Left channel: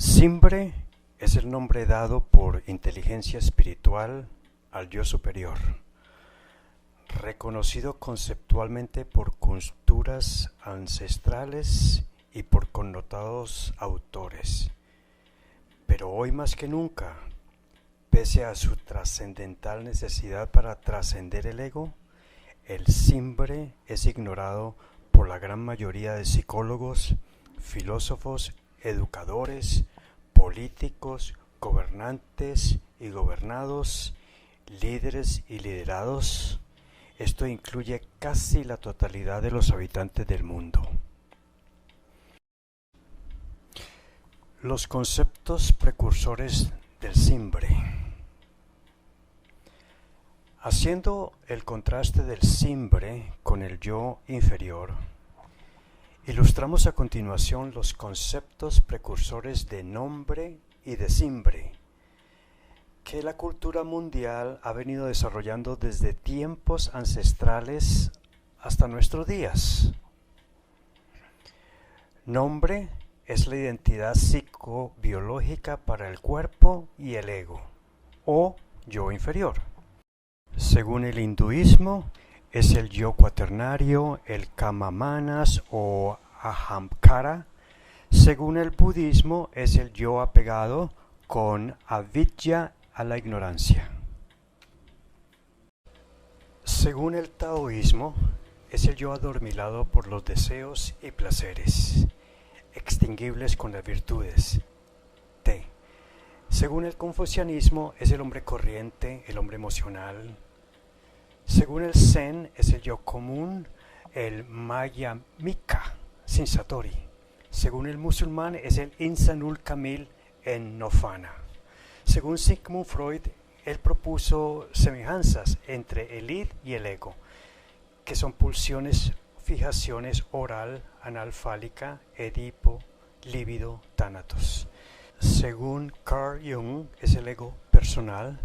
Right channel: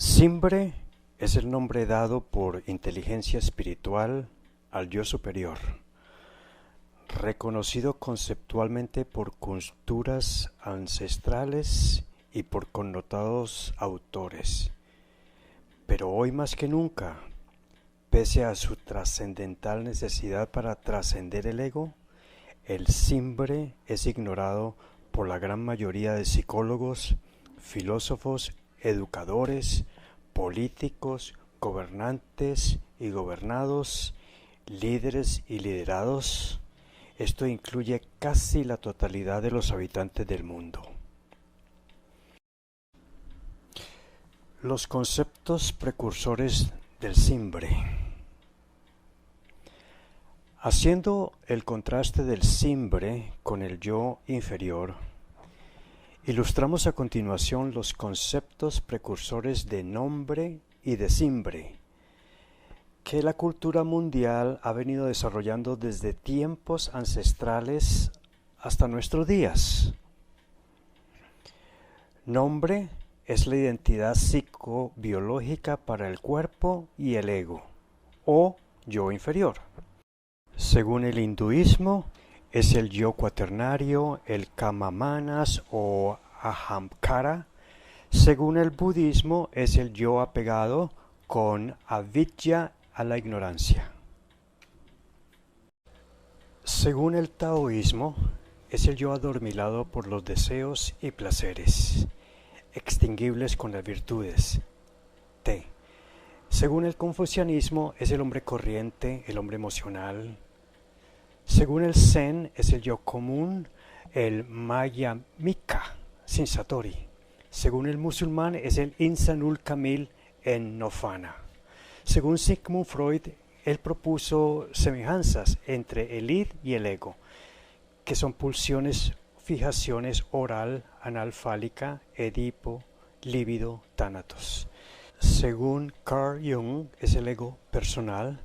Simbre es el nombre dado por inteligencia espiritual al yo superior, reconocido conceptualmente por culturas ancestrales y por connotados autores. Pero hoy más que nunca, pese a su trascendental necesidad para trascender el ego, el simbre es ignorado por la gran mayoría de psicólogos, filósofos, educadores, políticos, gobernantes y gobernados, líderes y liderados. Esto incluye casi la totalidad de los habitantes del mundo. Los conceptos precursores del simbre. Haciendo el contraste del simbre con el yo inferior, ilustramos a continuación los conceptos precursores de nombre y de simbre, que la cultura mundial ha venido desarrollando desde tiempos ancestrales hasta nuestros días. Nombre es la identidad psicobiológica para el cuerpo y el ego, o yo inferior. Según el hinduismo, es el yo cuaternario, el kama-manas o ahamkara. Según el budismo, es el yo apegado con avidya a la ignorancia. Según el taoísmo, es el yo adormilado por los deseos y placeres, extinguibles con las virtudes. Te. Según el confucianismo, es el hombre corriente, el hombre emocional. Según el Zen, es el yo común, el Mayamika, sin Satori. Según el musulmán, es el Insanul Kamil en Nirvana. Según Sigmund Freud, él propuso semejanzas entre el id y el ego, que son pulsiones, fijaciones oral, anal fálica, edipo, líbido, tánatos. Según Carl Jung, es el ego personal,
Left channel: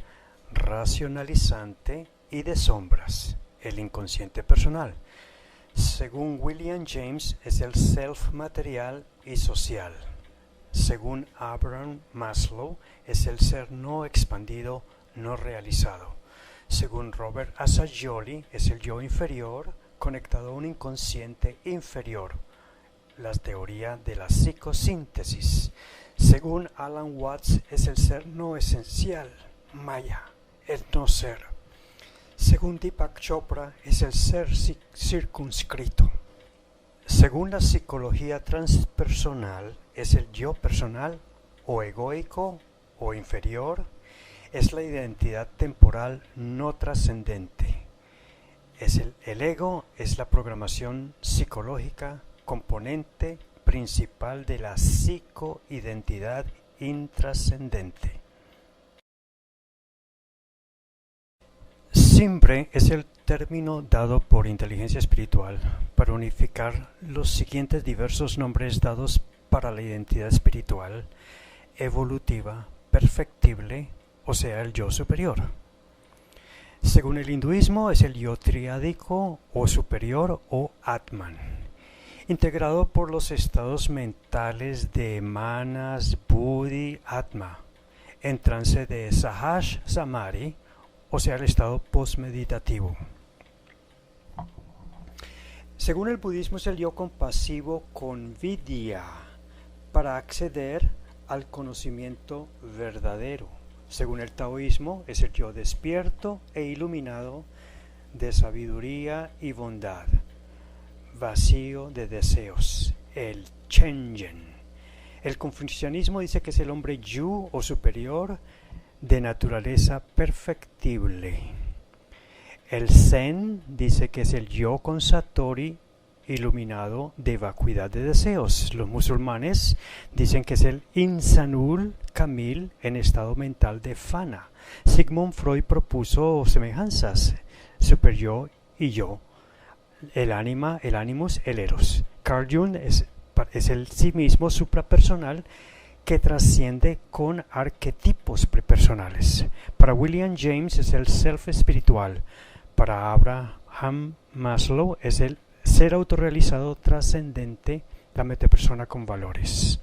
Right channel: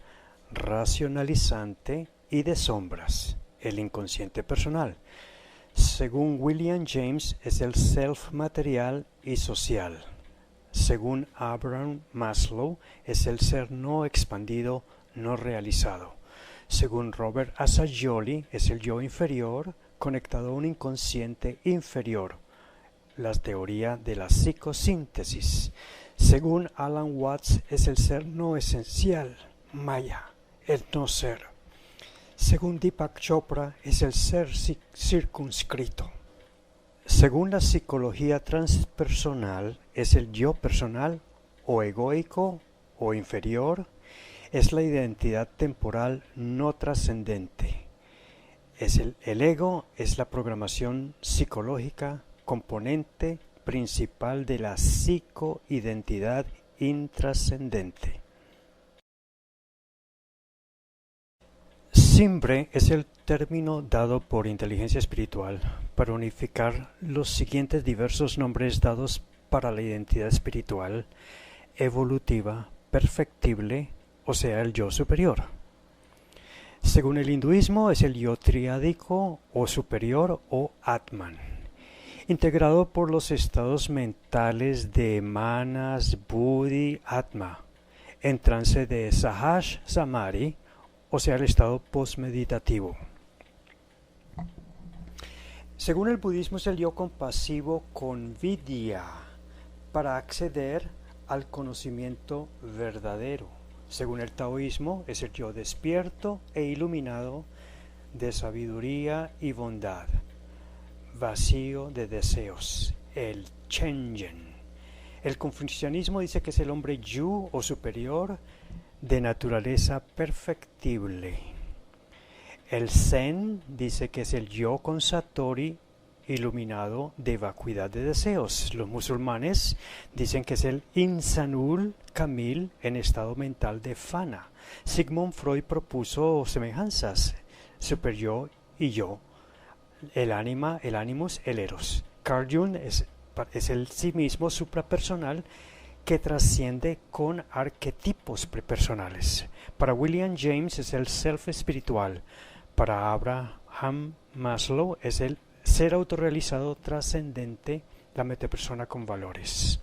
racionalizante y de sombras, el inconsciente personal. Según William James, es el self material y social. Según Abraham Maslow, es el ser no expandido, no realizado. Según Robert Assagioli, es el yo inferior conectado a un inconsciente inferior, la teoría de la psicosíntesis. Según Alan Watts, es el ser no esencial, Maya, el no ser. Según Deepak Chopra, es el ser circunscrito. Según la psicología transpersonal, es el yo personal o egoico o inferior, es la identidad temporal no trascendente. El ego es la programación psicológica, componente principal de la psicoidentidad intrascendente. Simbre es el término dado por inteligencia espiritual para unificar los siguientes diversos nombres dados para la identidad espiritual, evolutiva, perfectible, o sea, el yo superior. Según el hinduismo, es el yo triádico o superior o Atman, integrado por los estados mentales de Manas, Buddhi, Atma, en trance de Sahaj Samadhi, o sea, el estado postmeditativo. Según el budismo, es el yo compasivo con vidya, para acceder al conocimiento verdadero. Según el taoísmo, es el yo despierto e iluminado de sabiduría y bondad, vacío de deseos, el Chenjen. El confucianismo dice que es el hombre yu o superior de naturaleza perfectible. El Zen dice que es el yo con Satori iluminado de vacuidad de deseos. Los musulmanes dicen que es el Insanul Kamil en estado mental de Fana. Sigmund Freud propuso semejanzas, superyo y yo, el ánima, el animus, el eros. Carl Jung es el sí mismo suprapersonal que trasciende con arquetipos prepersonales. Para William James es el self espiritual. Para Abraham Maslow es el ser autorrealizado trascendente, la metapersona con valores.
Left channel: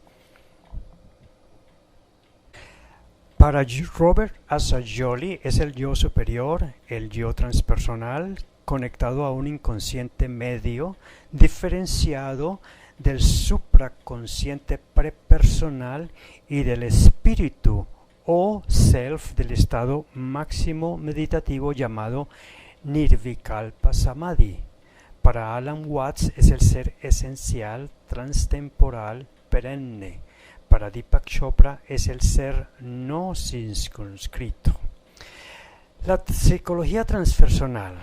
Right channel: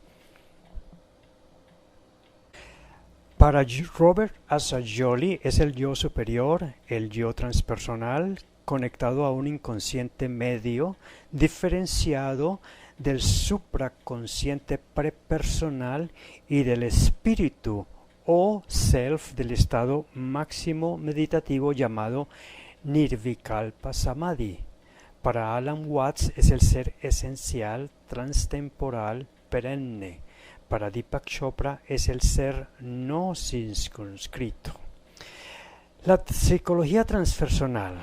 Para Robert Assagioli es el yo superior, el yo transpersonal, conectado a un inconsciente medio, diferenciado del supraconsciente prepersonal y del espíritu o self del estado máximo meditativo llamado Nirvikalpa Samadhi. Para Alan Watts es el ser esencial, transtemporal, perenne. Para Deepak Chopra es el ser no circunscrito. La psicología transpersonal,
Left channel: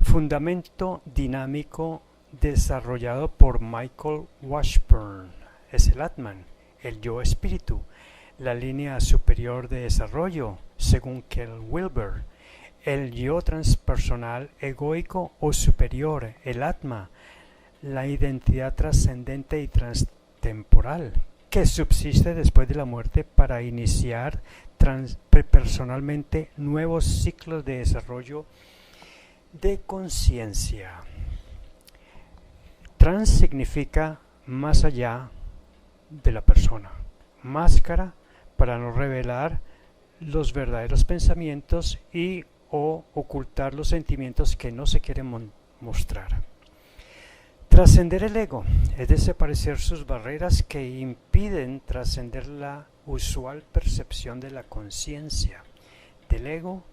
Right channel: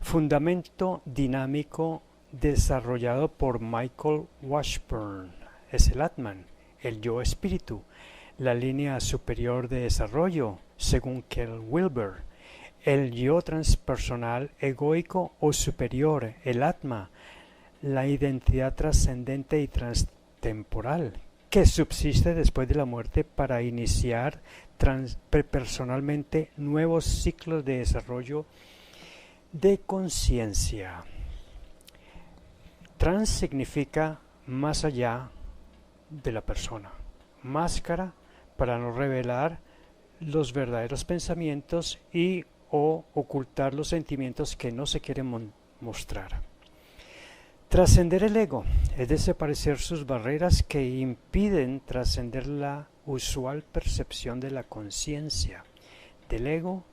fundamento dinámico desarrollado por Michael Washburn, es el Atman, el yo espíritu, la línea superior de desarrollo, según Kel Wilber, el yo transpersonal egoico o superior, el Atma, la identidad trascendente y transtemporal, que subsiste después de la muerte para iniciar personalmente nuevos ciclos de desarrollo de conciencia. Trans significa más allá de la persona, máscara para no revelar los verdaderos pensamientos y o ocultar los sentimientos que no se quieren mostrar. Trascender el ego es desaparecer sus barreras que impiden trascender la usual percepción de la conciencia, del ego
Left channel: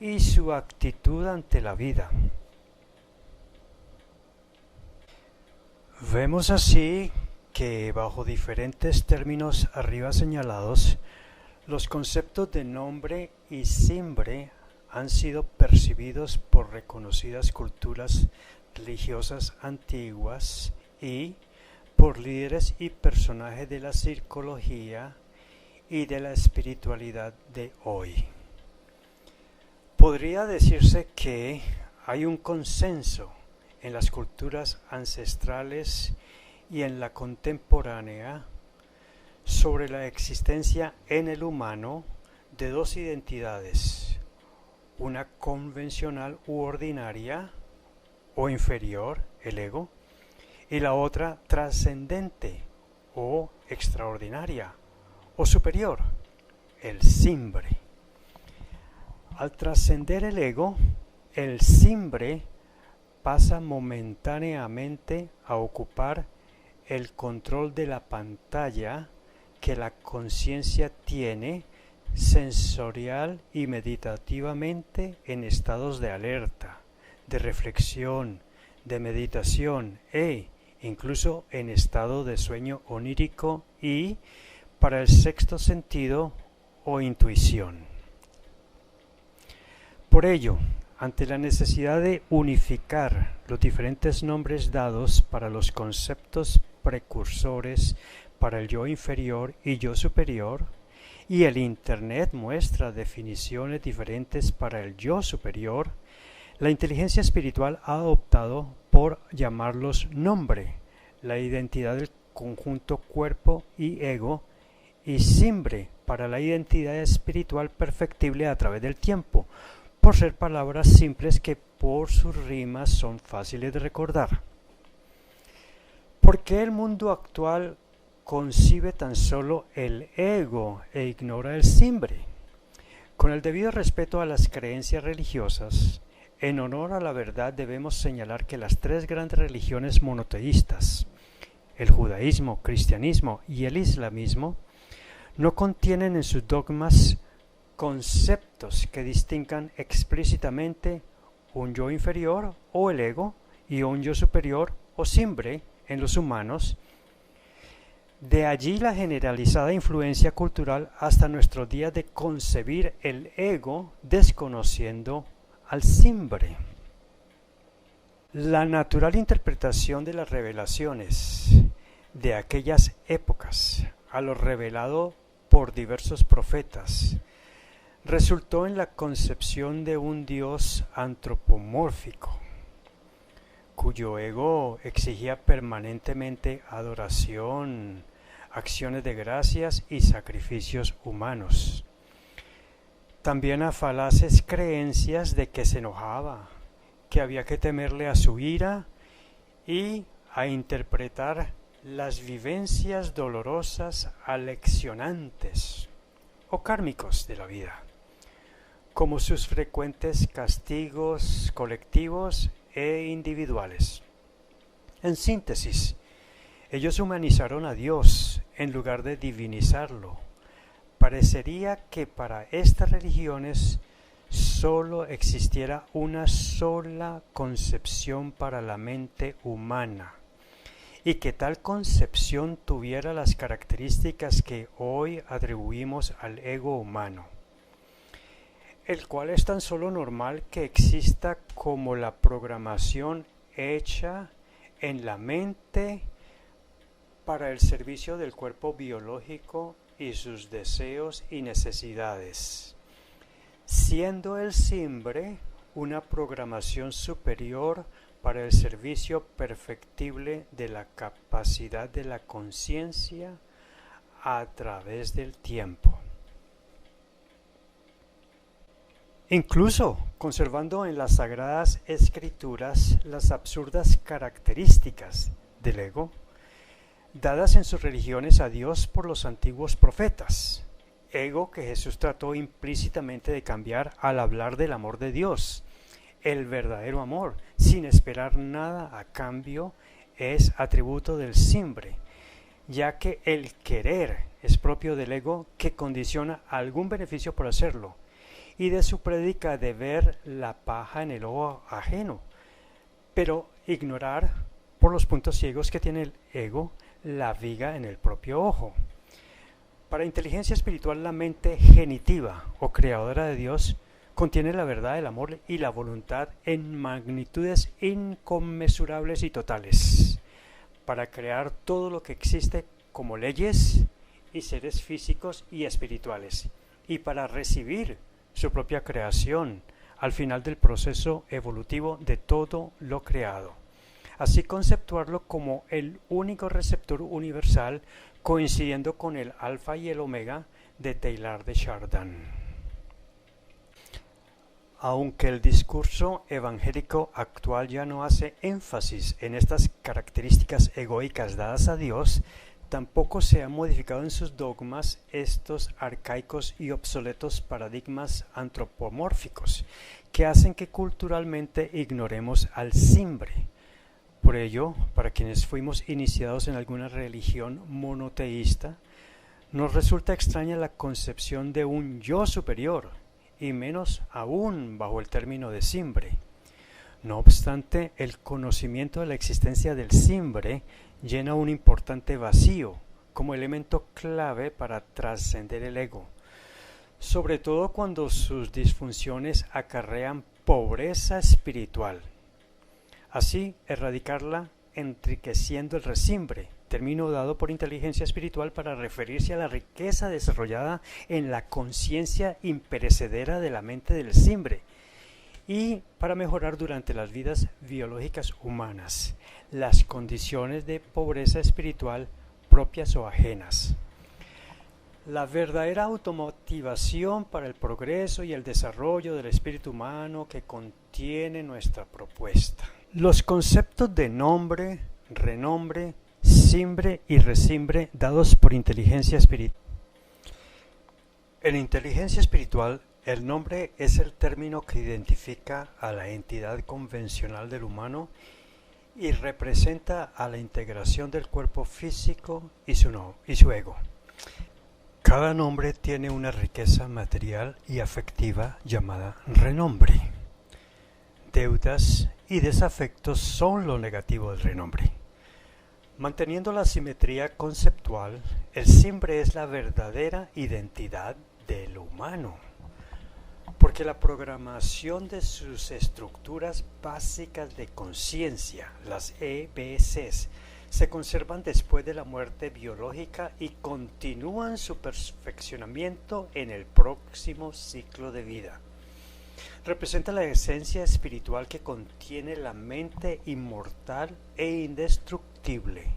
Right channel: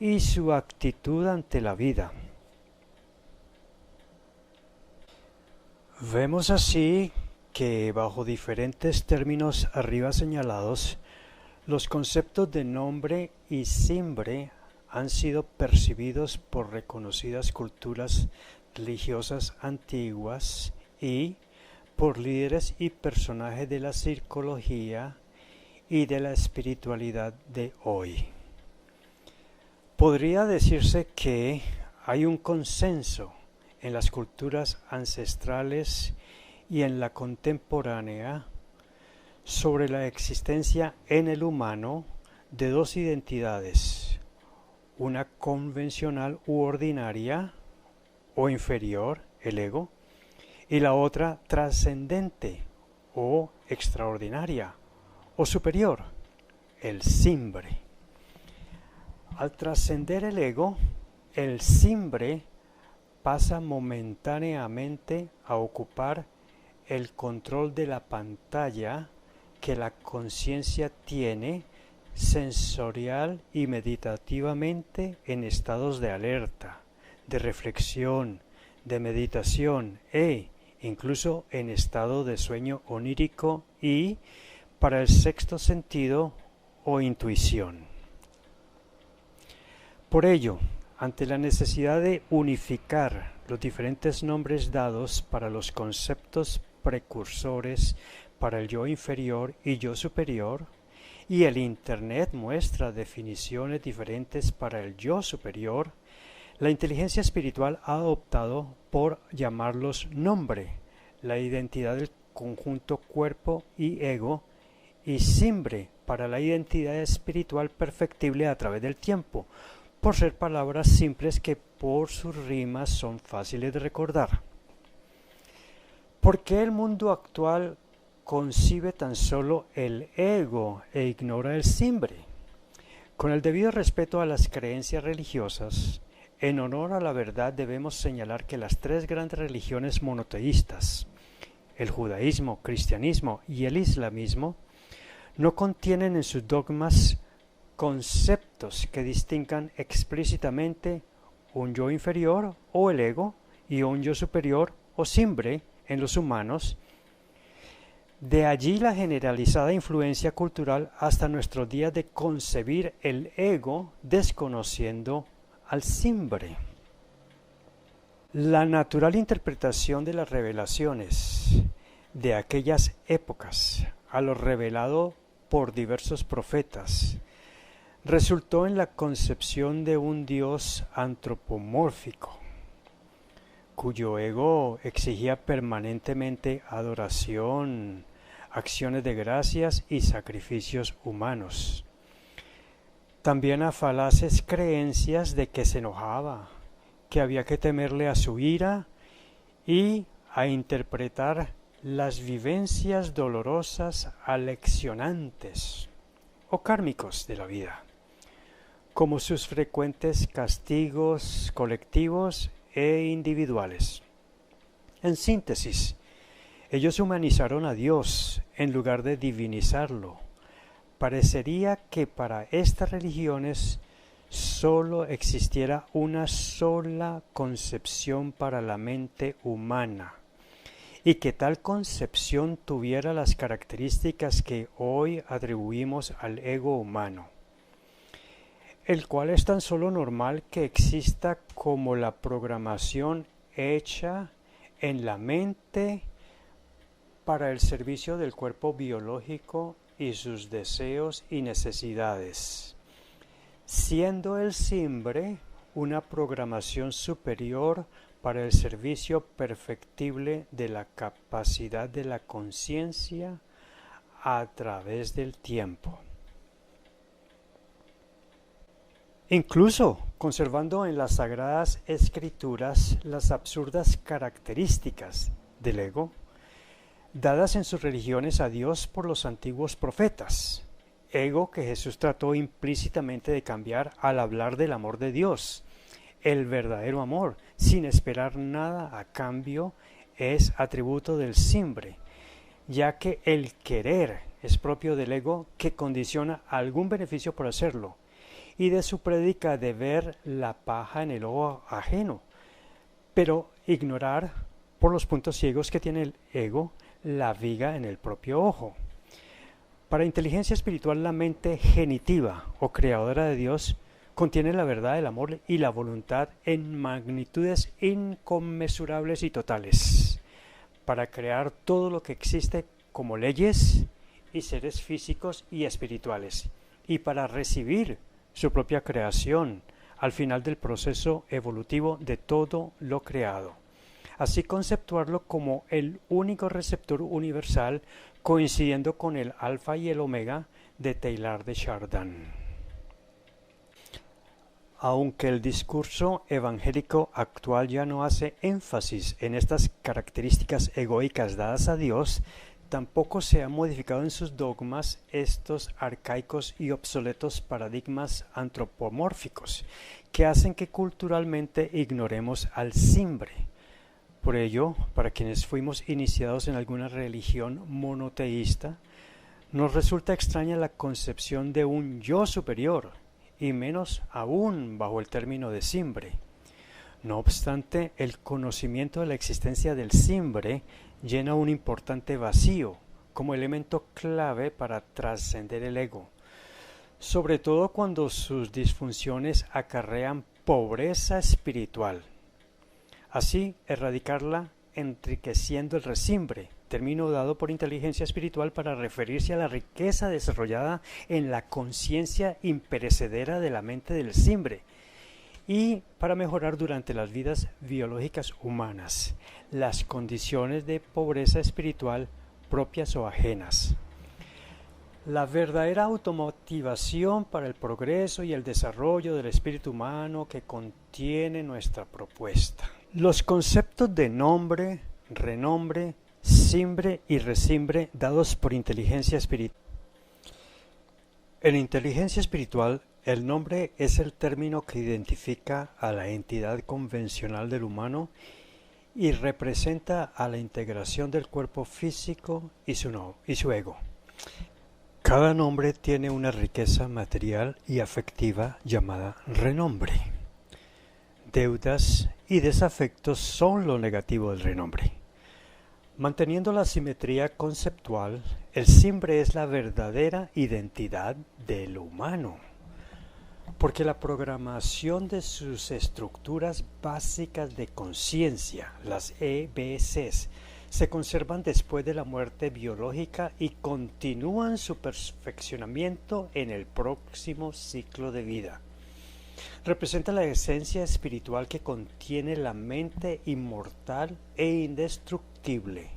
y su actitud ante la vida. Vemos así que bajo diferentes términos arriba señalados, los conceptos de nombre y simbre han sido percibidos por reconocidas culturas religiosas antiguas y por líderes y personajes de la psicología y de la espiritualidad de hoy. Podría decirse que hay un consenso en las culturas ancestrales y en la contemporánea sobre la existencia en el humano de dos identidades, una convencional u ordinaria o inferior, el ego, y la otra trascendente o extraordinaria o superior, el simbre. Al trascender el ego, el simbre pasa momentáneamente a ocupar el control de la pantalla que la conciencia tiene sensorial y meditativamente en estados de alerta, de reflexión, de meditación e incluso en estado de sueño onírico y para el sexto sentido o intuición. Por ello, ante la necesidad de unificar los diferentes nombres dados para los conceptos precursores para el yo inferior y yo superior, y el Internet muestra definiciones diferentes para el yo superior, la inteligencia espiritual ha optado por llamarlos nombre, la identidad del conjunto cuerpo y ego, y simbre para la identidad espiritual perfectible a través del tiempo, por ser palabras simples que por sus rimas son fáciles de recordar. ¿Por qué el mundo actual concibe tan solo el ego e ignora el simbre? Con el debido respeto a las creencias religiosas, en honor a la verdad debemos señalar que las tres grandes religiones monoteístas, el judaísmo, cristianismo y el islamismo, no contienen en sus dogmas conceptos que distingan explícitamente un yo inferior o el ego y un yo superior o simbre en los humanos. De allí la generalizada influencia cultural hasta nuestros días de concebir el ego desconociendo al simbre. La natural interpretación de las revelaciones de aquellas épocas a lo revelado por diversos profetas resultó en la concepción de un Dios antropomórfico, cuyo ego exigía permanentemente adoración, acciones de gracias y sacrificios humanos. También a falaces creencias de que se enojaba, que había que temerle a su ira y a interpretar las vivencias dolorosas aleccionantes o kármicos de la vida, como sus frecuentes castigos colectivos e individuales. En síntesis, ellos humanizaron a Dios en lugar de divinizarlo. Parecería que para estas religiones solo existiera una sola concepción para la mente humana, y que tal concepción tuviera las características que hoy atribuimos al ego humano, el cual es tan solo normal que exista como la programación hecha en la mente para el servicio del cuerpo biológico y sus deseos y necesidades, siendo el simbre una programación superior para el servicio perfectible de la capacidad de la conciencia a través del tiempo. Incluso conservando en las Sagradas Escrituras las absurdas características del ego, dadas en sus religiones a Dios por los antiguos profetas, ego que Jesús trató implícitamente de cambiar al hablar del amor de Dios. El verdadero amor, sin esperar nada a cambio, es atributo del simbre, ya que el querer es propio del ego que condiciona algún beneficio por hacerlo, y de su prédica de ver la paja en el ojo ajeno, pero ignorar por los puntos ciegos que tiene el ego la viga en el propio ojo. Para inteligencia espiritual, la mente genitiva o creadora de Dios contiene la verdad, el amor y la voluntad en magnitudes inconmensurables y totales, para crear todo lo que existe como leyes y seres físicos y espirituales, y para recibir su propia creación al final del proceso evolutivo de todo lo creado. Así conceptuarlo como el único receptor universal, coincidiendo con el alfa y el omega de Teilhard de Chardin. Aunque el discurso evangélico actual ya no hace énfasis en estas características egoicas dadas a Dios, tampoco se han modificado en sus dogmas estos arcaicos y obsoletos paradigmas antropomórficos que hacen que culturalmente ignoremos al simbre. Por ello, para quienes fuimos iniciados en alguna religión monoteísta, nos resulta extraña la concepción de un yo superior, y menos aún bajo el término de simbre. No obstante, el conocimiento de la existencia del simbre llena un importante vacío como elemento clave para trascender el ego, sobre todo cuando sus disfunciones acarrean pobreza espiritual. Así, erradicarla enriqueciendo el resimbre, término dado por inteligencia espiritual para referirse a la riqueza desarrollada en la conciencia imperecedera de la mente del simbre, y para mejorar durante las vidas biológicas humanas las condiciones de pobreza espiritual propias o ajenas. La verdadera automotivación para el progreso y el desarrollo del espíritu humano que contiene nuestra propuesta. Los conceptos de nombre, renombre, simbre y resimbre dados por inteligencia espiritual. En inteligencia espiritual, el nombre es el término que identifica a la entidad convencional del humano y representa a la integración del cuerpo físico y su ego. Cada nombre tiene una riqueza material y afectiva llamada renombre. Deudas y desafectos son lo negativo del renombre. Manteniendo la simetría conceptual, el simbre es la verdadera identidad del humano, porque la programación de sus estructuras básicas de conciencia, las EBCs, se conservan después de la muerte biológica y continúan su perfeccionamiento en el próximo ciclo de vida. Representa la esencia espiritual que contiene la mente inmortal e indestructible.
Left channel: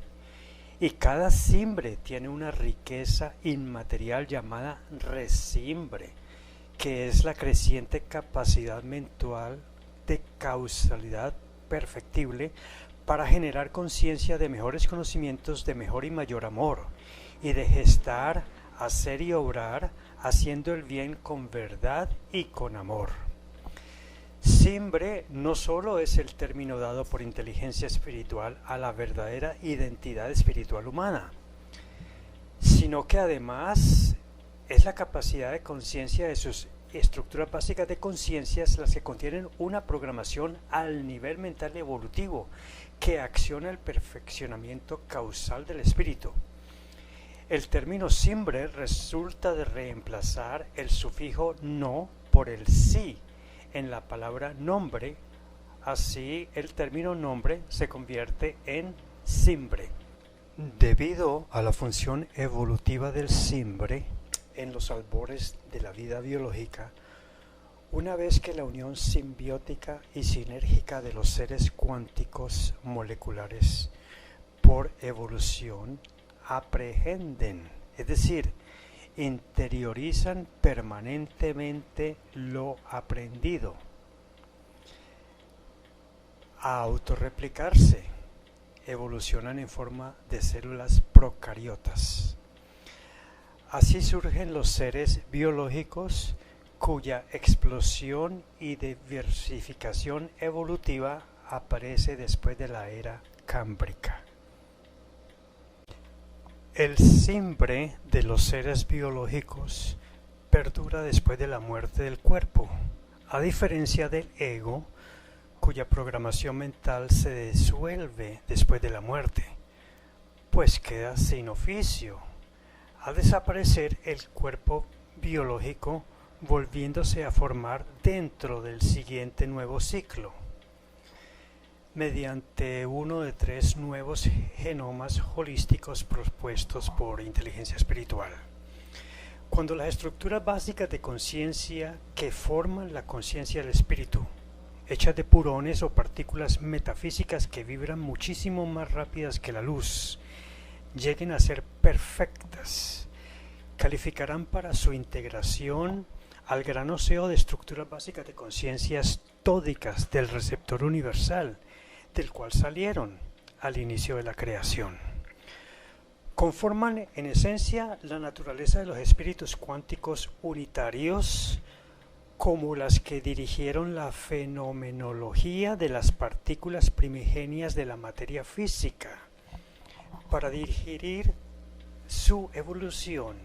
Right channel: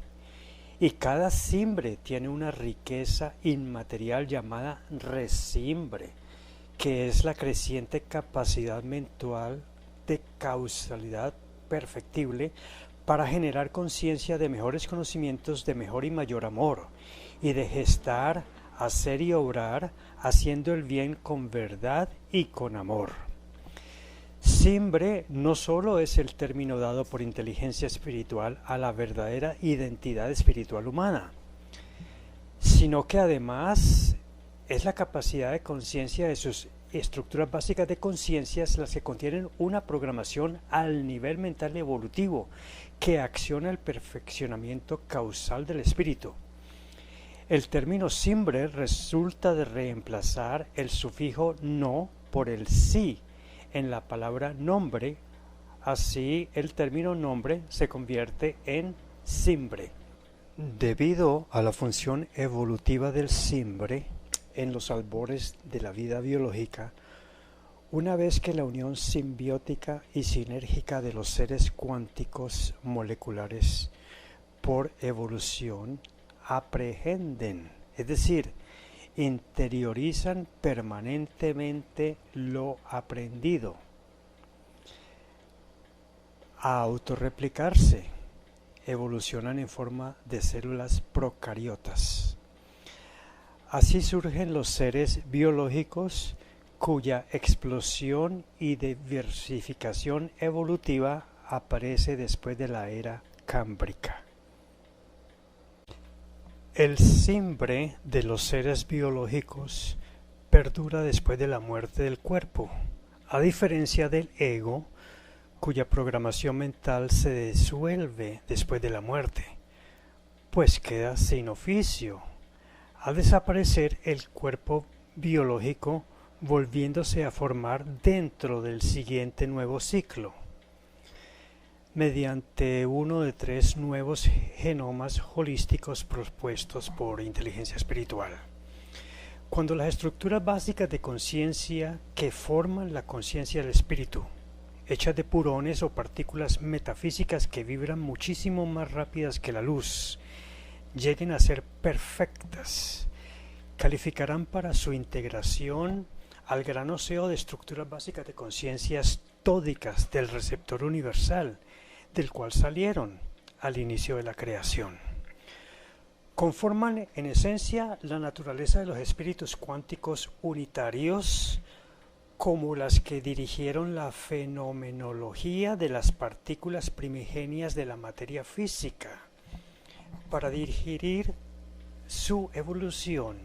Y cada simbre tiene una riqueza inmaterial llamada resimbre, que es la creciente capacidad mental de causalidad perfectible para generar conciencia de mejores conocimientos, de mejor y mayor amor, y de gestar hacer y obrar, haciendo el bien con verdad y con amor. Simbre no solo es el término dado por inteligencia espiritual a la verdadera identidad espiritual humana, sino que además es la capacidad de conciencia de sus estructuras básicas de conciencias las que contienen una programación al nivel mental evolutivo que acciona el perfeccionamiento causal del espíritu. El término simbre resulta de reemplazar el sufijo no por el sí en la palabra nombre, así el término nombre se convierte en simbre. Debido a la función evolutiva del simbre en los albores de la vida biológica, una vez que la unión simbiótica y sinérgica de los seres cuánticos moleculares por evolución aprehenden, es decir, interiorizan permanentemente lo aprendido, a autorreplicarse, evolucionan en forma de células procariotas. Así surgen los seres biológicos cuya explosión y diversificación evolutiva aparece después de la era cámbrica. El simbre de los seres biológicos perdura después de la muerte del cuerpo, a diferencia del ego, cuya programación mental se disuelve después de la muerte, pues queda sin oficio. Al desaparecer el cuerpo biológico, volviéndose a formar dentro del siguiente nuevo ciclo, mediante uno de 3 nuevos genomas holísticos propuestos por inteligencia espiritual. Cuando las estructuras básicas de conciencia que forman la conciencia del espíritu, hechas de purones o partículas metafísicas que vibran muchísimo más rápidas que la luz, lleguen a ser perfectas, calificarán para su integración al gran océano de estructuras básicas de conciencias tódicas del receptor universal, del cual salieron al inicio de la creación. Conforman en esencia la naturaleza de los espíritus cuánticos unitarios, como las que dirigieron la fenomenología de las partículas primigenias de la materia física, para dirigir su evolución,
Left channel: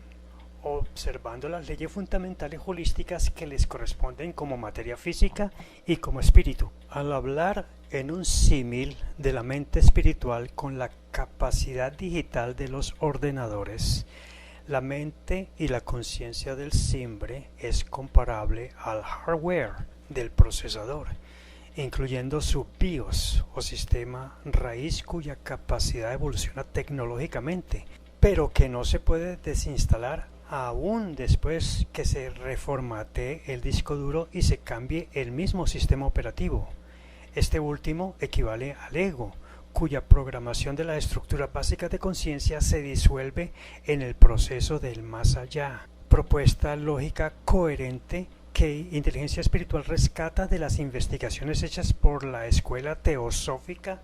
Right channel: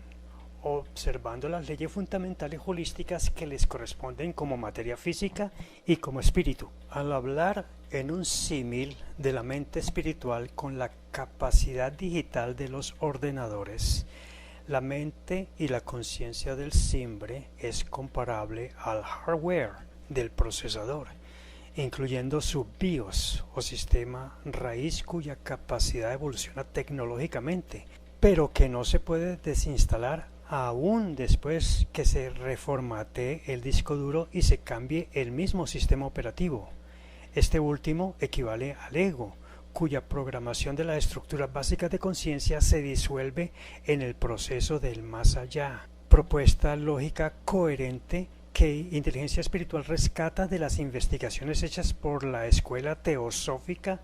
observando las leyes fundamentales holísticas que les corresponden como materia física y como espíritu. Al hablar en un símil de la mente espiritual con la capacidad digital de los ordenadores, la mente y la conciencia del simbre es comparable al hardware del procesador, incluyendo su BIOS o sistema raíz cuya capacidad evoluciona tecnológicamente, pero que no se puede desinstalar aún después que se reformatee el disco duro y se cambie el mismo sistema operativo. Este último equivale al ego, cuya programación de las estructuras básicas de conciencia se disuelve en el proceso del más allá. Propuesta lógica coherente que inteligencia espiritual rescata de las investigaciones hechas por la escuela teosófica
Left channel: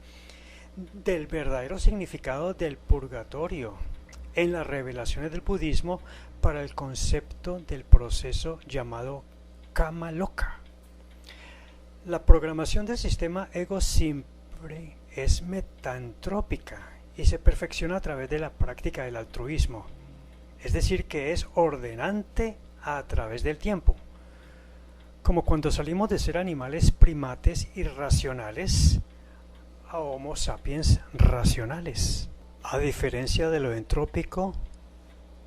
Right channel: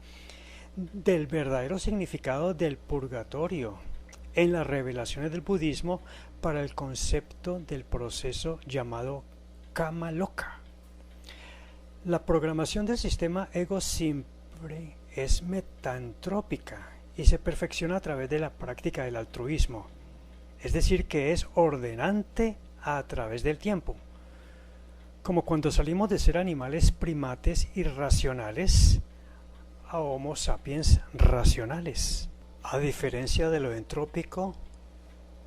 del verdadero significado del purgatorio en las revelaciones del budismo para el concepto del proceso llamado Kama Loka. La programación del sistema ego simple es metantrópica y se perfecciona a través de la práctica del altruismo, es decir, que es ordenante a través del tiempo. Como cuando salimos de ser animales primates irracionales a Homo sapiens racionales, a diferencia de lo entrópico,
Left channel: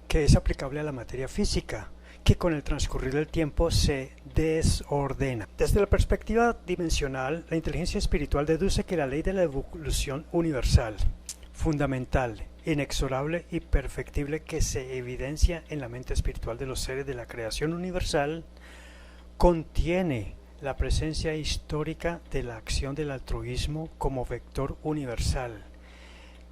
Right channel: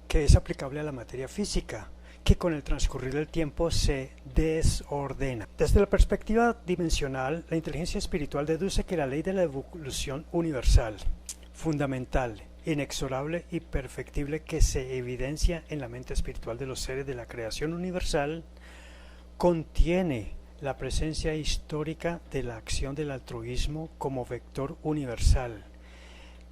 que es aplicable a la materia física, que con el transcurrir del tiempo se desordena. Desde la perspectiva dimensional, la inteligencia espiritual deduce que la ley de la evolución universal, fundamental, inexorable y perfectible que se evidencia en la mente espiritual de los seres de la creación universal, contiene la presencia histórica de la acción del altruismo como vector universal,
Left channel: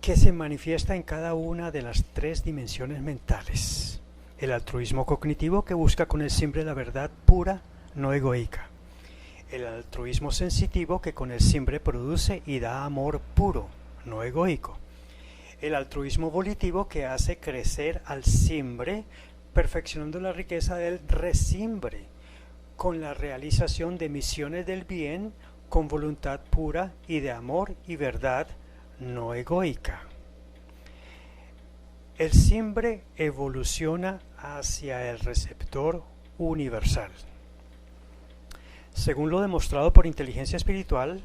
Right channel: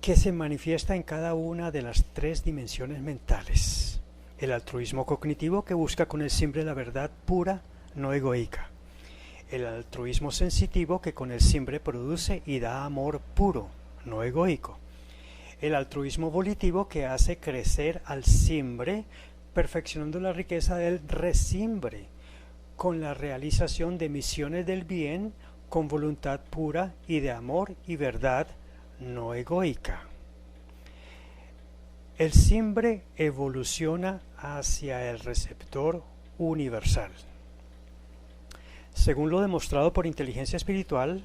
que se manifiesta en cada una de las 3 dimensiones mentales. El altruismo cognitivo que busca con el simbre la verdad pura, no egoica. El altruismo sensitivo que con el simbre produce y da amor puro, no egoico. el altruismo volitivo que hace crecer al simbre, perfeccionando la riqueza del resimbre, con la realización de misiones del bien con voluntad pura y de amor y verdad no egoica. El simbre evoluciona hacia el receptor universal. Según lo demostrado por inteligencia espiritual,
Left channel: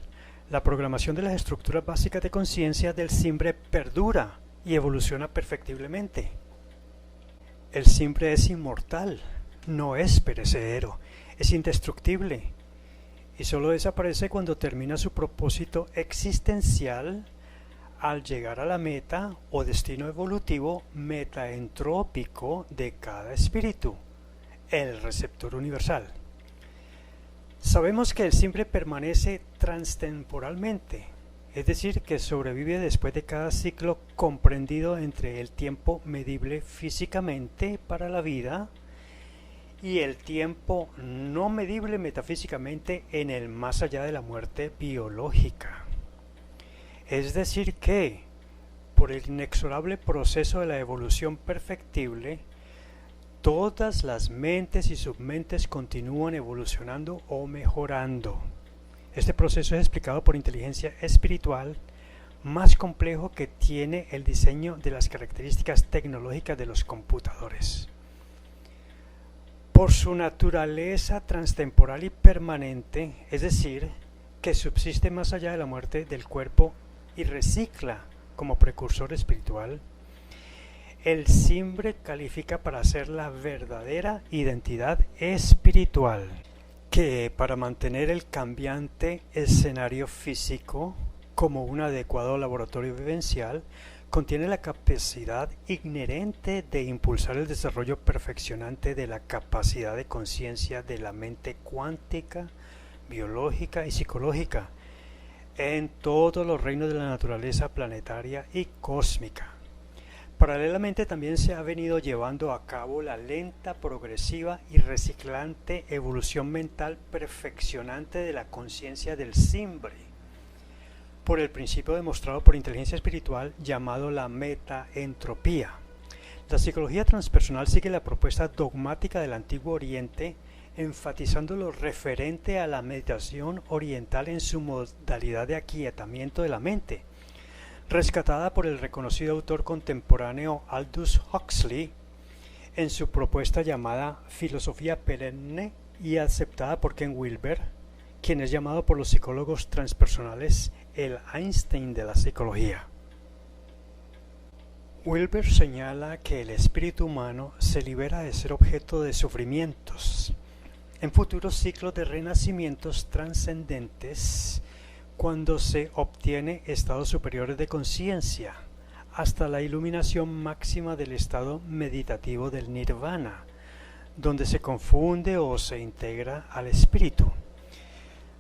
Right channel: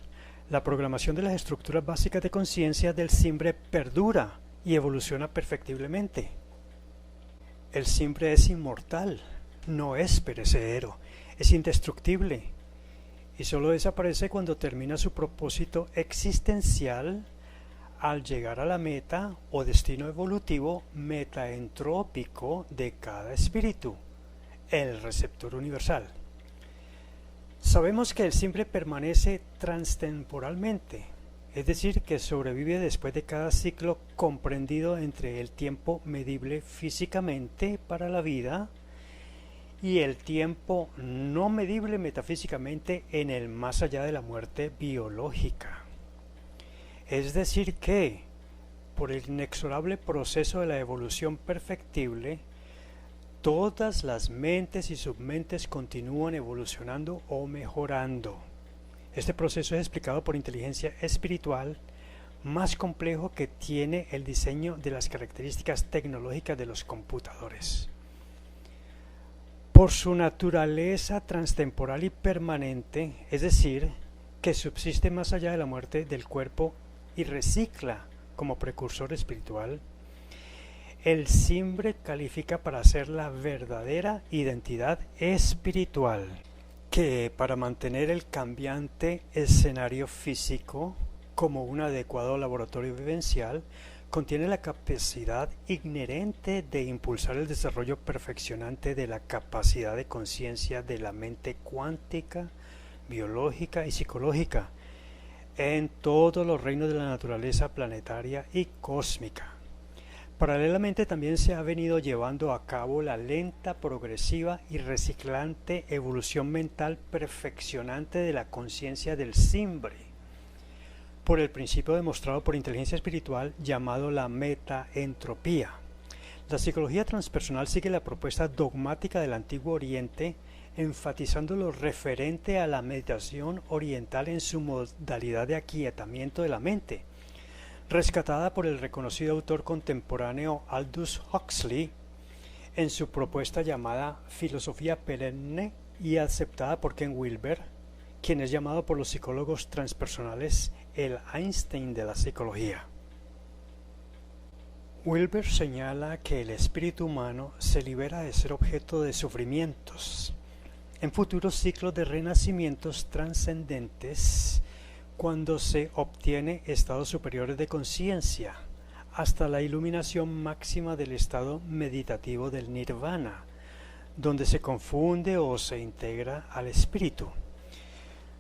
la programación de las estructuras básicas de conciencia del simbre perdura y evoluciona perfectiblemente. El simbre es inmortal, no es perecedero, es indestructible y solo desaparece cuando termina su propósito existencial al llegar a la meta o destino evolutivo metaentrópico de cada espíritu, el receptor universal. Sabemos que el simbre permanece transtemporalmente, es decir, que sobrevive después de cada ciclo comprendido entre el tiempo medible físicamente para la vida y el tiempo no medible metafísicamente en el más allá de la muerte biológica. Es decir que, por el inexorable proceso de la evolución perfectible, todas las mentes y submentes continúan evolucionando o mejorando. Este proceso es explicado por inteligencia espiritual, más complejo que tiene el diseño de las características tecnológicas de los computadores. Por su naturaleza transtemporal y permanente, es decir, que subsiste más allá de la muerte del cuerpo y recicla como precursor espiritual, el simbre califica para ser la verdadera identidad espiritual, que para mantener el cambiante escenario físico como un adecuado laboratorio vivencial, contiene la capacidad inherente de impulsar el desarrollo perfeccionante de la capacidad de conciencia de la mente cuántica, biológica y psicológica en todos los reinos de la naturaleza planetaria y cósmica. Paralelamente también se ha venido llevando a cabo la lenta, progresiva y reciclante evolución mental perfeccionante de la conciencia del simbre, por el principio demostrado por inteligencia espiritual llamado la metaentropía. La psicología transpersonal sigue la propuesta dogmática del Antiguo Oriente, enfatizando lo referente a la meditación oriental en su modalidad de aquietamiento de la mente, rescatada por el reconocido autor contemporáneo Aldous Huxley en su propuesta llamada filosofía perenne y aceptada por Ken Wilber, quien es llamado por los psicólogos transpersonales el Einstein de la psicología. Wilber señala que el espíritu humano se libera de ser objeto de sufrimientos en futuros ciclos de renacimientos trascendentes cuando se obtiene estados superiores de conciencia hasta la iluminación máxima del estado meditativo del nirvana, donde se confunde o se integra al espíritu.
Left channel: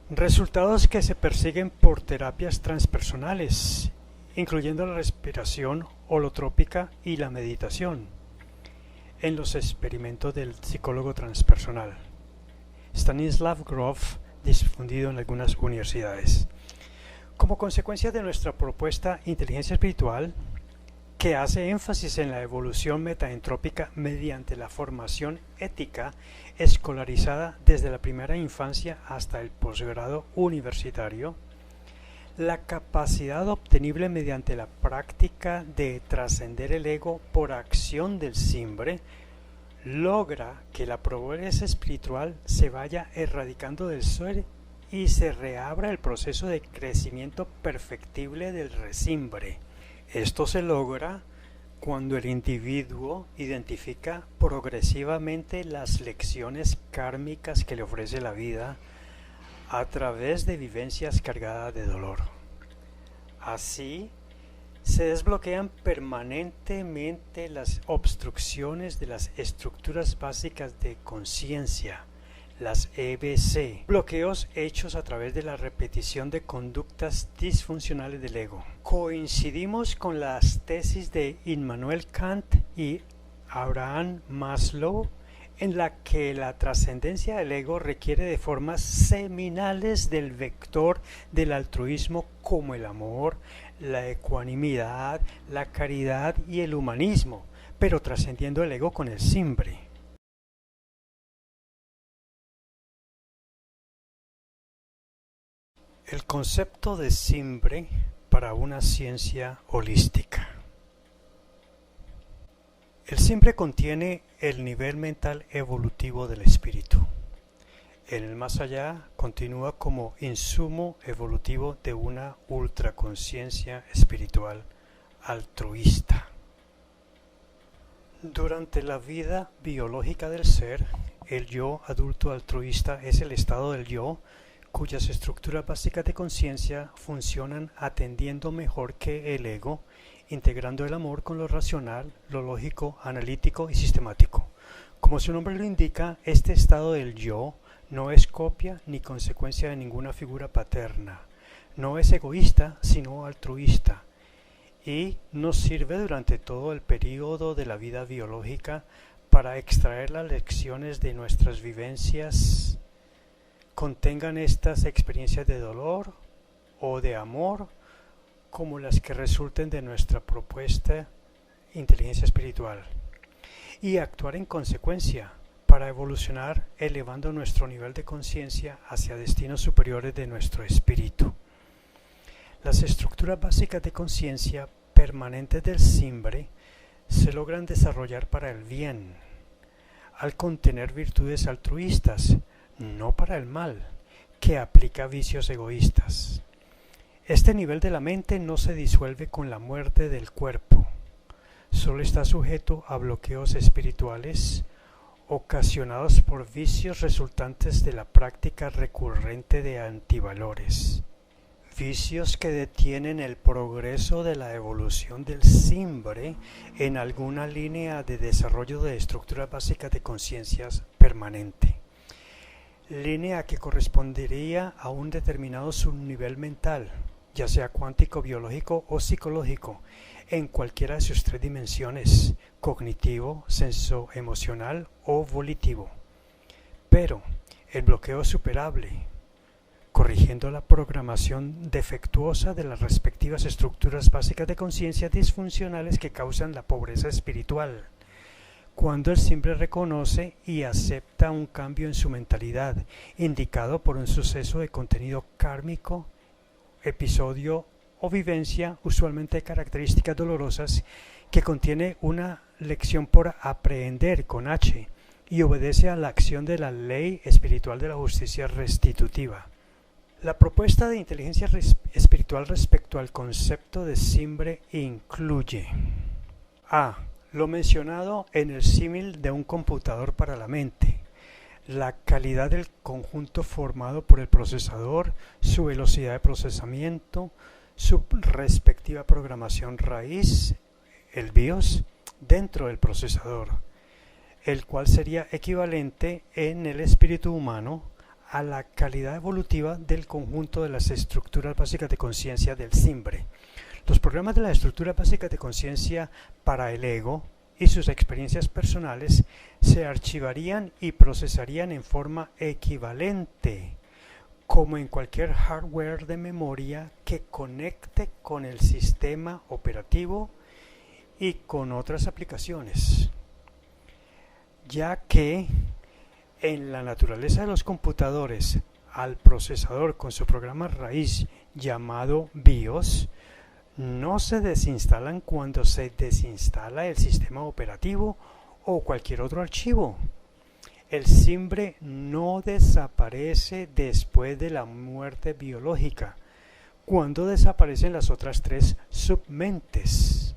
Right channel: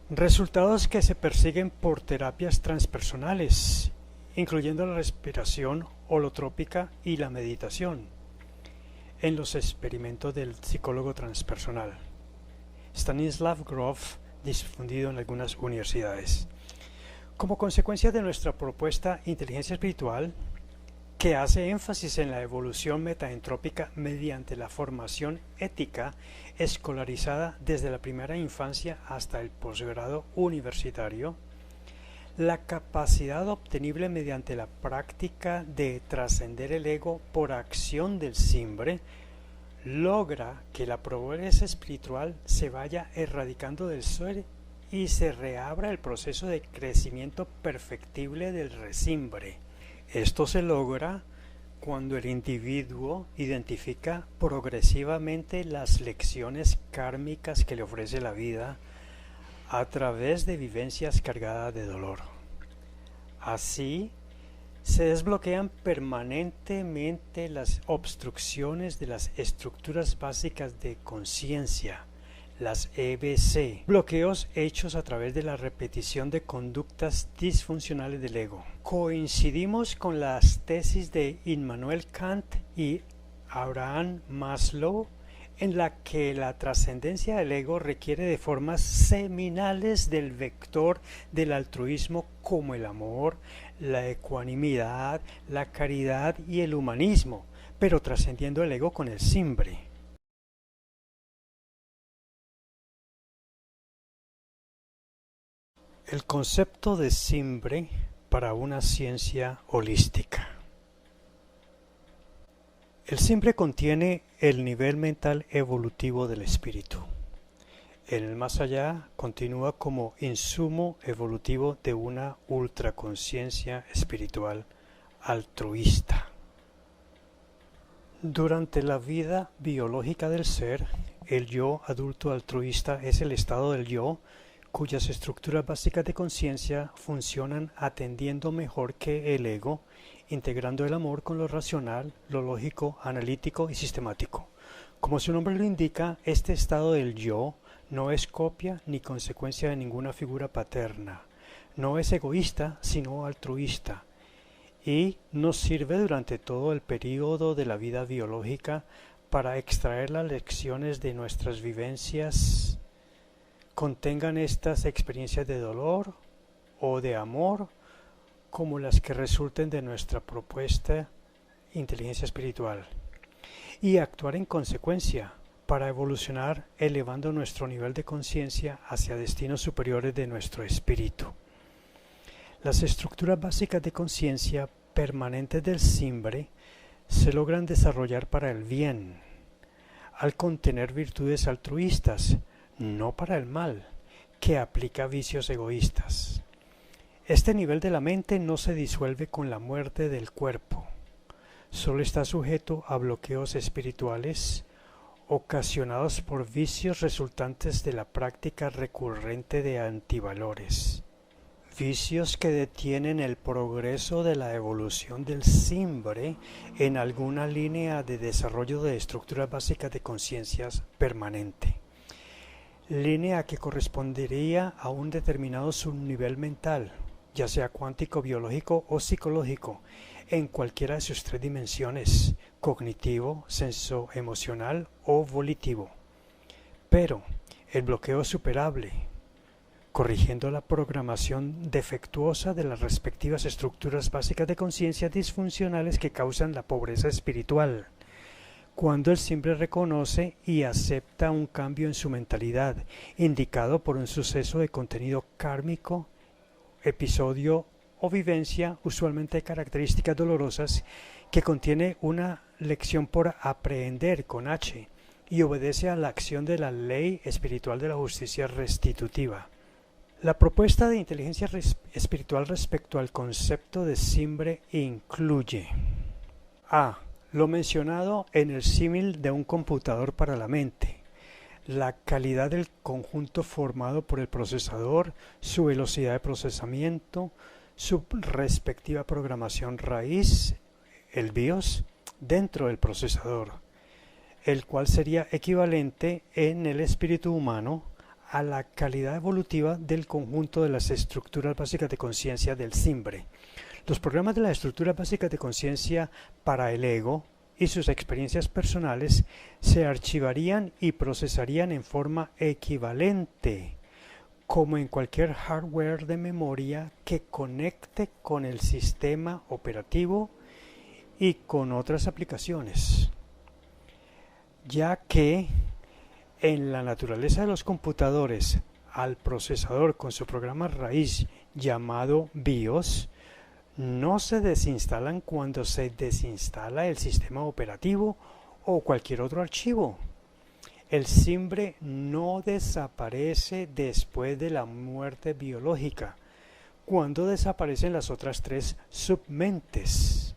Resultados que se persiguen por terapias transpersonales, incluyendo la respiración holotrópica y la meditación, en los experimentos del psicólogo transpersonal Stanislav Grof, difundido en algunas universidades. Como consecuencia de nuestra propuesta inteligencia espiritual, que hace énfasis en la evolución metaentrópica mediante la formación ética escolarizada desde la primera infancia hasta el posgrado universitario, la capacidad obtenible mediante la práctica de trascender el ego por acción del simbre logra que la pobreza espiritual se vaya erradicando del ser y se reabra el proceso de crecimiento perfectible del resimbre. Esto se logra cuando el individuo identifica progresivamente las lecciones kármicas que le ofrece la vida a través de vivencias cargadas de dolor. Así, se desbloquean permanentemente las obstrucciones de las estructuras básicas de conciencia, las EBC, bloqueos hechos a través de la repetición de conductas disfuncionales del ego. Coincidimos con las tesis de Immanuel Kant y Abraham Maslow, en la que la trascendencia del ego requiere de formas seminales del vector del altruismo como el amor, la ecuanimidad, la caridad y el humanismo, pero trascendiendo el ego con el simbre. El concepto de simbre para una ciencia holística. El simbre contiene el nivel mental evolutivo del espíritu. En el más allá continúa como insumo evolutivo de una ultraconciencia espiritual altruista. Durante la vida biológica del ser, el yo adulto altruista es el estado del yo cuyas estructuras básicas de conciencia funcionan atendiendo mejor que el ego, integrando el amor con lo racional, lo lógico, analítico y sistemático. Como su nombre lo indica, este estado del yo no es copia ni consecuencia de ninguna figura paterna, no es egoísta sino altruista, y nos sirve durante todo el período de la vida biológica para extraer las lecciones de nuestras vivencias, contengan estas experiencias de dolor o de amor, como las que resulten de nuestra propuesta inteligencia espiritual, y actuar en consecuencia para evolucionar elevando nuestro nivel de conciencia hacia destinos superiores de nuestro espíritu. Las estructuras básicas de conciencia permanentes del simbre se logran desarrollar para el bien, al contener virtudes altruistas, no para el mal, que aplica vicios egoístas. Este nivel de la mente no se disuelve con la muerte del cuerpo, solo está sujeto a bloqueos espirituales ocasionados por vicios resultantes de la práctica recurrente de antivalores, vicios que detienen el progreso de la evolución del simbre en alguna línea de desarrollo de estructuras básicas de conciencias permanente, línea que correspondería a un determinado subnivel mental, ya sea cuántico, biológico o psicológico, en cualquiera de sus tres dimensiones, cognitivo, senso-emocional o volitivo. Pero el bloqueo es superable, corrigiendo la programación defectuosa de las respectivas estructuras básicas de conciencia disfuncionales que causan la pobreza espiritual. Cuando el simbre reconoce y acepta un cambio en su mentalidad, indicado por un suceso de contenido kármico, episodio o vivencia, usualmente de características dolorosas, que contiene una lección por aprehender con H y obedece a la acción de la ley espiritual de la justicia restitutiva. La propuesta de inteligencia espiritual respecto al concepto de simbre incluye a. Lo mencionado en el símil de un computador para la mente, la calidad del conjunto formado por el procesador, su velocidad de procesamiento, su respectiva programación raíz, el BIOS, dentro del procesador, el cual sería equivalente en el espíritu humano a la calidad evolutiva del conjunto de las estructuras básicas de conciencia del simbre. Los programas de las estructuras básicas de conciencia para el ego y sus experiencias personales se archivarían y procesarían en forma equivalente, como en cualquier hardware de memoria que conecte con el sistema operativo y con otras aplicaciones, ya que en la naturaleza de los computadores, al procesador con su programa raíz llamado BIOS, no se desinstalan cuando se desinstala el sistema operativo o cualquier otro archivo. El simbre no desaparece después de la muerte biológica, cuando desaparecen las otras tres submentes,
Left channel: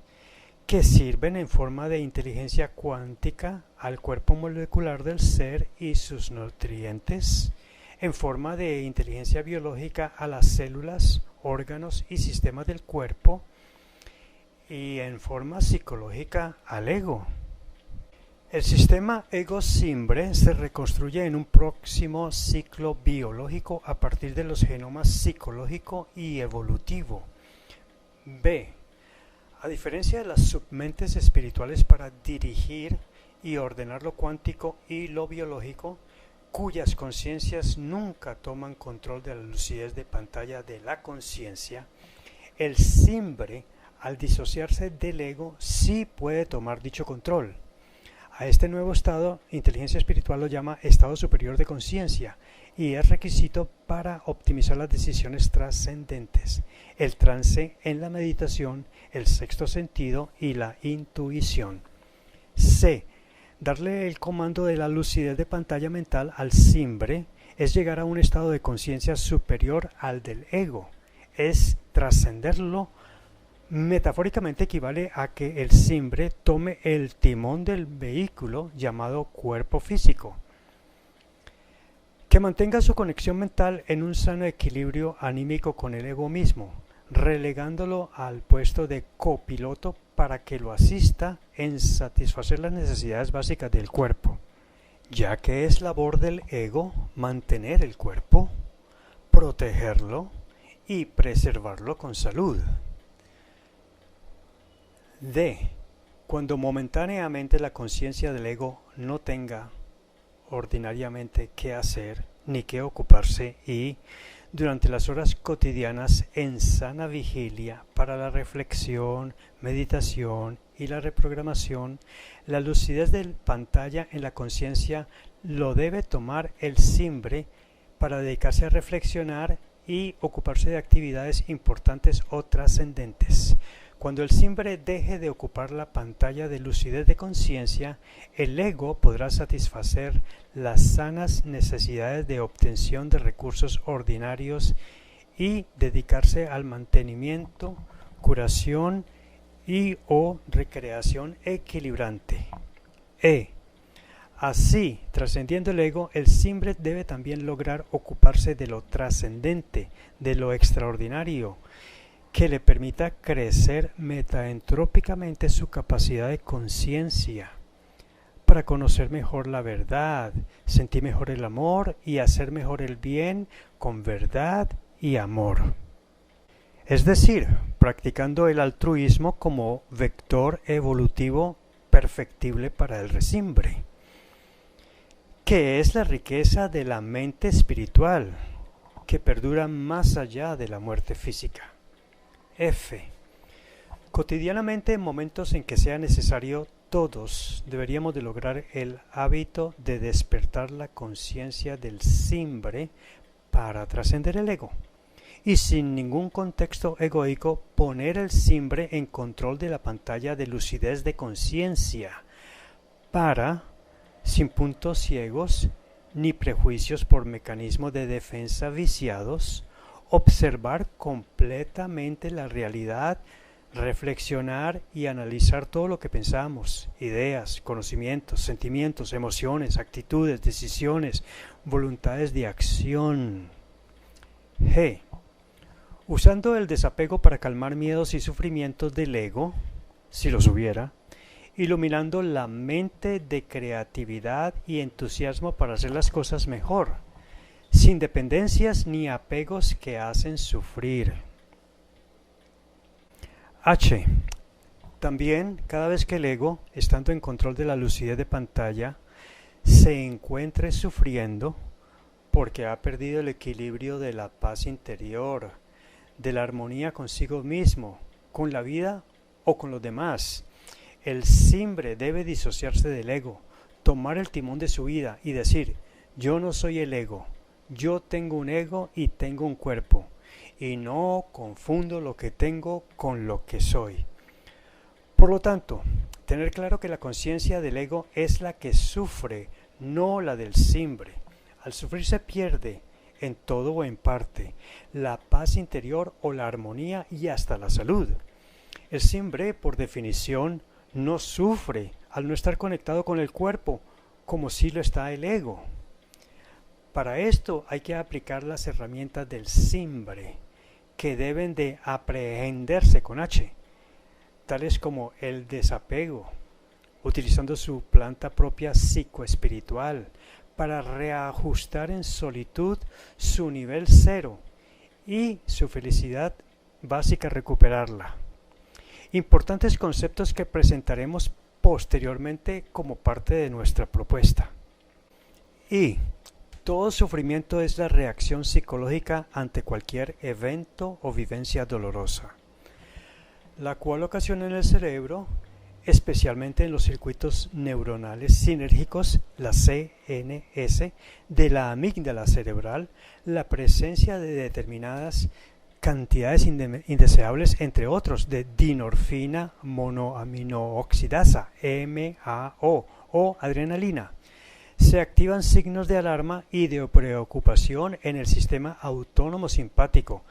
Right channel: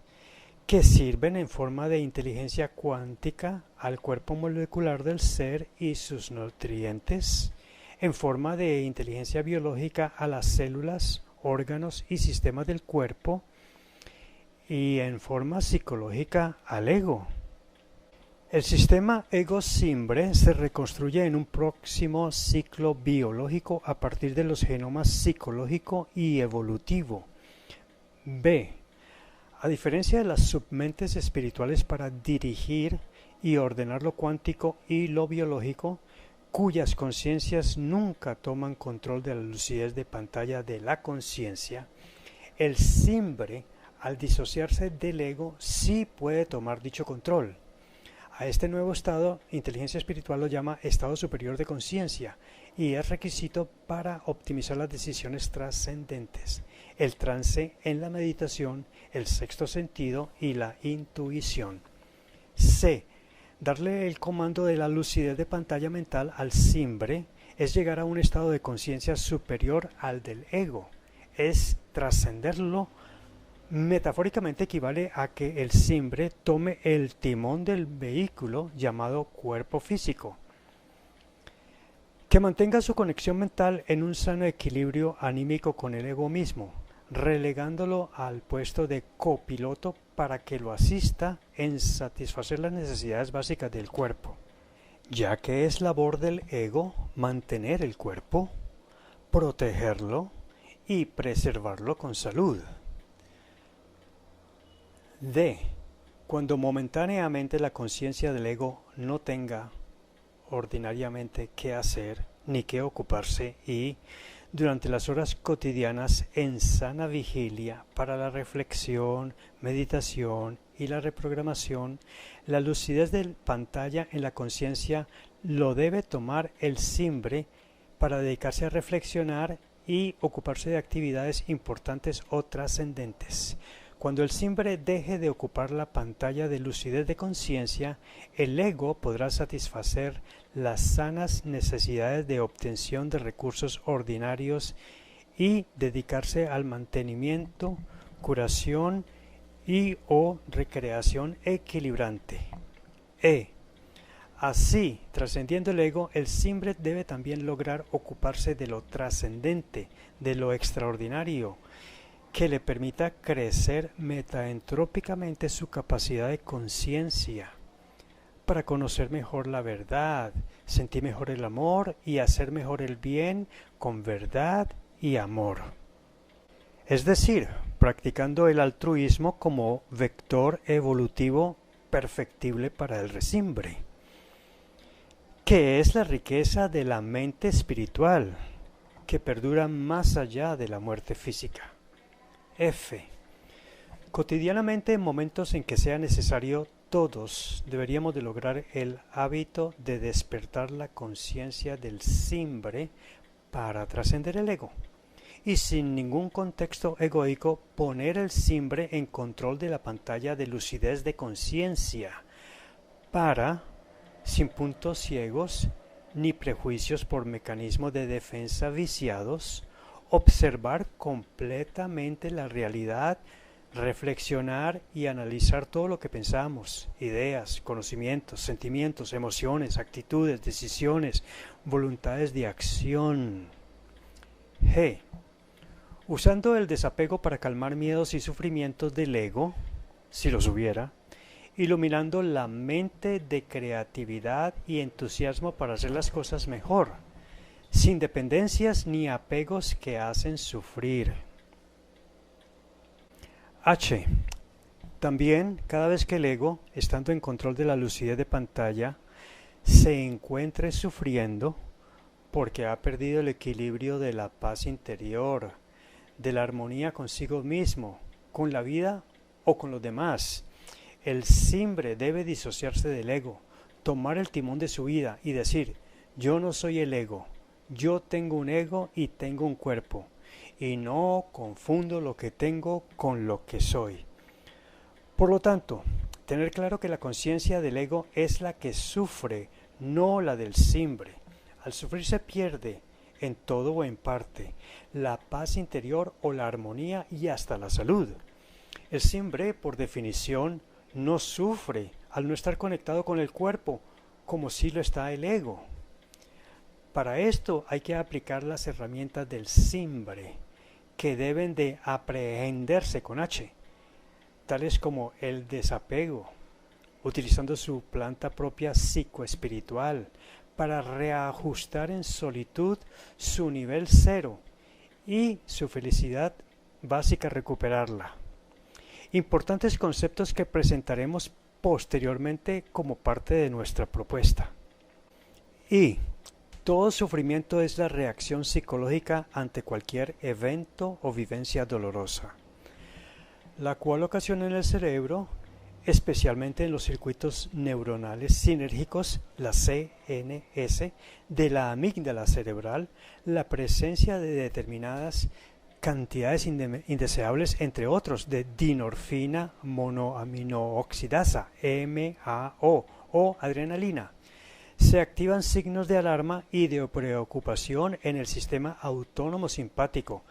que sirven en forma de inteligencia cuántica al cuerpo molecular del ser y sus nutrientes, en forma de inteligencia biológica a las células, órganos y sistemas del cuerpo, y en forma psicológica al ego. El sistema ego-simbre se reconstruye en un próximo ciclo biológico a partir de los genomas psicológico y evolutivo. B. A diferencia de las submentes espirituales para dirigir y ordenar lo cuántico y lo biológico, cuyas conciencias nunca toman control de la lucidez de pantalla de la conciencia, El simbre, al disociarse del ego, sí puede tomar dicho control. A este nuevo estado, inteligencia espiritual lo llama estado superior de conciencia y es requisito para optimizar las decisiones trascendentes, el trance en la meditación, el sexto sentido y la intuición. C. Darle el comando de la lucidez de pantalla mental al simbre es llegar a un estado de conciencia superior al del ego, es trascenderlo. Metafóricamente equivale a que el simbre tome el timón del vehículo llamado cuerpo físico, que mantenga su conexión mental en un sano equilibrio anímico con el ego mismo, relegándolo al puesto de copiloto para que lo asista en satisfacer las necesidades básicas del cuerpo, ya que es labor del ego mantener el cuerpo, protegerlo y preservarlo con salud. D. Cuando momentáneamente la conciencia del ego no tenga ordinariamente qué hacer ni qué ocuparse y, durante las horas cotidianas en sana vigilia para la reflexión, meditación y la reprogramación, la lucidez de pantalla en la conciencia lo debe tomar el simbre para dedicarse a reflexionar y ocuparse de actividades importantes o trascendentes. Cuando el simbre deje de ocupar la pantalla de lucidez de conciencia, el ego podrá satisfacer las sanas necesidades de obtención de recursos ordinarios y dedicarse al mantenimiento, curación y o recreación equilibrante. Así, trascendiendo el ego, el simbre debe también lograr ocuparse de lo trascendente, de lo extraordinario, que le permita crecer metaentrópicamente su capacidad de conciencia, para conocer mejor la verdad, sentir mejor el amor y hacer mejor el bien con verdad y amor. Es decir, practicando el altruismo como vector evolutivo perfectible para el resimbre, que es la riqueza de la mente espiritual, que perdura más allá de la muerte física. F. Cotidianamente, en momentos en que sea necesario, todos deberíamos de lograr el hábito de despertar la conciencia del simbre para trascender el ego y sin ningún contexto egoico poner el simbre en control de la pantalla de lucidez de conciencia para, sin puntos ciegos ni prejuicios por mecanismos de defensa viciados, observar completamente la realidad, reflexionar y analizar todo lo que pensamos, ideas, conocimientos, sentimientos, emociones, actitudes, decisiones, voluntades de acción. G. Usando el desapego para calmar miedos y sufrimientos del ego, si los hubiera, iluminando la mente de creatividad y entusiasmo para hacer las cosas mejor, sin dependencias ni apegos que hacen sufrir. H. También, cada vez que el ego, estando en control de la lucidez de pantalla, se encuentre sufriendo porque ha perdido el equilibrio de la paz interior, de la armonía consigo mismo, con la vida o con los demás, el simbre debe disociarse del ego, tomar el timón de su vida y decir: yo no soy el ego, yo tengo un ego y tengo un cuerpo, y no confundo lo que tengo con lo que soy. Por lo tanto, tener claro que la conciencia del ego es la que sufre, no la del simbre. Al sufrir se pierde, en todo o en parte, la paz interior o la armonía y hasta la salud. El simbre, por definición, no sufre al no estar conectado con el cuerpo, como si lo está el ego. Para esto hay que aplicar las herramientas del simbre, que deben de aprehenderse con H, tales como el desapego, utilizando su planta propia psicoespiritual para reajustar en solitud su nivel cero y su felicidad básica recuperarla. Importantes conceptos que presentaremos posteriormente como parte de nuestra propuesta. Y todo sufrimiento es la reacción psicológica ante cualquier evento o vivencia dolorosa. la cual ocasiona en el cerebro, especialmente en los circuitos neuronales sinérgicos, la CNS, de la amígdala cerebral, la presencia de determinadas cantidades indeseables, entre otros, de dinorfina monoaminooxidasa, MAO, o adrenalina. Se activan signos de alarma y de preocupación en el sistema autónomo simpático,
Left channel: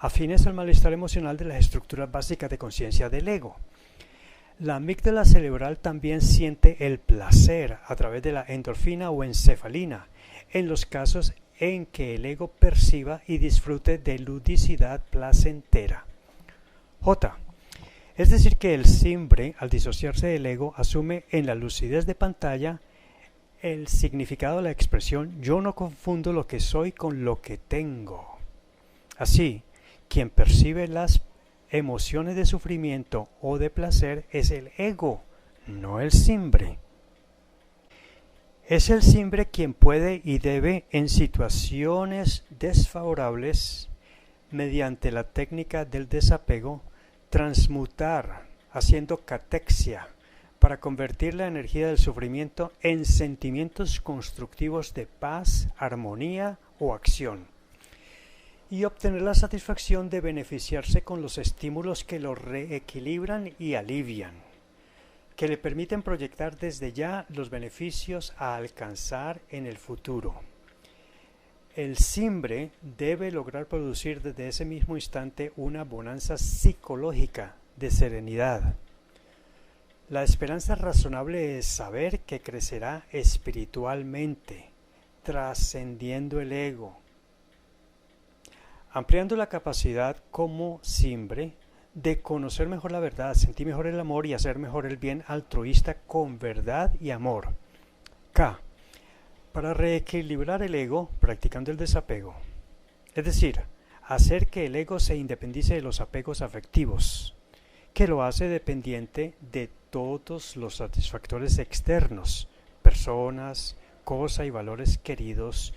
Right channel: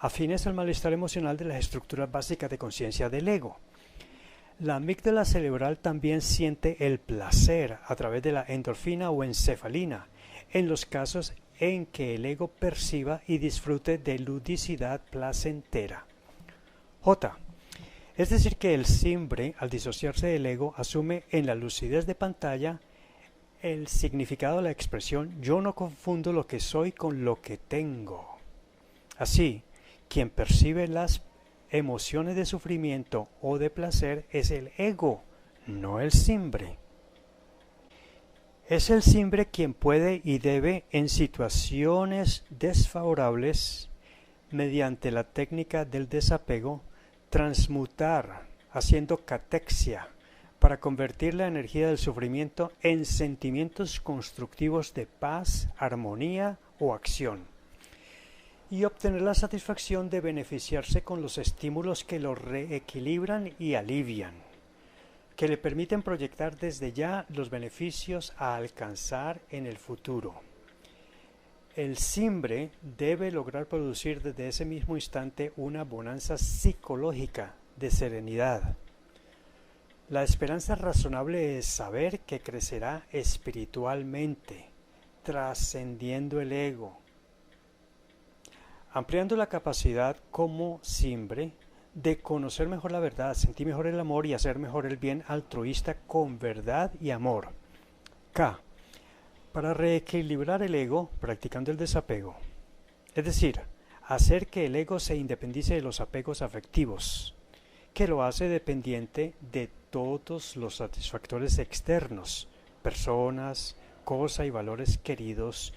afines al malestar emocional de las estructuras básicas de conciencia del ego. La amígdala cerebral también siente el placer a través de la endorfina o encefalina, en los casos en que el ego perciba y disfrute de ludicidad placentera. J. Es decir que el simbre, al disociarse del ego, asume en la lucidez de pantalla el significado de la expresión «yo no confundo lo que soy con lo que tengo». Así, quien percibe las emociones de sufrimiento o de placer es el ego, no el simbre. Es el simbre quien puede y debe, en situaciones desfavorables, mediante la técnica del desapego, transmutar, haciendo catexia, para convertir la energía del sufrimiento en sentimientos constructivos de paz, armonía o acción, y obtener la satisfacción de beneficiarse con los estímulos que lo reequilibran y alivian, que le permiten proyectar desde ya los beneficios a alcanzar en el futuro. El simbre debe lograr producir desde ese mismo instante una bonanza psicológica de serenidad. La esperanza razonable es saber que crecerá espiritualmente, trascendiendo el ego, ampliando la capacidad como simbre de conocer mejor la verdad, sentir mejor el amor y hacer mejor el bien altruista con verdad y amor. K. Para reequilibrar el ego, practicando el desapego. Es decir, hacer que el ego se independice de los apegos afectivos, que lo hace dependiente de todos los satisfactores externos, personas, cosas y valores queridos,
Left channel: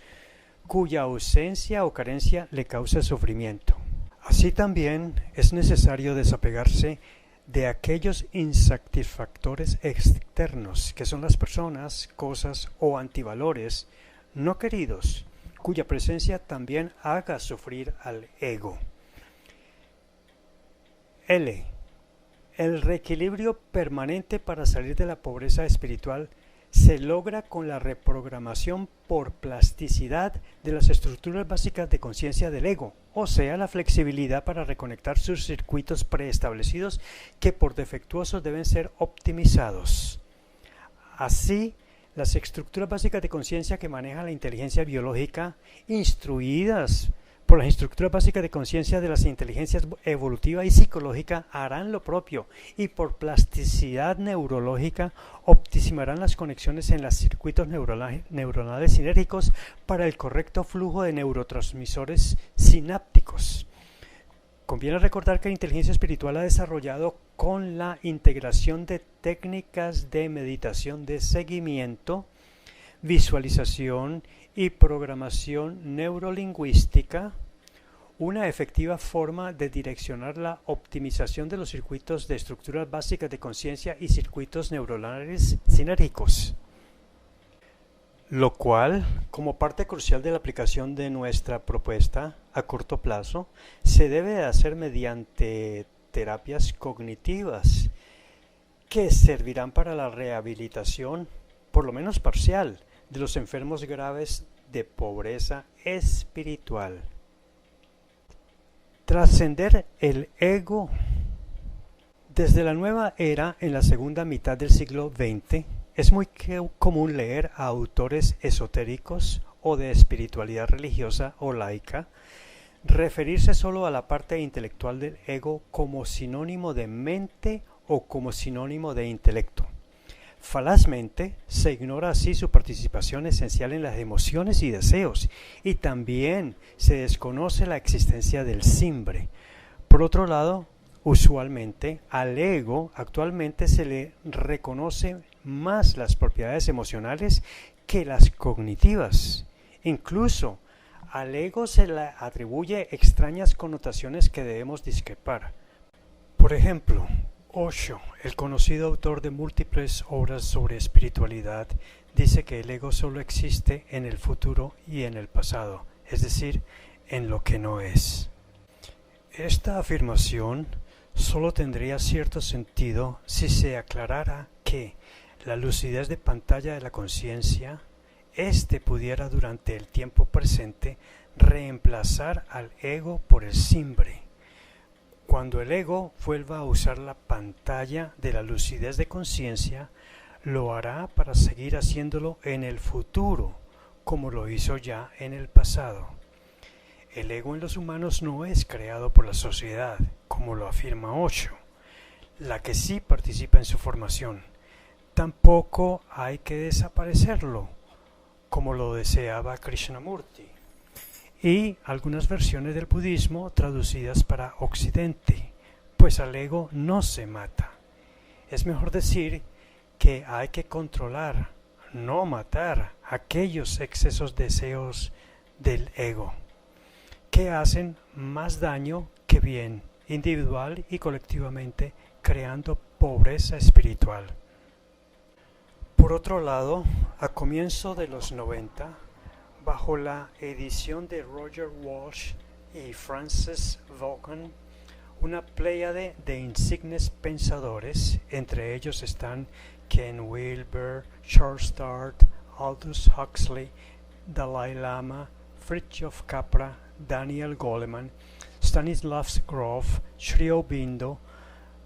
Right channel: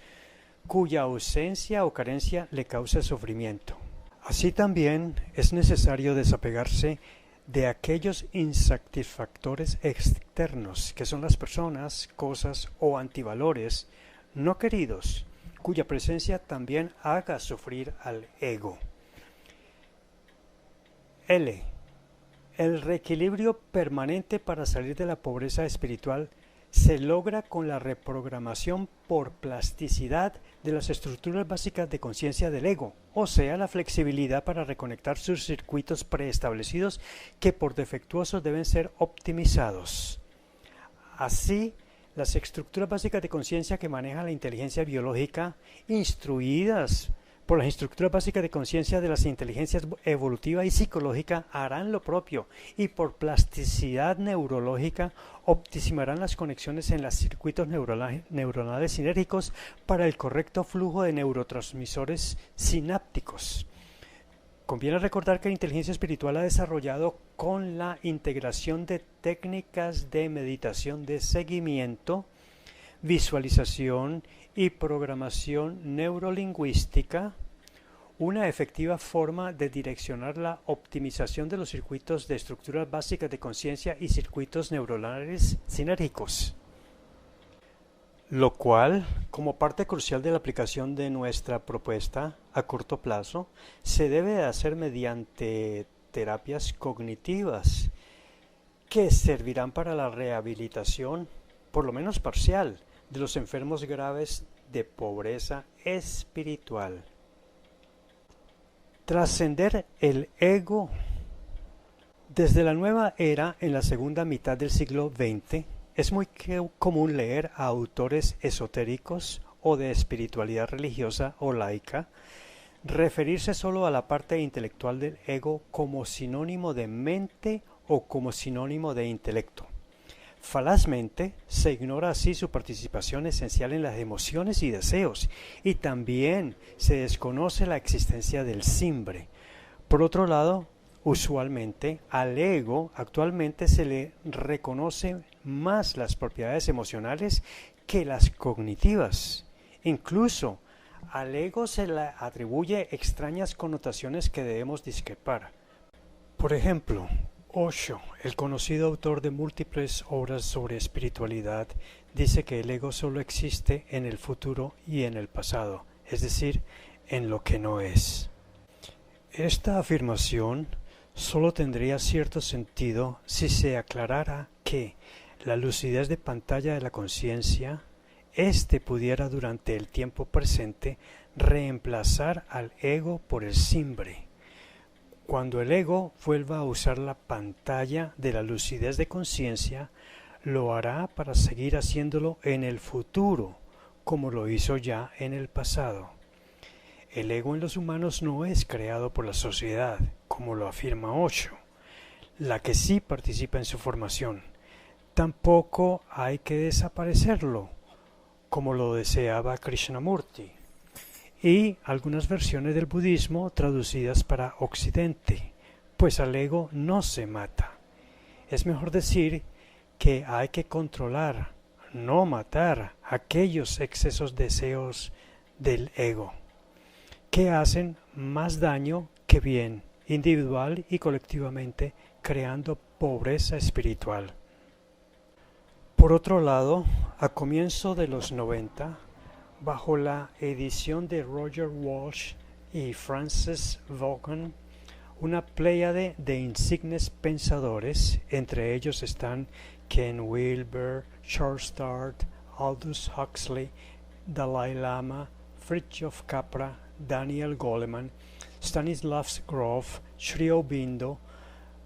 cuya ausencia o carencia le causa sufrimiento. Así también es necesario desapegarse de aquellos insatisfactores externos, que son las personas, cosas o antivalores no queridos, cuya presencia también haga sufrir al ego. L. El reequilibrio permanente para salir de la pobreza espiritual se logra con la reprogramación por plasticidad de las estructuras básicas de conciencia del ego, o sea, la flexibilidad para reconectar sus circuitos preestablecidos que por defectuosos deben ser optimizados. Así, las estructuras básicas de conciencia que manejan la inteligencia biológica, instruidas por las estructuras básicas de conciencia de las inteligencias evolutiva y psicológica, harán lo propio y por plasticidad neurológica optimarán las conexiones en los circuitos neuronales sinérgicos para el correcto flujo de neurotransmisores sinápticos. Conviene recordar que la inteligencia espiritual ha desarrollado con la integración de técnicas de meditación de seguimiento, visualización y programación neurolingüística, una efectiva forma de direccionar la optimización de los circuitos de estructuras básicas de conciencia y circuitos neuronales sinérgicos, lo cual, como parte crucial de la aplicación de nuestra propuesta a corto plazo, se debe hacer mediante terapias cognitivas que servirán para la rehabilitación, por lo menos parcial, de los enfermos graves de pobreza espiritual. Trascender el ego. Desde la nueva era, en la segunda mitad del siglo XX, es muy común leer a autores esotéricos o de espiritualidad religiosa o laica referirse solo a la parte intelectual del ego como sinónimo de mente o como sinónimo de intelecto. Falazmente, se ignora así su participación esencial en las emociones y deseos, y también se desconoce la existencia del simbre. Por otro lado, usualmente al ego actualmente se le reconoce más las propiedades emocionales que las cognitivas. Incluso al ego se le atribuye extrañas connotaciones que debemos discrepar. Por ejemplo, Osho, el conocido autor de múltiples obras sobre espiritualidad, dice que el ego solo existe en el futuro y en el pasado, es decir, en lo que no es. Esta afirmación solo tendría cierto sentido si se aclarara que la lucidez de pantalla de la conciencia, pudiera durante el tiempo presente reemplazar al ego por el simbre. Cuando el ego vuelva a usar la pantalla de la lucidez de conciencia, lo hará para seguir haciéndolo en el futuro, como lo hizo ya en el pasado. El ego en los humanos no es creado por la sociedad, como lo afirma Osho, la que sí participa en su formación. Tampoco hay que desaparecerlo, como lo deseaba Krishnamurti, y algunas versiones del budismo traducidas para Occidente, pues al ego no se mata. Es mejor decir que hay que controlar, no matar aquellos excesos deseos del ego, que hacen más daño que bien, individual y colectivamente, creando pobreza espiritual. Por otro lado, a comienzo de los 90, bajo la edición de Roger Walsh y Francis Vaughan, una pléyade de insignes pensadores, entre ellos están Ken Wilber, Charles Darwin, Aldous Huxley, Dalai Lama, Fritjof Capra, Daniel Goleman, Stanislas Grof, Sri Aurobindo,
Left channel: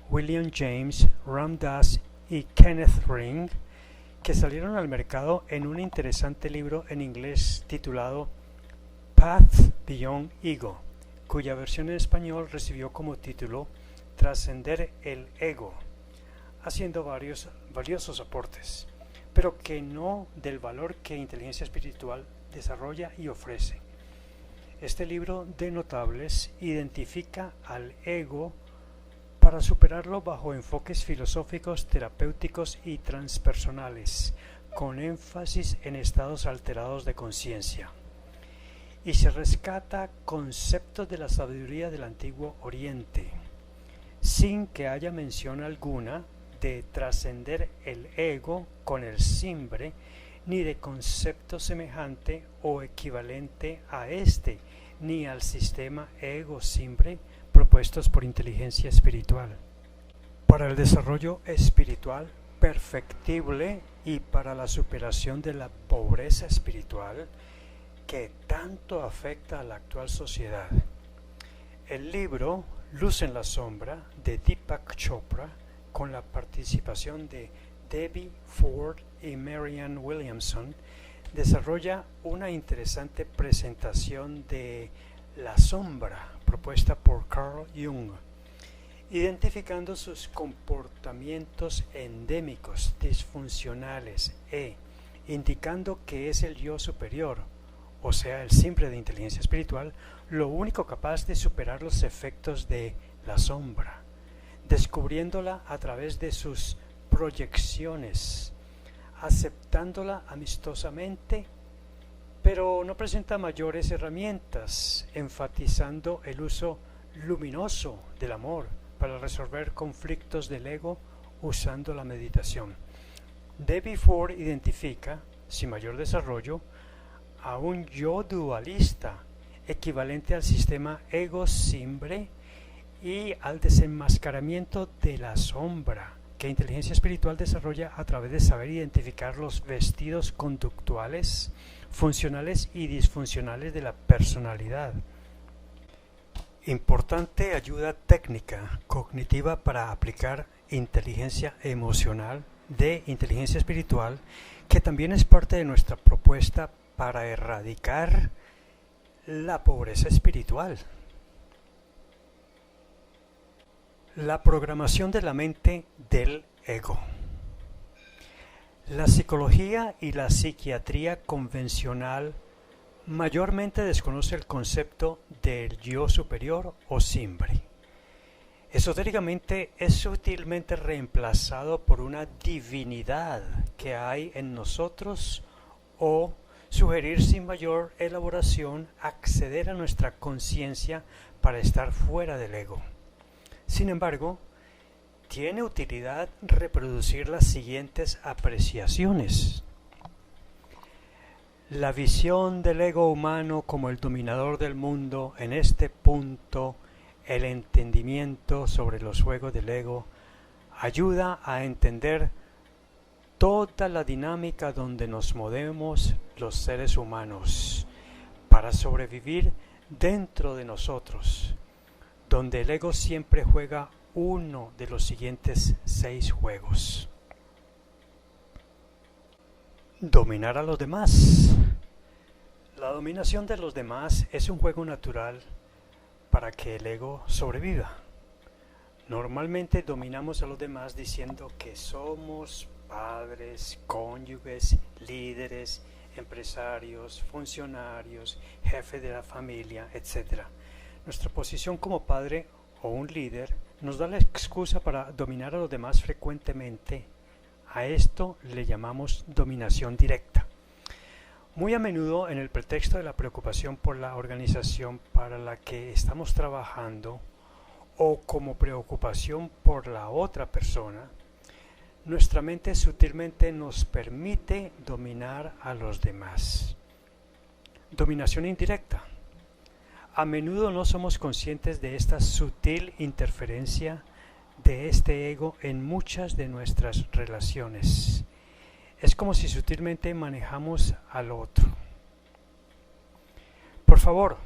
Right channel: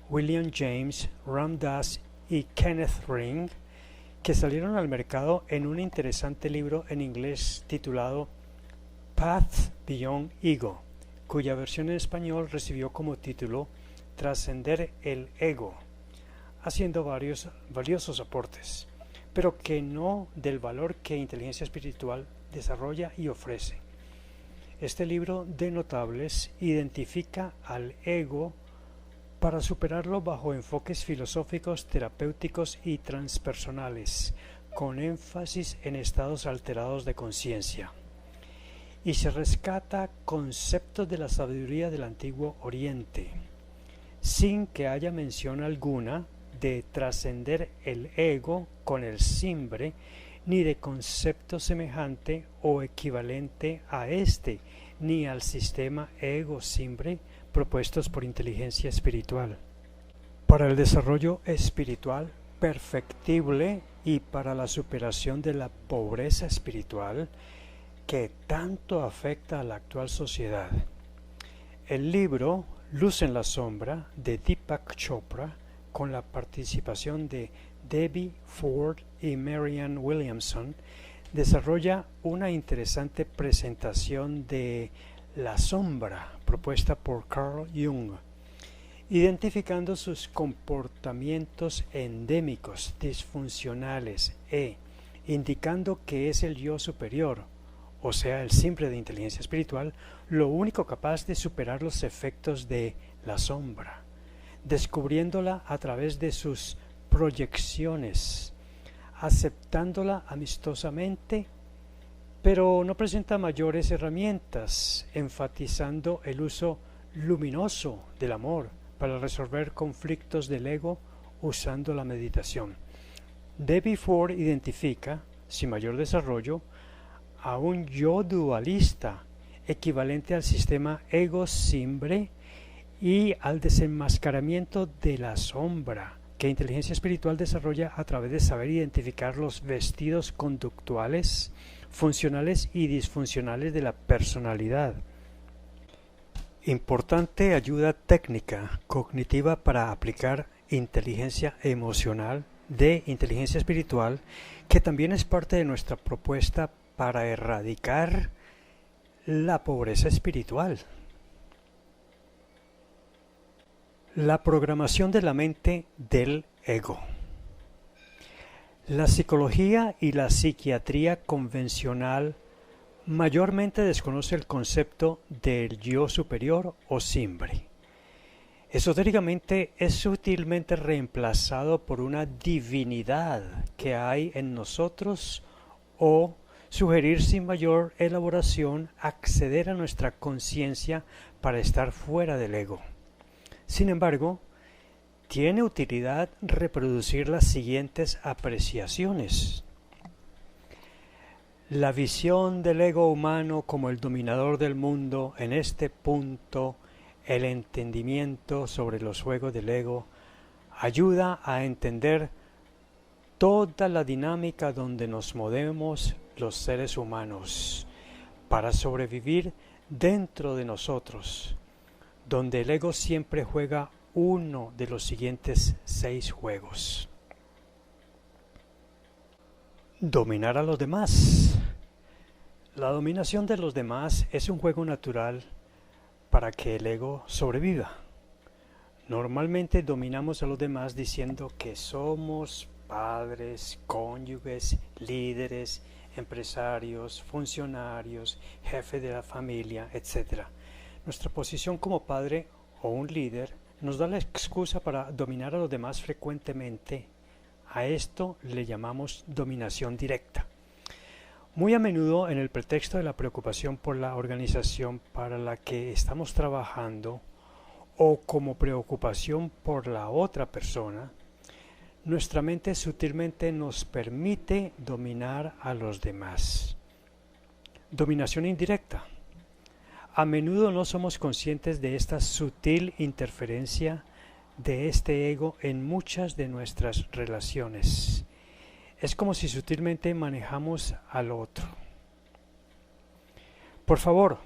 William James, Ram Dass y Kenneth Ring, que salieron al mercado en un interesante libro en inglés titulado Path Beyond Ego, cuya versión en español recibió como título Trascender el Ego, haciendo varios valiosos aportes, pero que no del valor que inteligencia espiritual desarrolla y ofrece. Este libro de notables identifica al ego para superarlo bajo enfoques filosóficos, terapéuticos y transpersonales, con énfasis en estados alterados de conciencia. Y se rescata conceptos de la sabiduría del Antiguo Oriente, sin que haya mención alguna de trascender el ego con el simbre, ni de concepto semejante o equivalente a este, ni al sistema ego-simbre propuestos por inteligencia espiritual. Para el desarrollo espiritual perfectible y para la superación de la pobreza espiritual que tanto afecta a la actual sociedad. El libro Luz en la Sombra de Deepak Chopra, con la participación de Debbie Ford y Marianne Williamson, desarrolla una interesante presentación de la sombra propuesta por Carl Jung, identificando sus comportamientos endémicos, disfuncionales indicando que es el yo superior, o sea, el simple de inteligencia espiritual, lo único capaz de superar los efectos de la sombra, descubriéndola a través de sus proyecciones, aceptándola amistosamente, pero no presenta mayores herramientas, enfatizando el uso luminoso del amor para resolver conflictos del ego usando la meditación. Debbie Ford identifica, sin mayor desarrollo, a un yo dualista, equivalente al sistema ego-simbre y al desenmascaramiento de la sombra, que inteligencia espiritual desarrolla a través de saber identificar los vestidos conductuales, funcionales y disfuncionales de la personalidad. Importante ayuda técnica cognitiva para aplicar inteligencia emocional de inteligencia espiritual, que también es parte de nuestra propuesta para erradicar la pobreza espiritual. La programación de la mente del ego. La psicología y la psiquiatría convencional mayormente desconoce el concepto del yo superior o simbre. Esotéricamente es sutilmente reemplazado por una divinidad que hay en nosotros, o sugerir sin mayor elaboración acceder a nuestra conciencia para estar fuera del ego. Sin embargo, tiene utilidad reproducir las siguientes apreciaciones. La visión del ego humano como el dominador del mundo, en este punto, el entendimiento sobre los juegos del ego, ayuda a entender toda la dinámica donde nos movemos los seres humanos para sobrevivir dentro de nosotros, donde el ego siempre juega uno de los siguientes 6 juegos. Dominar a los demás. La dominación de los demás es un juego natural para que el ego sobreviva. Normalmente dominamos a los demás diciendo que somos padres, cónyuges, líderes, empresarios, funcionarios, jefe de la familia, etc. Nuestra posición como padre o un líder nos da la excusa para dominar a los demás frecuentemente. A esto le llamamos dominación directa. Muy a menudo, en el pretexto de la preocupación por la organización para la que estamos trabajando o como preocupación por la otra persona, nuestra mente sutilmente nos permite dominar a los demás. Dominación indirecta. A menudo no somos conscientes de esta sutil interferencia de este ego en muchas de nuestras relaciones. Es como si sutilmente manejamos al otro. Por favor,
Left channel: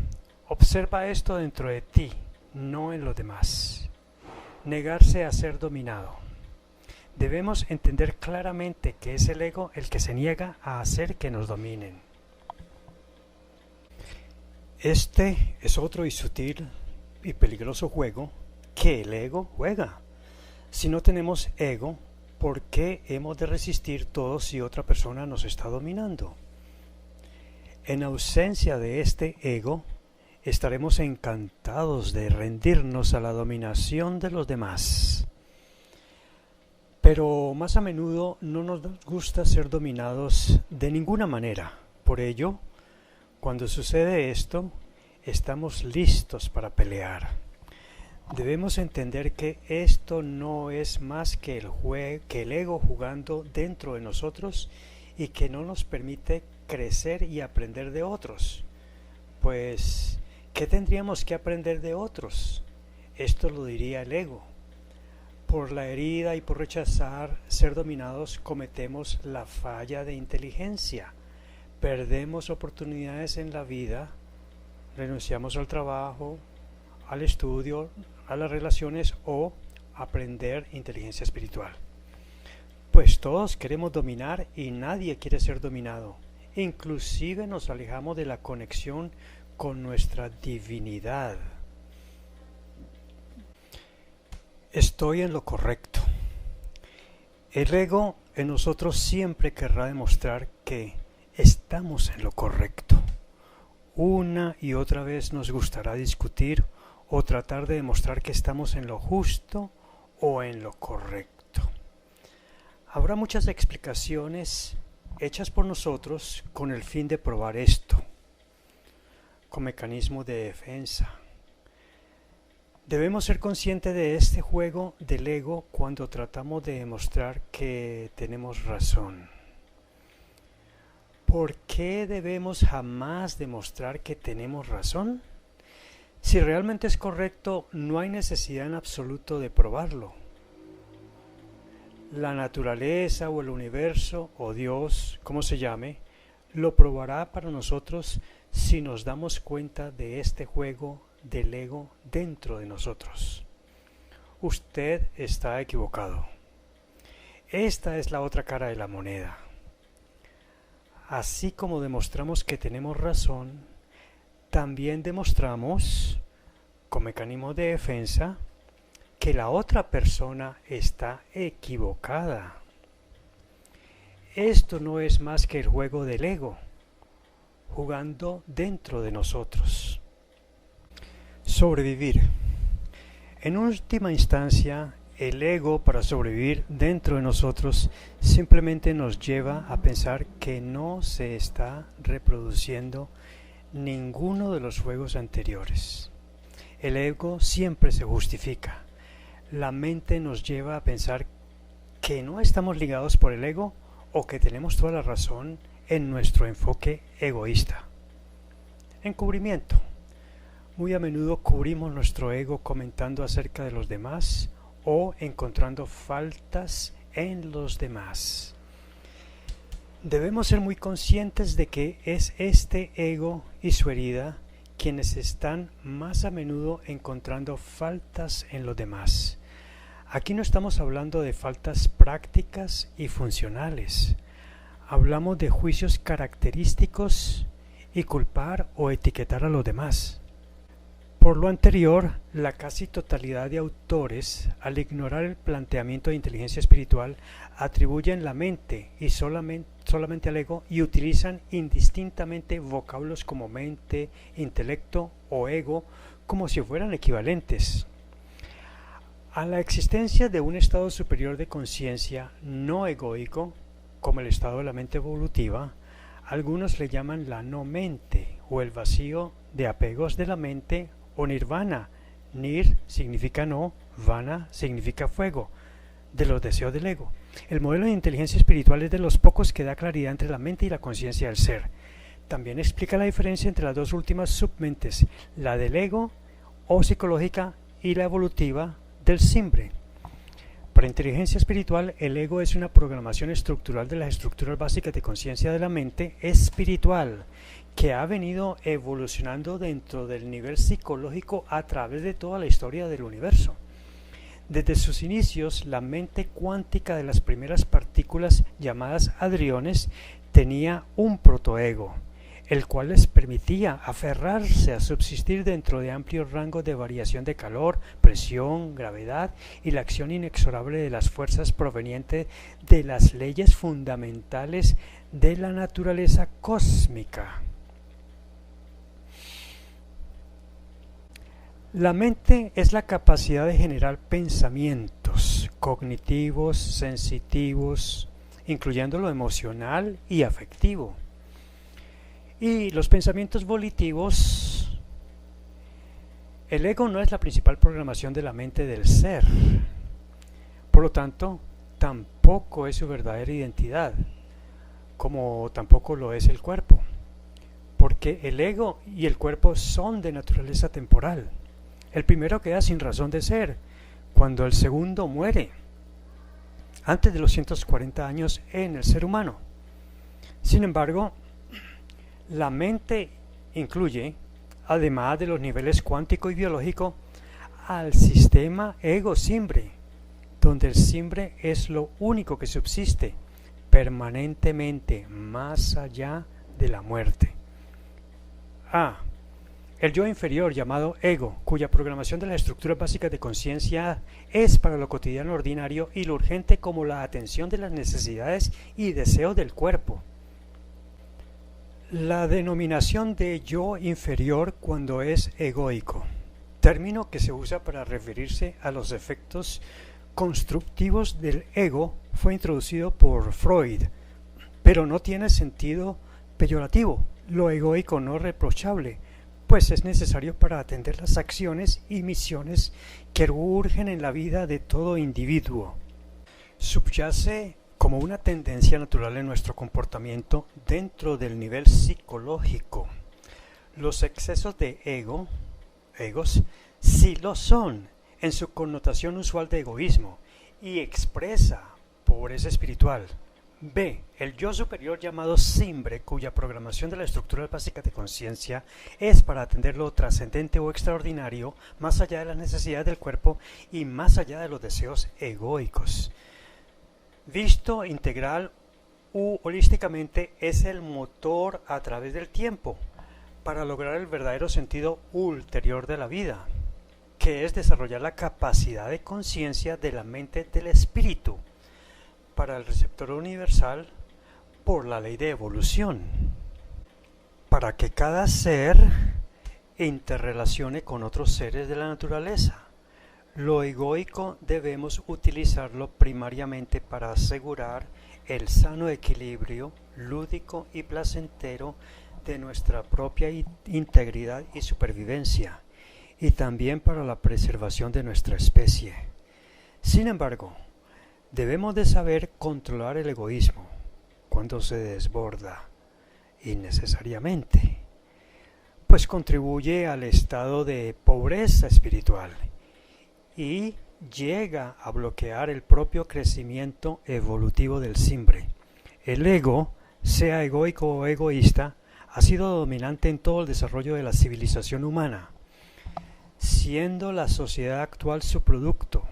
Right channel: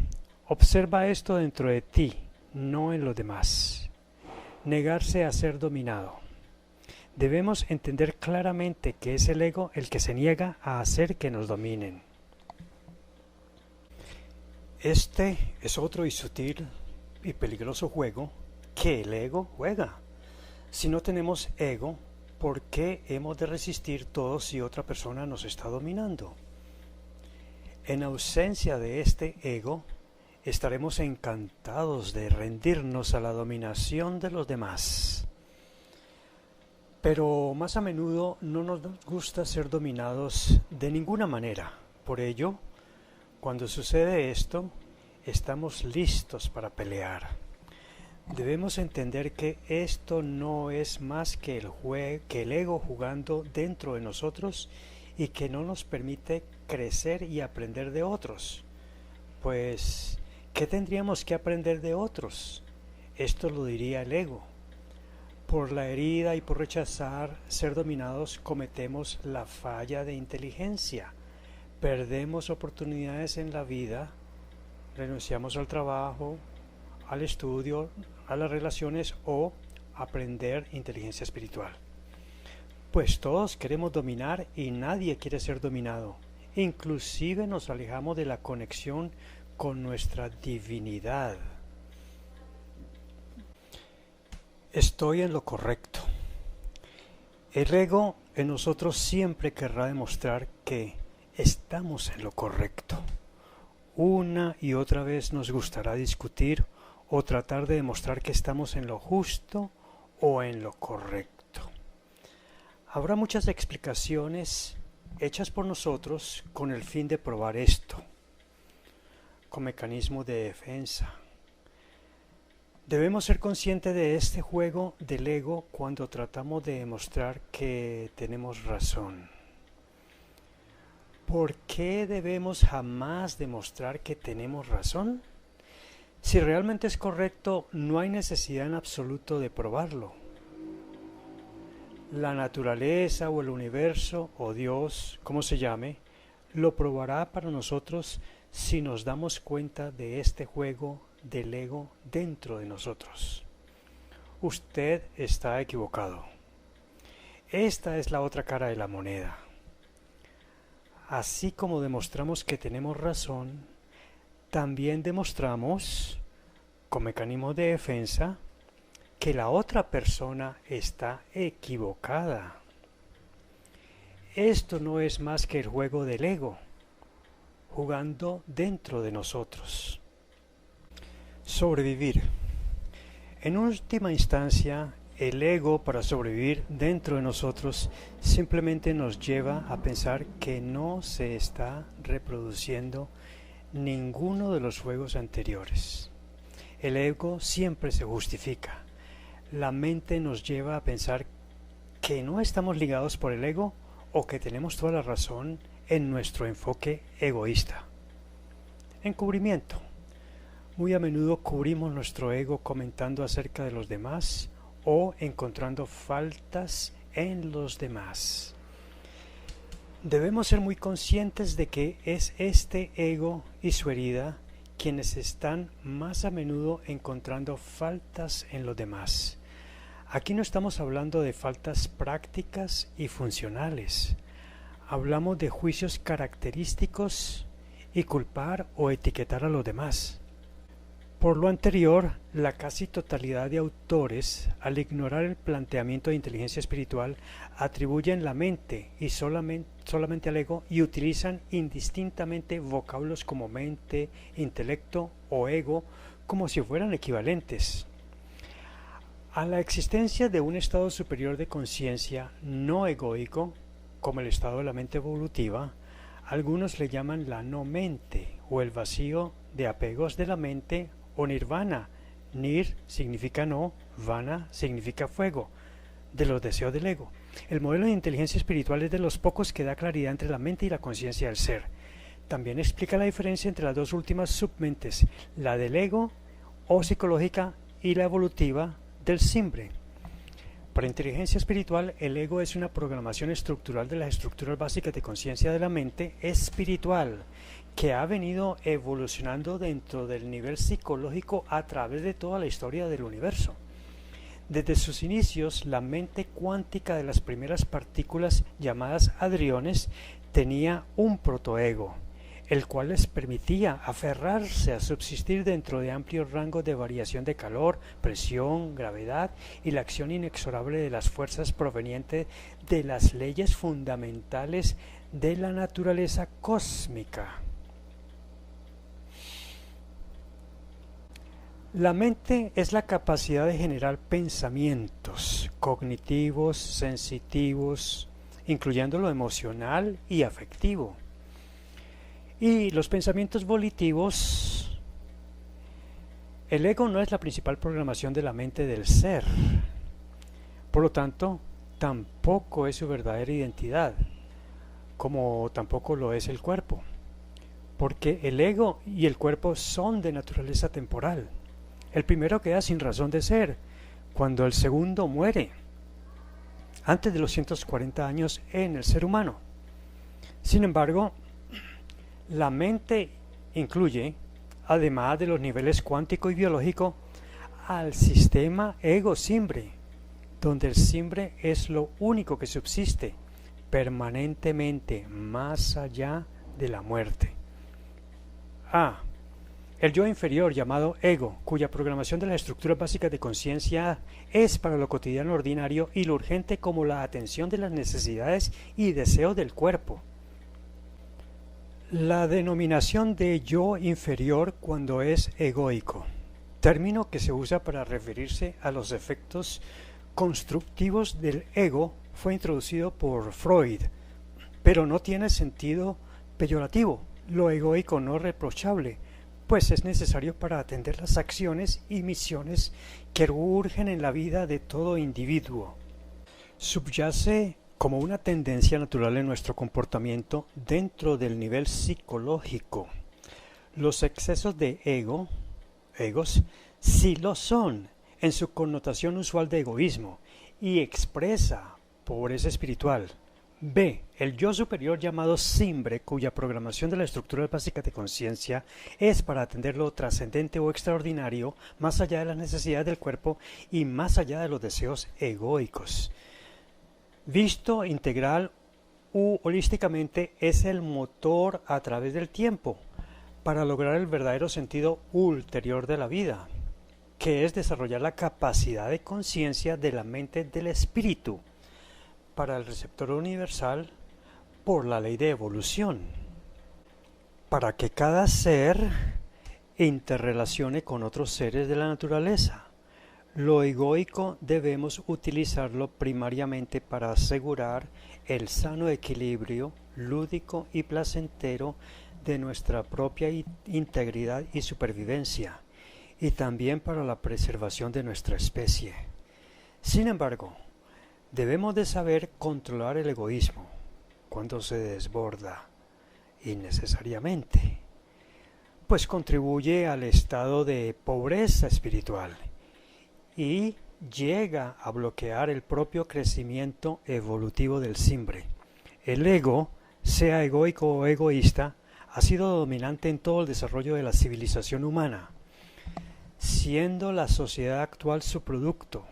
observa esto dentro de ti, no en los demás. Negarse a ser dominado. Debemos entender claramente que es el ego el que se niega a hacer que nos dominen. Este es otro y sutil y peligroso juego que el ego juega. Si no tenemos ego, ¿por qué hemos de resistir todo si otra persona nos está dominando? En ausencia de este ego, estaremos encantados de rendirnos a la dominación de los demás. Pero más a menudo no nos gusta ser dominados de ninguna manera. Por ello, cuando sucede esto, estamos listos para pelear. Debemos entender que esto no es más que el ego jugando dentro de nosotros y que no nos permite crecer y aprender de otros. Pues, ¿qué tendríamos que aprender de otros? Esto lo diría el ego. Por la herida y por rechazar ser dominados cometemos la falla de inteligencia. Perdemos oportunidades en la vida, renunciamos al trabajo, al estudio, a las relaciones o aprender inteligencia espiritual. Pues todos queremos dominar y nadie quiere ser dominado. Inclusive nos alejamos de la conexión con nuestra divinidad. Estoy en lo correcto. El ego en nosotros siempre querrá demostrar que estamos en lo correcto. Una y otra vez nos gustará discutir o tratar de demostrar que estamos en lo justo o en lo correcto. Habrá muchas explicaciones hechas por nosotros con el fin de probar esto, con mecanismo de defensa. Debemos ser conscientes de este juego del ego cuando tratamos de demostrar que tenemos razón. ¿Por qué debemos jamás demostrar que tenemos razón? Si realmente es correcto, no hay necesidad en absoluto de probarlo. La naturaleza o el universo o Dios, como se llame, lo probará para nosotros si nos damos cuenta de este juego del ego dentro de nosotros. Usted está equivocado. Esta es la otra cara de la moneda. Así como demostramos que tenemos razón, también demostramos, con mecanismo de defensa, que la otra persona está equivocada. Esto no es más que el juego del ego, jugando dentro de nosotros. Sobrevivir. En última instancia, el ego, para sobrevivir dentro de nosotros, simplemente nos lleva a pensar que no se está reproduciendo ninguno de los juegos anteriores. El ego siempre se justifica. la mente nos lleva a pensar que no estamos ligados por el ego o que tenemos toda la razón en nuestro enfoque egoísta. Encubrimiento. Muy a menudo cubrimos nuestro ego comentando acerca de los demás o encontrando faltas en los demás. Debemos ser muy conscientes de que es este ego y su herida quienes están más a menudo encontrando faltas en los demás. Aquí no estamos hablando de faltas prácticas y funcionales. Hablamos de juicios característicos y culpar o etiquetar a los demás. Por lo anterior, la casi totalidad de autores, al ignorar el planteamiento de inteligencia espiritual, atribuyen la mente y solamente al ego y utilizan indistintamente vocablos como mente, intelecto o ego como si fueran equivalentes. A la existencia de un estado superior de conciencia no egoico, como el estado de la mente evolutiva, algunos le llaman la no mente o el vacío de apegos de la mente o nirvana. Nir significa no, vana significa fuego, de los deseos del ego. El modelo de inteligencia espiritual es de los pocos que da claridad entre la mente y la conciencia del ser. También explica la diferencia entre las dos últimas submentes, la del ego o psicológica y la evolutiva del simbre. Para inteligencia espiritual, el ego es una programación estructural de las estructuras básicas de conciencia de la mente espiritual, que ha venido evolucionando dentro del nivel psicológico a través de toda la historia del universo. Desde sus inicios, la mente cuántica de las primeras partículas llamadas hadriones tenía un protoego, el cual les permitía aferrarse a subsistir dentro de amplios rangos de variación de calor, presión, gravedad y la acción inexorable de las fuerzas provenientes de las leyes fundamentales de la naturaleza cósmica. La mente es la capacidad de generar pensamientos cognitivos, sensitivos, incluyendo lo emocional y afectivo. Y los pensamientos volitivos, el ego no es la principal programación de la mente del ser. Por lo tanto, tampoco es su verdadera identidad, como tampoco lo es el cuerpo, porque el ego y el cuerpo son de naturaleza temporal. El primero queda sin razón de ser, cuando el segundo muere, antes de los 140 años en el ser humano. Sin embargo, la mente incluye, además de los niveles cuántico y biológico, al sistema ego-simbre, donde el simbre es lo único que subsiste permanentemente más allá de la muerte. El yo inferior llamado ego, cuya programación de las estructuras básicas de conciencia es para lo cotidiano ordinario y lo urgente como la atención de las necesidades y deseos del cuerpo. La denominación de yo inferior cuando es egoico, término que se usa para referirse a los efectos constructivos del ego, fue introducido por Freud, pero no tiene sentido peyorativo. Lo egoico no reprochable, pues es necesario para atender las acciones y misiones que urgen en la vida de todo individuo. Subyace como una tendencia natural en nuestro comportamiento dentro del nivel psicológico. Los excesos de egos, sí lo son, en su connotación usual de egoísmo, y expresa pobreza espiritual. B. El yo superior llamado simbre, cuya programación de la estructura básica de conciencia es para atender lo trascendente o extraordinario, más allá de las necesidades del cuerpo y más allá de los deseos egoicos. Visto integral u holísticamente, es el motor a través del tiempo para lograr el verdadero sentido ulterior de la vida, que es desarrollar la capacidad de conciencia de la mente del espíritu para el receptor universal por la ley de evolución, para que cada ser interrelacione con otros seres de la naturaleza. Lo egoico debemos utilizarlo primariamente para asegurar el sano equilibrio lúdico y placentero de nuestra propia integridad y supervivencia, y también para la preservación de nuestra especie. Sin embargo, debemos de saber controlar el egoísmo cuando se desborda innecesariamente, pues contribuye al estado de pobreza espiritual y llega a bloquear el propio crecimiento evolutivo del simbre. El ego, sea egoico o egoísta, ha sido dominante en todo el desarrollo de la civilización humana, siendo la sociedad actual su producto,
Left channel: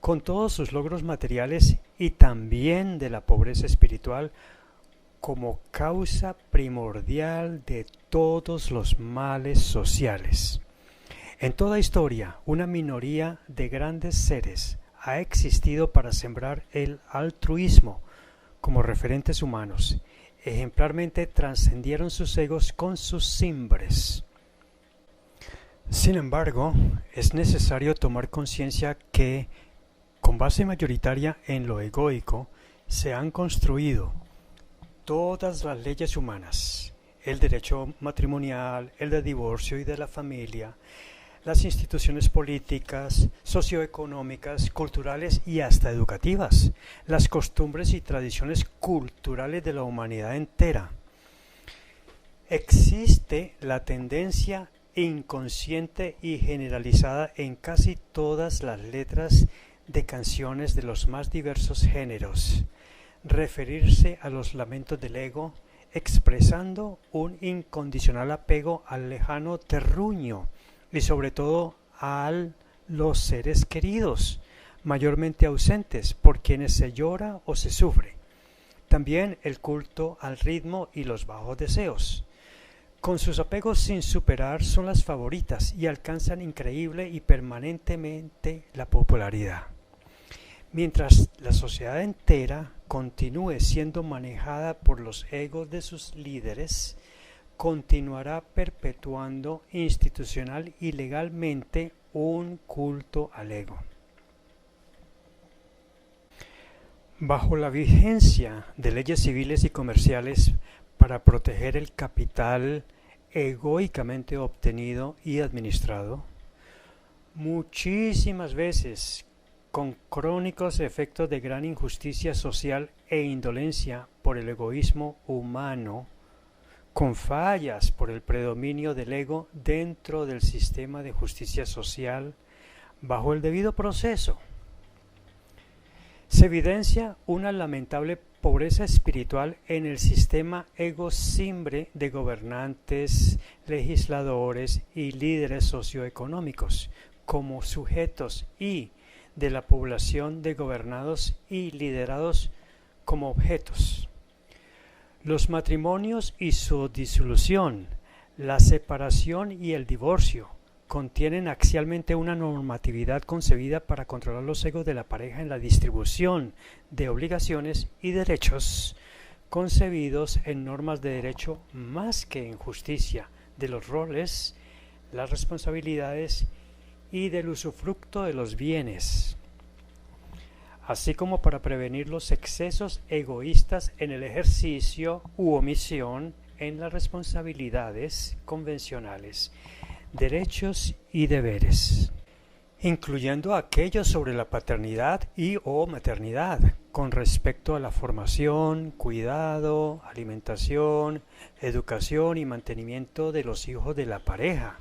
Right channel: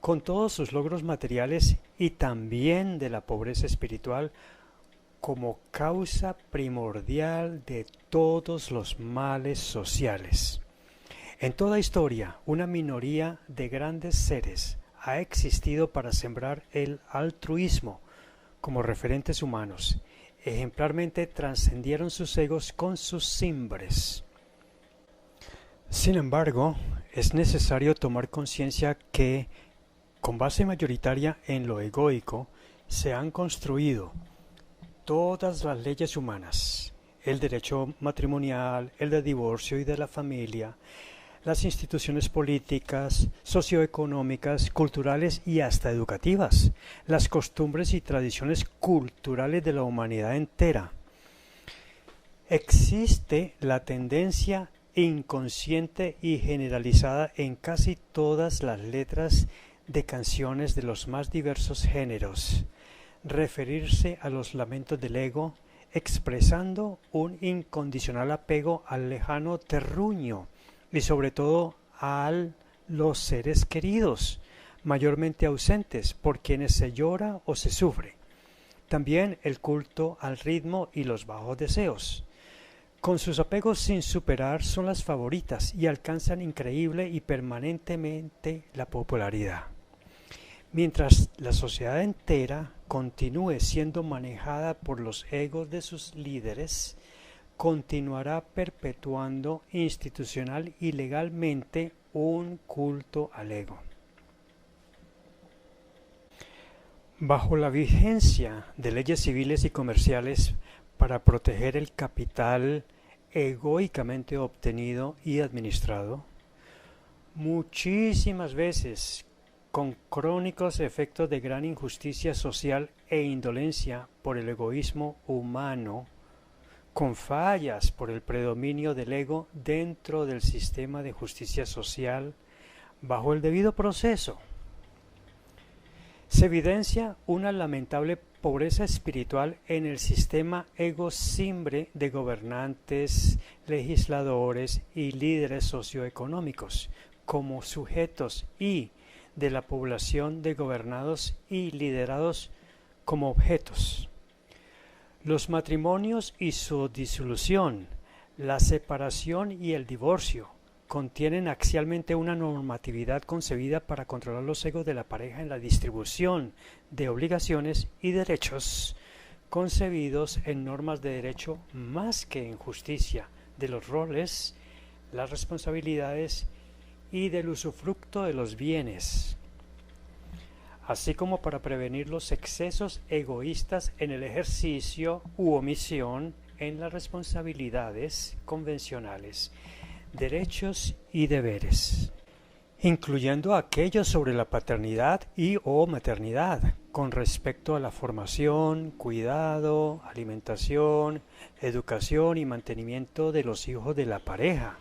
con todos sus logros materiales y también de la pobreza espiritual como causa primordial de todos los males sociales. En toda historia, una minoría de grandes seres ha existido para sembrar el altruismo como referentes humanos. Ejemplarmente trascendieron sus egos con sus simbres. Sin embargo, es necesario tomar conciencia que, con base mayoritaria en lo egoico, se han construido todas las leyes humanas, el derecho matrimonial, el de divorcio y de la familia, las instituciones políticas, socioeconómicas, culturales y hasta educativas, las costumbres y tradiciones culturales de la humanidad entera. Existe la tendencia inconsciente y generalizada en casi todas las letras de canciones de los más diversos géneros, referirse a los lamentos del ego, expresando un incondicional apego al lejano terruño y sobre todo a los seres queridos, mayormente ausentes, por quienes se llora o se sufre. También el culto al ritmo y los bajos deseos. Con sus apegos sin superar son las favoritas y alcanzan increíble y permanentemente la popularidad. Mientras la sociedad entera continúe siendo manejada por los egos de sus líderes, continuará perpetuando institucional y legalmente un culto al ego. Bajo la vigencia de leyes civiles y comerciales para proteger el capital egoicamente obtenido y administrado, muchísimas veces con crónicos efectos de gran injusticia social e indolencia por el egoísmo humano, con fallas por el predominio del ego dentro del sistema de justicia social bajo el debido proceso. Se evidencia una lamentable pobreza espiritual en el sistema ego-simbre de gobernantes, legisladores y líderes socioeconómicos como sujetos y de la población de gobernados y liderados como objetos. Los matrimonios y su disolución, la separación y el divorcio contienen axialmente una normatividad concebida para controlar los egos de la pareja en la distribución de obligaciones y derechos concebidos en normas de derecho más que en justicia de los roles, las responsabilidades y del usufructo de los bienes, así como para prevenir los excesos egoístas en el ejercicio u omisión en las responsabilidades convencionales, derechos y deberes, incluyendo aquellos sobre la paternidad y o maternidad, con respecto a la formación, cuidado, alimentación, educación y mantenimiento de los hijos de la pareja.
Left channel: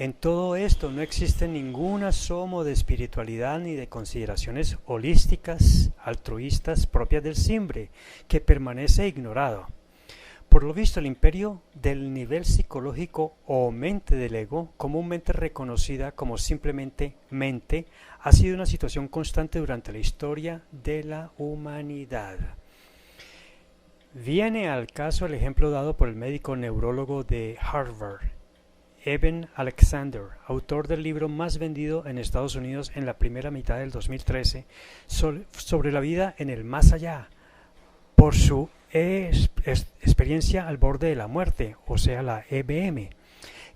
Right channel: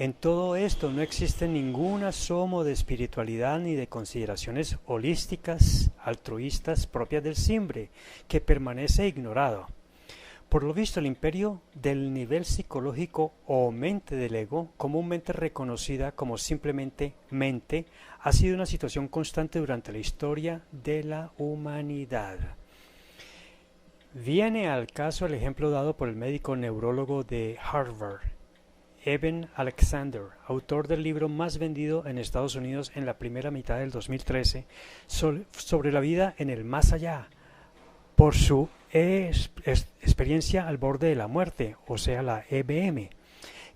En todo esto no existe ningún asomo de espiritualidad ni de consideraciones holísticas, altruistas propias del simbre, que permanece ignorado. Por lo visto, el imperio del nivel psicológico o mente del ego, comúnmente reconocida como simplemente mente, ha sido una situación constante durante la historia de la humanidad. Viene al caso el ejemplo dado por el médico neurólogo de Harvard, Eben Alexander, autor del libro más vendido en Estados Unidos en la primera mitad del 2013, sobre la vida en el más allá, por su experiencia al borde de la muerte, o sea la EBM,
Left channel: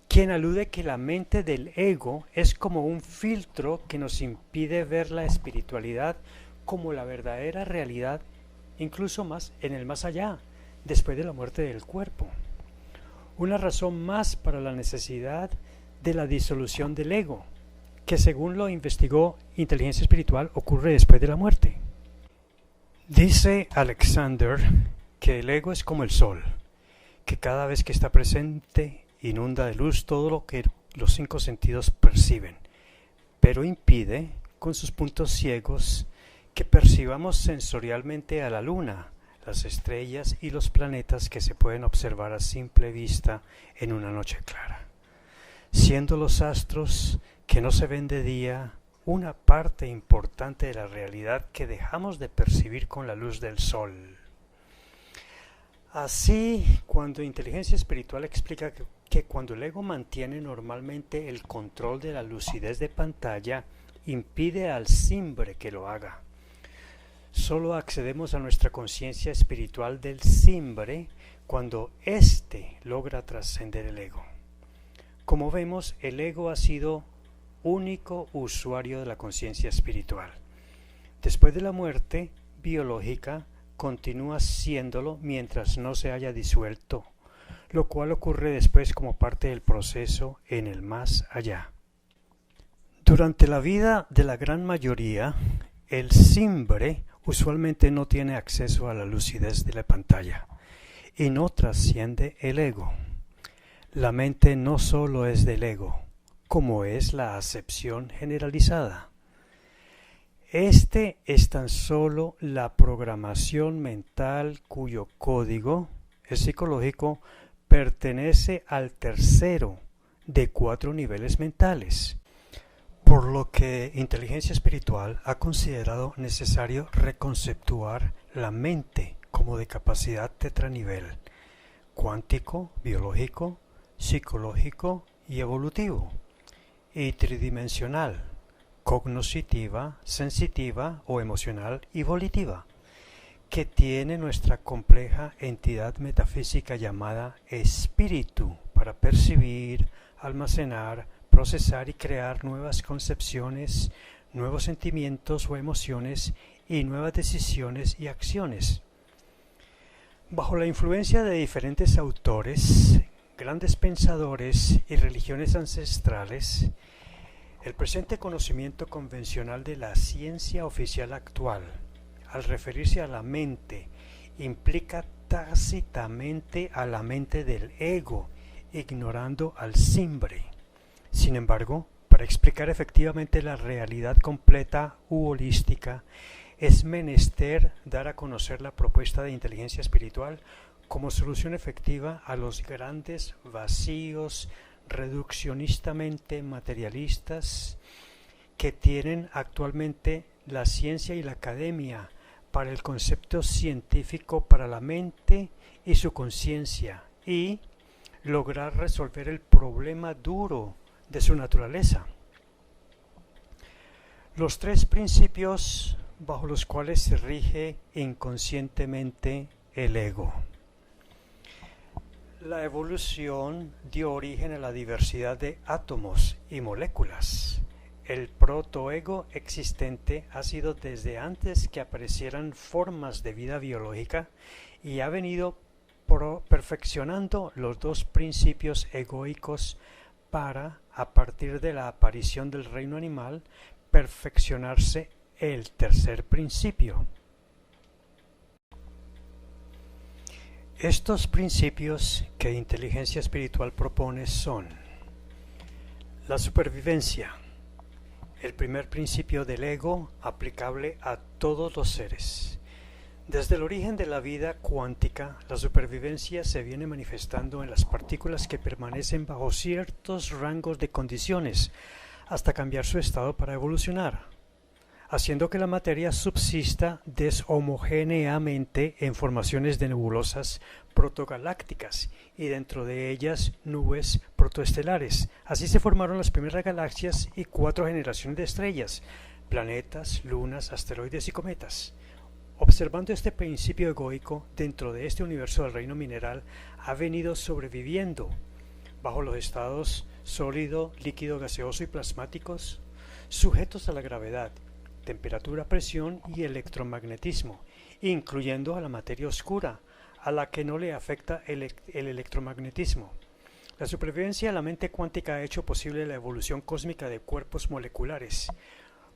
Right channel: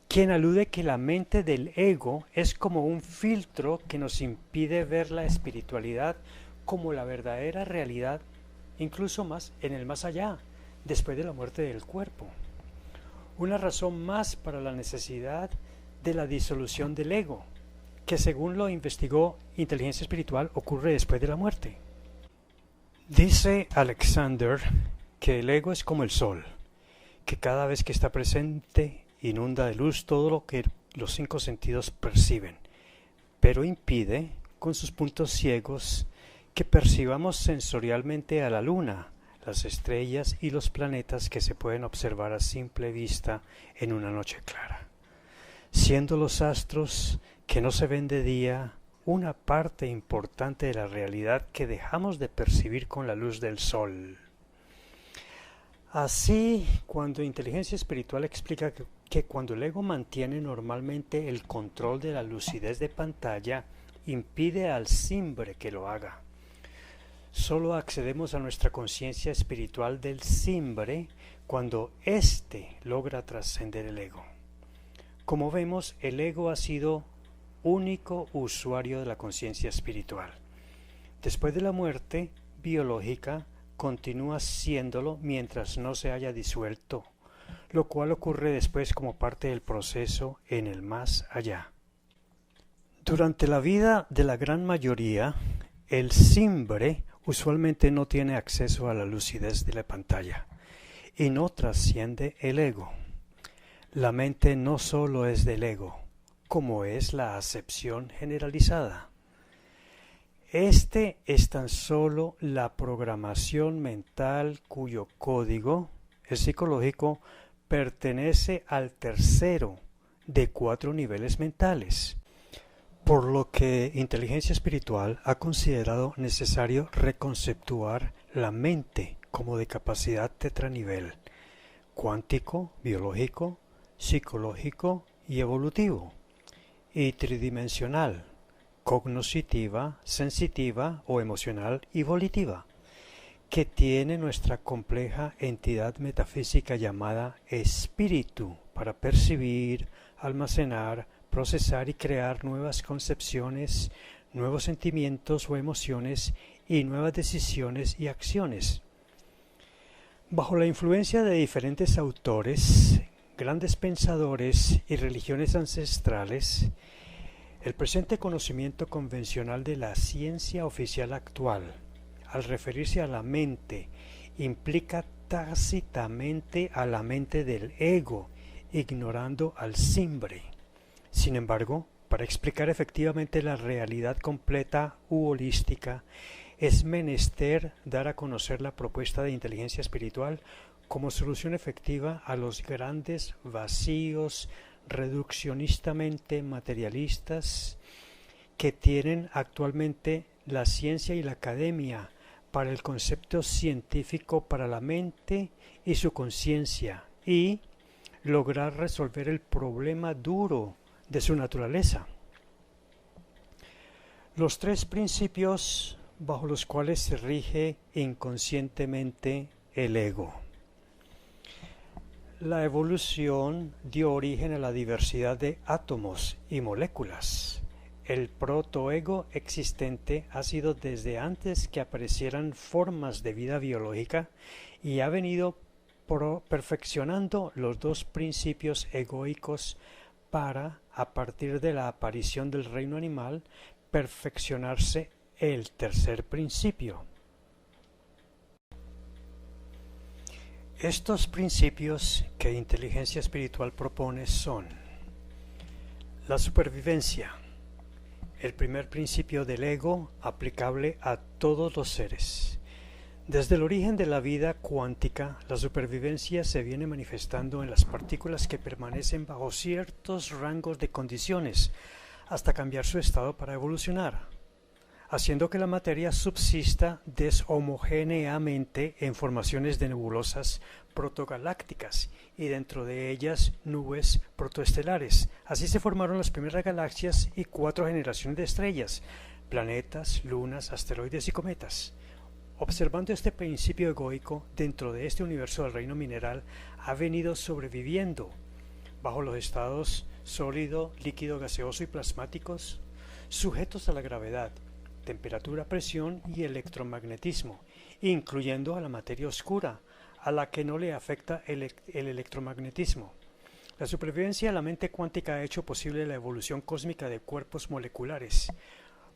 quien alude que la mente del ego es como un filtro que nos impide ver la espiritualidad como la verdadera realidad, incluso más en el más allá, después de la muerte del cuerpo. Una razón más para la necesidad de la disolución del ego, que según lo investigó inteligencia espiritual ocurre después de la muerte. Dice Alexander que el ego es como el sol, que cada vez que está presente inunda de luz todo lo que los 5 sentidos perciben, pero impide, con sus puntos ciegos, que percibamos sensorialmente a la luna, las estrellas y los planetas que se pueden observar a simple vista en una noche clara, siendo los astros que no se ven de día una parte importante de la realidad que dejamos de percibir con la luz del sol. Así, cuando inteligencia espiritual explica que cuando el ego mantiene normalmente el control de la lucidez de pantalla, impide al simbre que lo haga. Solo accedemos a nuestra conciencia espiritual del simbre cuando éste logra trascender el ego. Como vemos, el ego ha sido único usuario de la conciencia espiritual. Después de la muerte biológica, continúa siéndolo mientras no se haya disuelto, lo cual ocurre después como parte del proceso en el más allá. Durante la vida de la gran mayoría, el simbre usualmente no tiene acceso a la lucidez de la pantalla y no trasciende el ego. La mente no solo es del ego, como es la acepción generalizada. Este es tan solo la programación mental cuyo código, el psicológico, pertenece al tercero de 4 niveles mentales, por lo que inteligencia espiritual ha considerado necesario reconceptuar la mente como de capacidad tetranivel, cuántico, biológico, psicológico y evolutivo, y tridimensional, cognoscitiva, sensitiva o emocional y volitiva, que tiene nuestra compleja entidad metafísica llamada espíritu para percibir, almacenar, procesar y crear nuevas concepciones, nuevos sentimientos o emociones y nuevas decisiones y acciones. Bajo la influencia de diferentes autores, grandes pensadores y religiones ancestrales, el presente conocimiento convencional de la ciencia oficial actual, al referirse a la mente, implica tácitamente a la mente del ego, ignorando al simbre. Sin embargo, para explicar efectivamente la realidad completa u holística, es menester dar a conocer la propuesta de inteligencia espiritual como solución efectiva a los grandes vacíos reduccionistamente materialistas que tienen actualmente la ciencia y la academia para el concepto científico para la mente y su conciencia y lograr resolver el problema duro de su naturaleza. Los 3 principios bajo los cuales se rige inconscientemente el ego. La evolución dio origen a la diversidad de átomos y moléculas. El protoego existente ha sido desde antes que aparecieran formas de vida biológica y ha venido perfeccionando los 2 principios egoicos para, a partir de la aparición del reino animal, perfeccionarse el 3er principio. Estos principios que inteligencia espiritual propone son la supervivencia, el primer principio del ego aplicable a todos los seres. Desde el origen de la vida cuántica, la supervivencia se viene manifestando en las partículas que permanecen bajo ciertos rangos de condiciones hasta cambiar su estado para evolucionar, haciendo que la materia subsista deshomogéneamente en formaciones de nebulosas protogalácticas y dentro de ellas nubes protoestelares. Así se formaron las primeras galaxias y 4 generaciones de estrellas, planetas, lunas, asteroides y cometas. Observando este principio egoico dentro de este universo del reino mineral, ha venido sobreviviendo bajo los estados sólido, líquido, gaseoso y plasmáticos, sujetos a la gravedad, temperatura, presión y electromagnetismo, incluyendo a la materia oscura, a la que no le afecta el electromagnetismo. La supervivencia de la mente cuántica ha hecho posible la evolución cósmica de cuerpos moleculares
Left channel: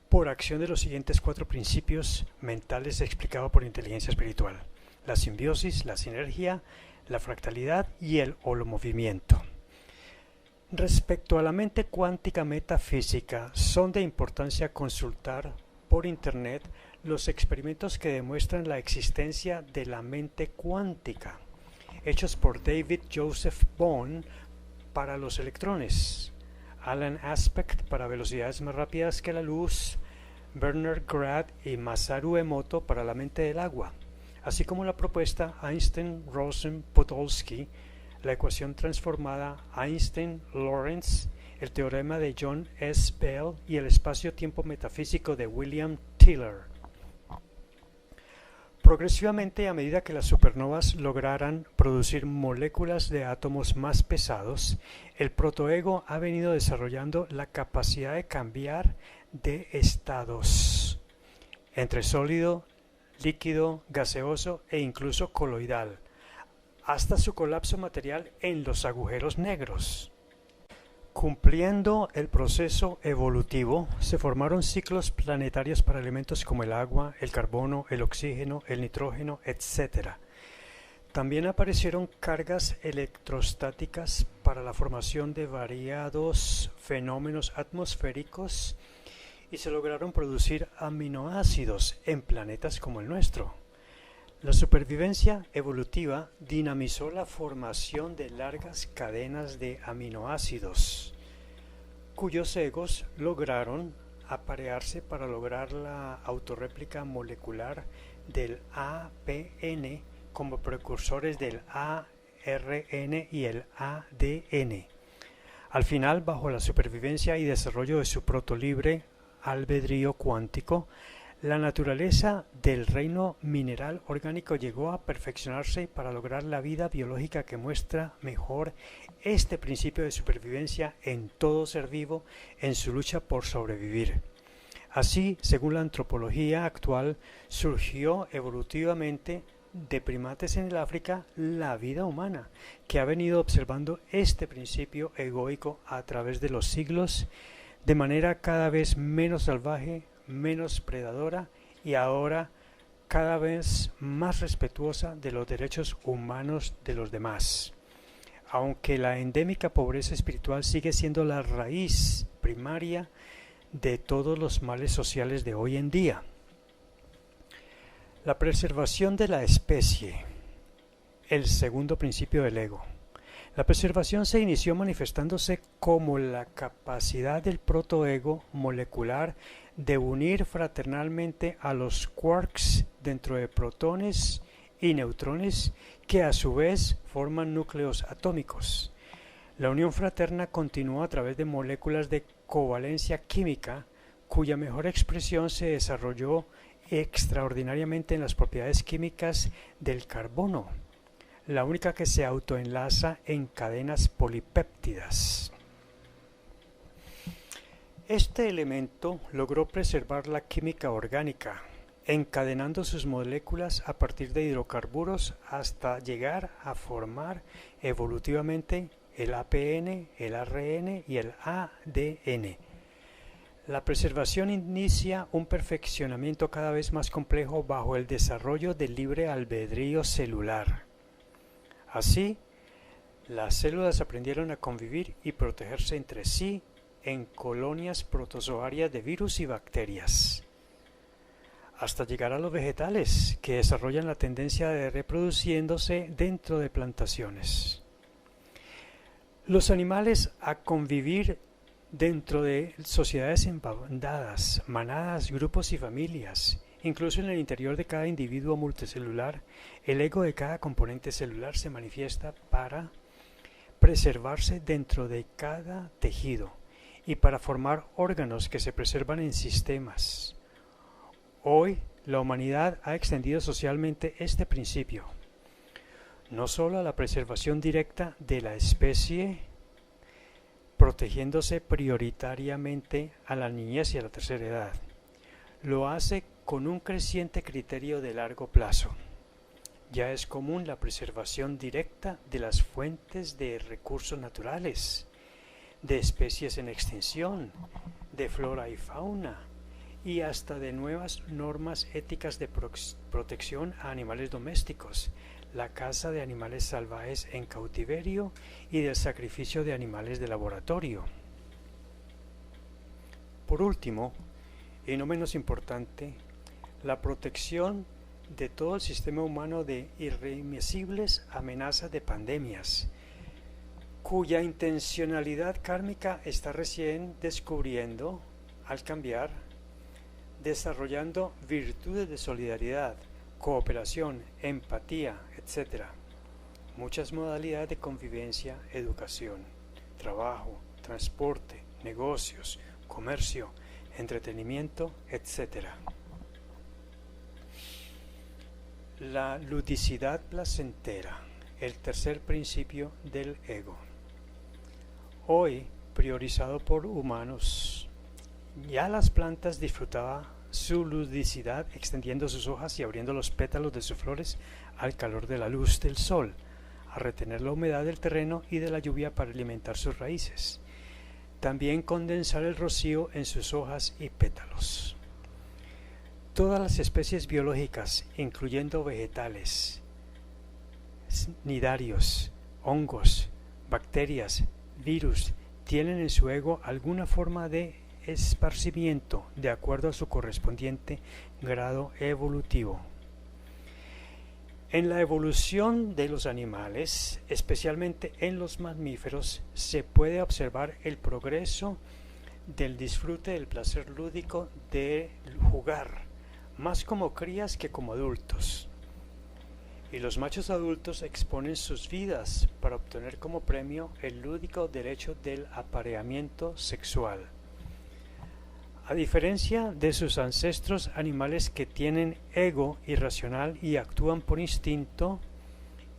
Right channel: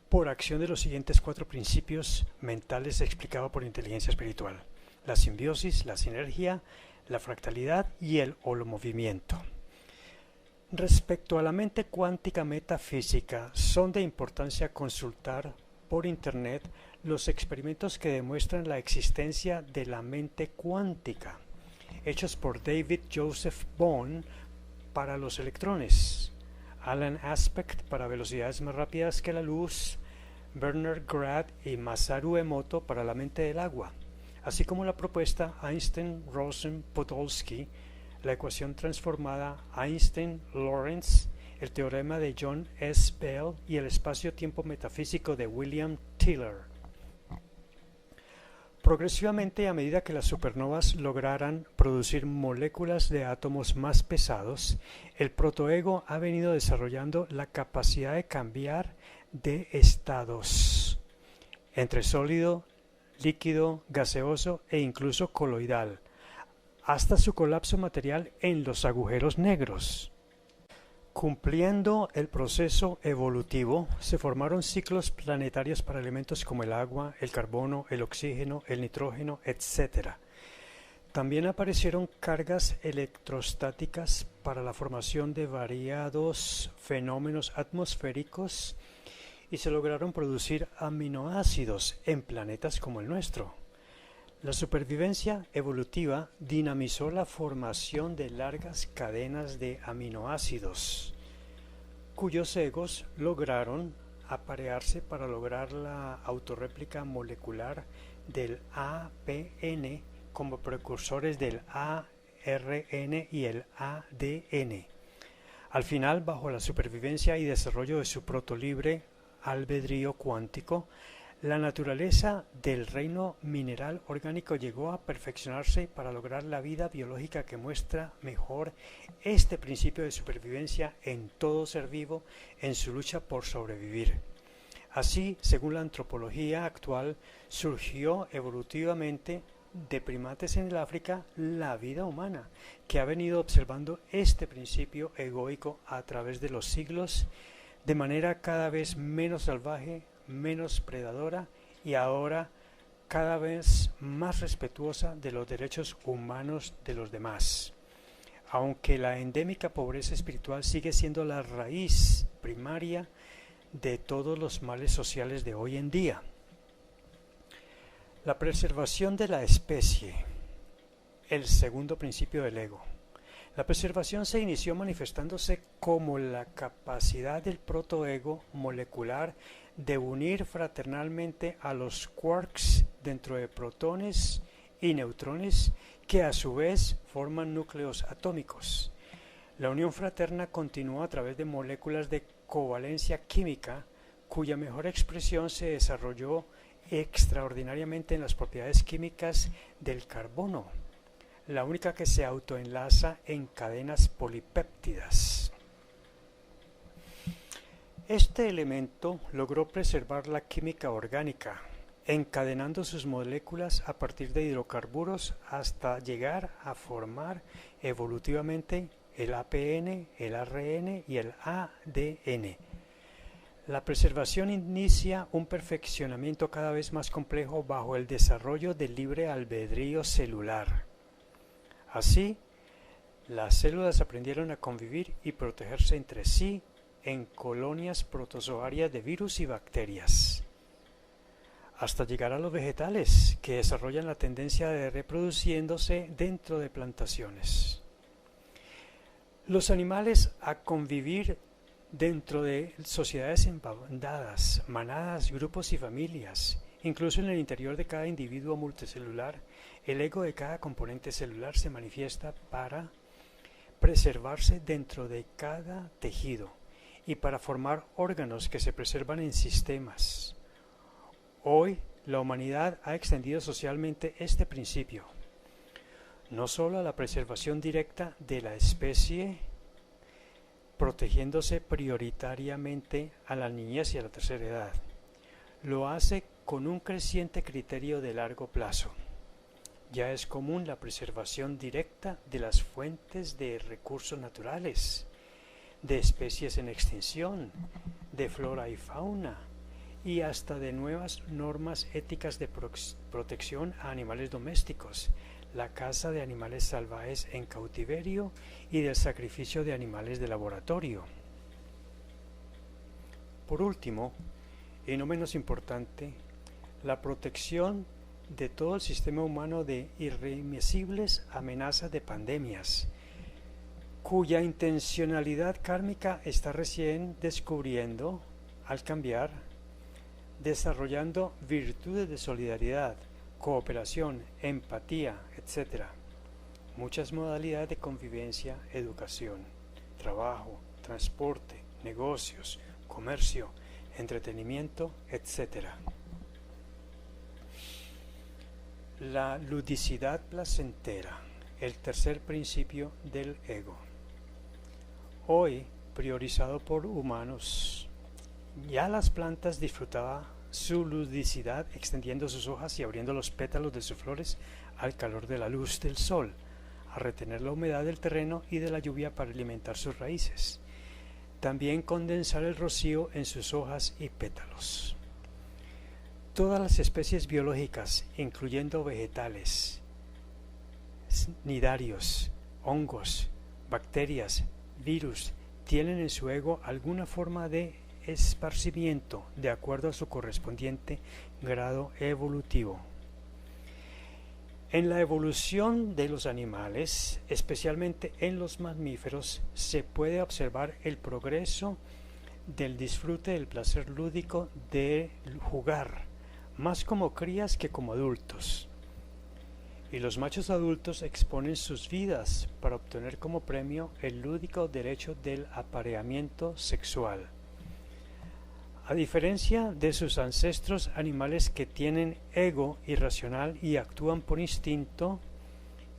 por acción de los siguientes 4 principios mentales explicados por inteligencia espiritual: la simbiosis, la sinergia, la fractalidad y el holomovimiento. Respecto a la mente cuántica metafísica, son de importancia consultar por Internet los experimentos que demuestran la existencia de la mente cuántica, hechos por David Joseph Bohm para los electrones, Alan Aspect para velocidades más rápidas que la luz, Bernard Grad y Masaru Emoto para la mente del agua, así como la propuesta Einstein-Rosen-Podolsky, la ecuación transformada Einstein-Lorentz, el teorema de John S. Bell y el espacio-tiempo metafísico de William Tiller. Progresivamente, a medida que las supernovas lograran producir moléculas de átomos más pesados, el protoego ha venido desarrollando la capacidad de cambiar de estados entre sólido, líquido, gaseoso e incluso coloidal, hasta su colapso material en los agujeros negros. Cumpliendo el proceso evolutivo, se formaron ciclos planetarios para elementos como el agua, el carbono, el oxígeno, el nitrógeno, etc. También aparecieron cargas electrostáticas para la formación de variados fenómenos atmosféricos y se lograron producir aminoácidos en planetas como el nuestro. La supervivencia evolutiva dinamizó la formación de largas cadenas de aminoácidos, cuyos egos lograron aparearse para lograr la autorréplica molecular del APN como precursores del ARN y el ADN. Al final, bajo la supervivencia y desarrollo de su protolibre albedrío cuántico, la naturaleza del reino mineral orgánico llegó a perfeccionarse para lograr la vida biológica que muestra mejor este principio de supervivencia en todo ser vivo en su lucha por sobrevivir. Así, según la antropología actual, surgió evolutivamente de primates en el África la vida humana, que ha venido observando este principio egoico a través de los siglos de manera cada vez menos salvaje, menos predadora y ahora cada vez más respetuosa de los derechos humanos de los demás. Aunque la endémica pobreza espiritual sigue siendo la raíz primaria de todos los males sociales de hoy en día. La preservación de la especie, el segundo principio del ego. La preservación se inició manifestándose como la capacidad del protoego molecular de unir fraternalmente a los quarks dentro de protones y neutrones que a su vez forman núcleos atómicos. La unión fraterna continuó a través de moléculas de covalencia química, cuya mejor expresión se desarrolló extraordinariamente en las propiedades químicas del carbono, la única que se autoenlaza en cadenas polipéptidas. Este elemento logró preservar la química orgánica, encadenando sus moléculas a partir de hidrocarburos hasta llegar a formar evolutivamente el APN, el ARN y el ADN. La preservación inicia un perfeccionamiento cada vez más complejo bajo el desarrollo del libre albedrío celular. Así, las células aprendieron a convivir y protegerse entre sí en colonias protozoarias de virus y bacterias, hasta llegar a los vegetales, que desarrollan la tendencia de reproduciéndose dentro de plantaciones. Los animales a convivir dentro de sociedades en bandadas, manadas, grupos y familias. Incluso en el interior de cada individuo multicelular, el ego de cada componente celular se manifiesta para preservarse dentro de cada tejido y para formar órganos que se preservan en sistemas. Hoy, la humanidad ha extendido socialmente este principio, no solo a la preservación directa de la especie, protegiéndose prioritariamente a la niñez y a la tercera edad. Lo hace con un creciente criterio de largo plazo. Ya es común la preservación directa de las fuentes de recursos naturales, de especies en extinción, de flora y fauna, y hasta de nuevas normas éticas de protección a animales domésticos, la caza de animales salvajes en cautiverio y del sacrificio de animales de laboratorio. Por último, y no menos importante, la protección de todo el sistema humano de irreversibles amenazas de pandemias, cuya intencionalidad kármica está recién descubriendo al cambiar, desarrollando virtudes de solidaridad, cooperación, empatía, etc. Muchas modalidades de convivencia, educación, trabajo, transporte, negocios, comercio, entretenimiento, etc. La ludicidad placentera, el tercer principio del ego. Hoy, priorizado por humanos, ya las plantas disfrutaban su ludicidad extendiendo sus hojas y abriendo los pétalos de sus flores al calor de la luz del sol, a retener la humedad del terreno y de la lluvia para alimentar sus raíces. También condensar el rocío en sus hojas y pétalos. Todas las especies biológicas, incluyendo vegetales, nidarios, hongos, bacterias, virus, tienen en su ego alguna forma de esparcimiento de acuerdo a su correspondiente grado evolutivo. En la evolución de los animales, especialmente en los mamíferos, se puede observar el progreso del disfrute del placer lúdico de jugar, más como crías que como adultos. Y los machos adultos exponen sus vidas para obtener como premio el lúdico derecho del apareamiento sexual. A diferencia de sus ancestros animales que tienen ego irracional y actúan por instinto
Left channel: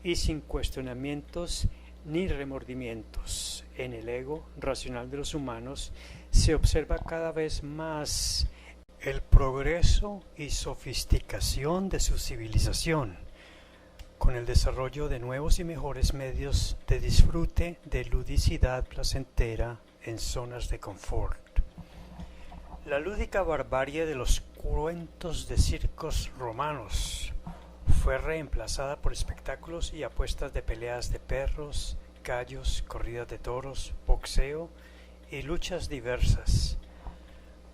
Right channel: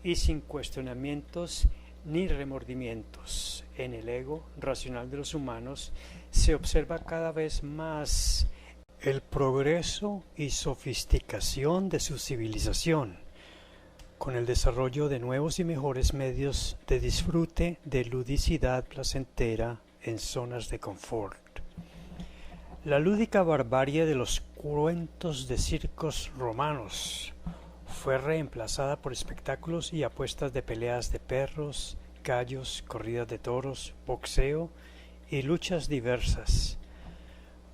y sin cuestionamientos ni remordimientos, en el ego racional de los humanos se observa cada vez más el progreso y sofisticación de su civilización, con el desarrollo de nuevos y mejores medios de disfrute de ludicidad placentera en zonas de confort. La lúdica barbarie de los cuentos de circos romanos fue reemplazada por espectáculos y apuestas de peleas de perros, gallos, corridas de toros, boxeo y luchas diversas,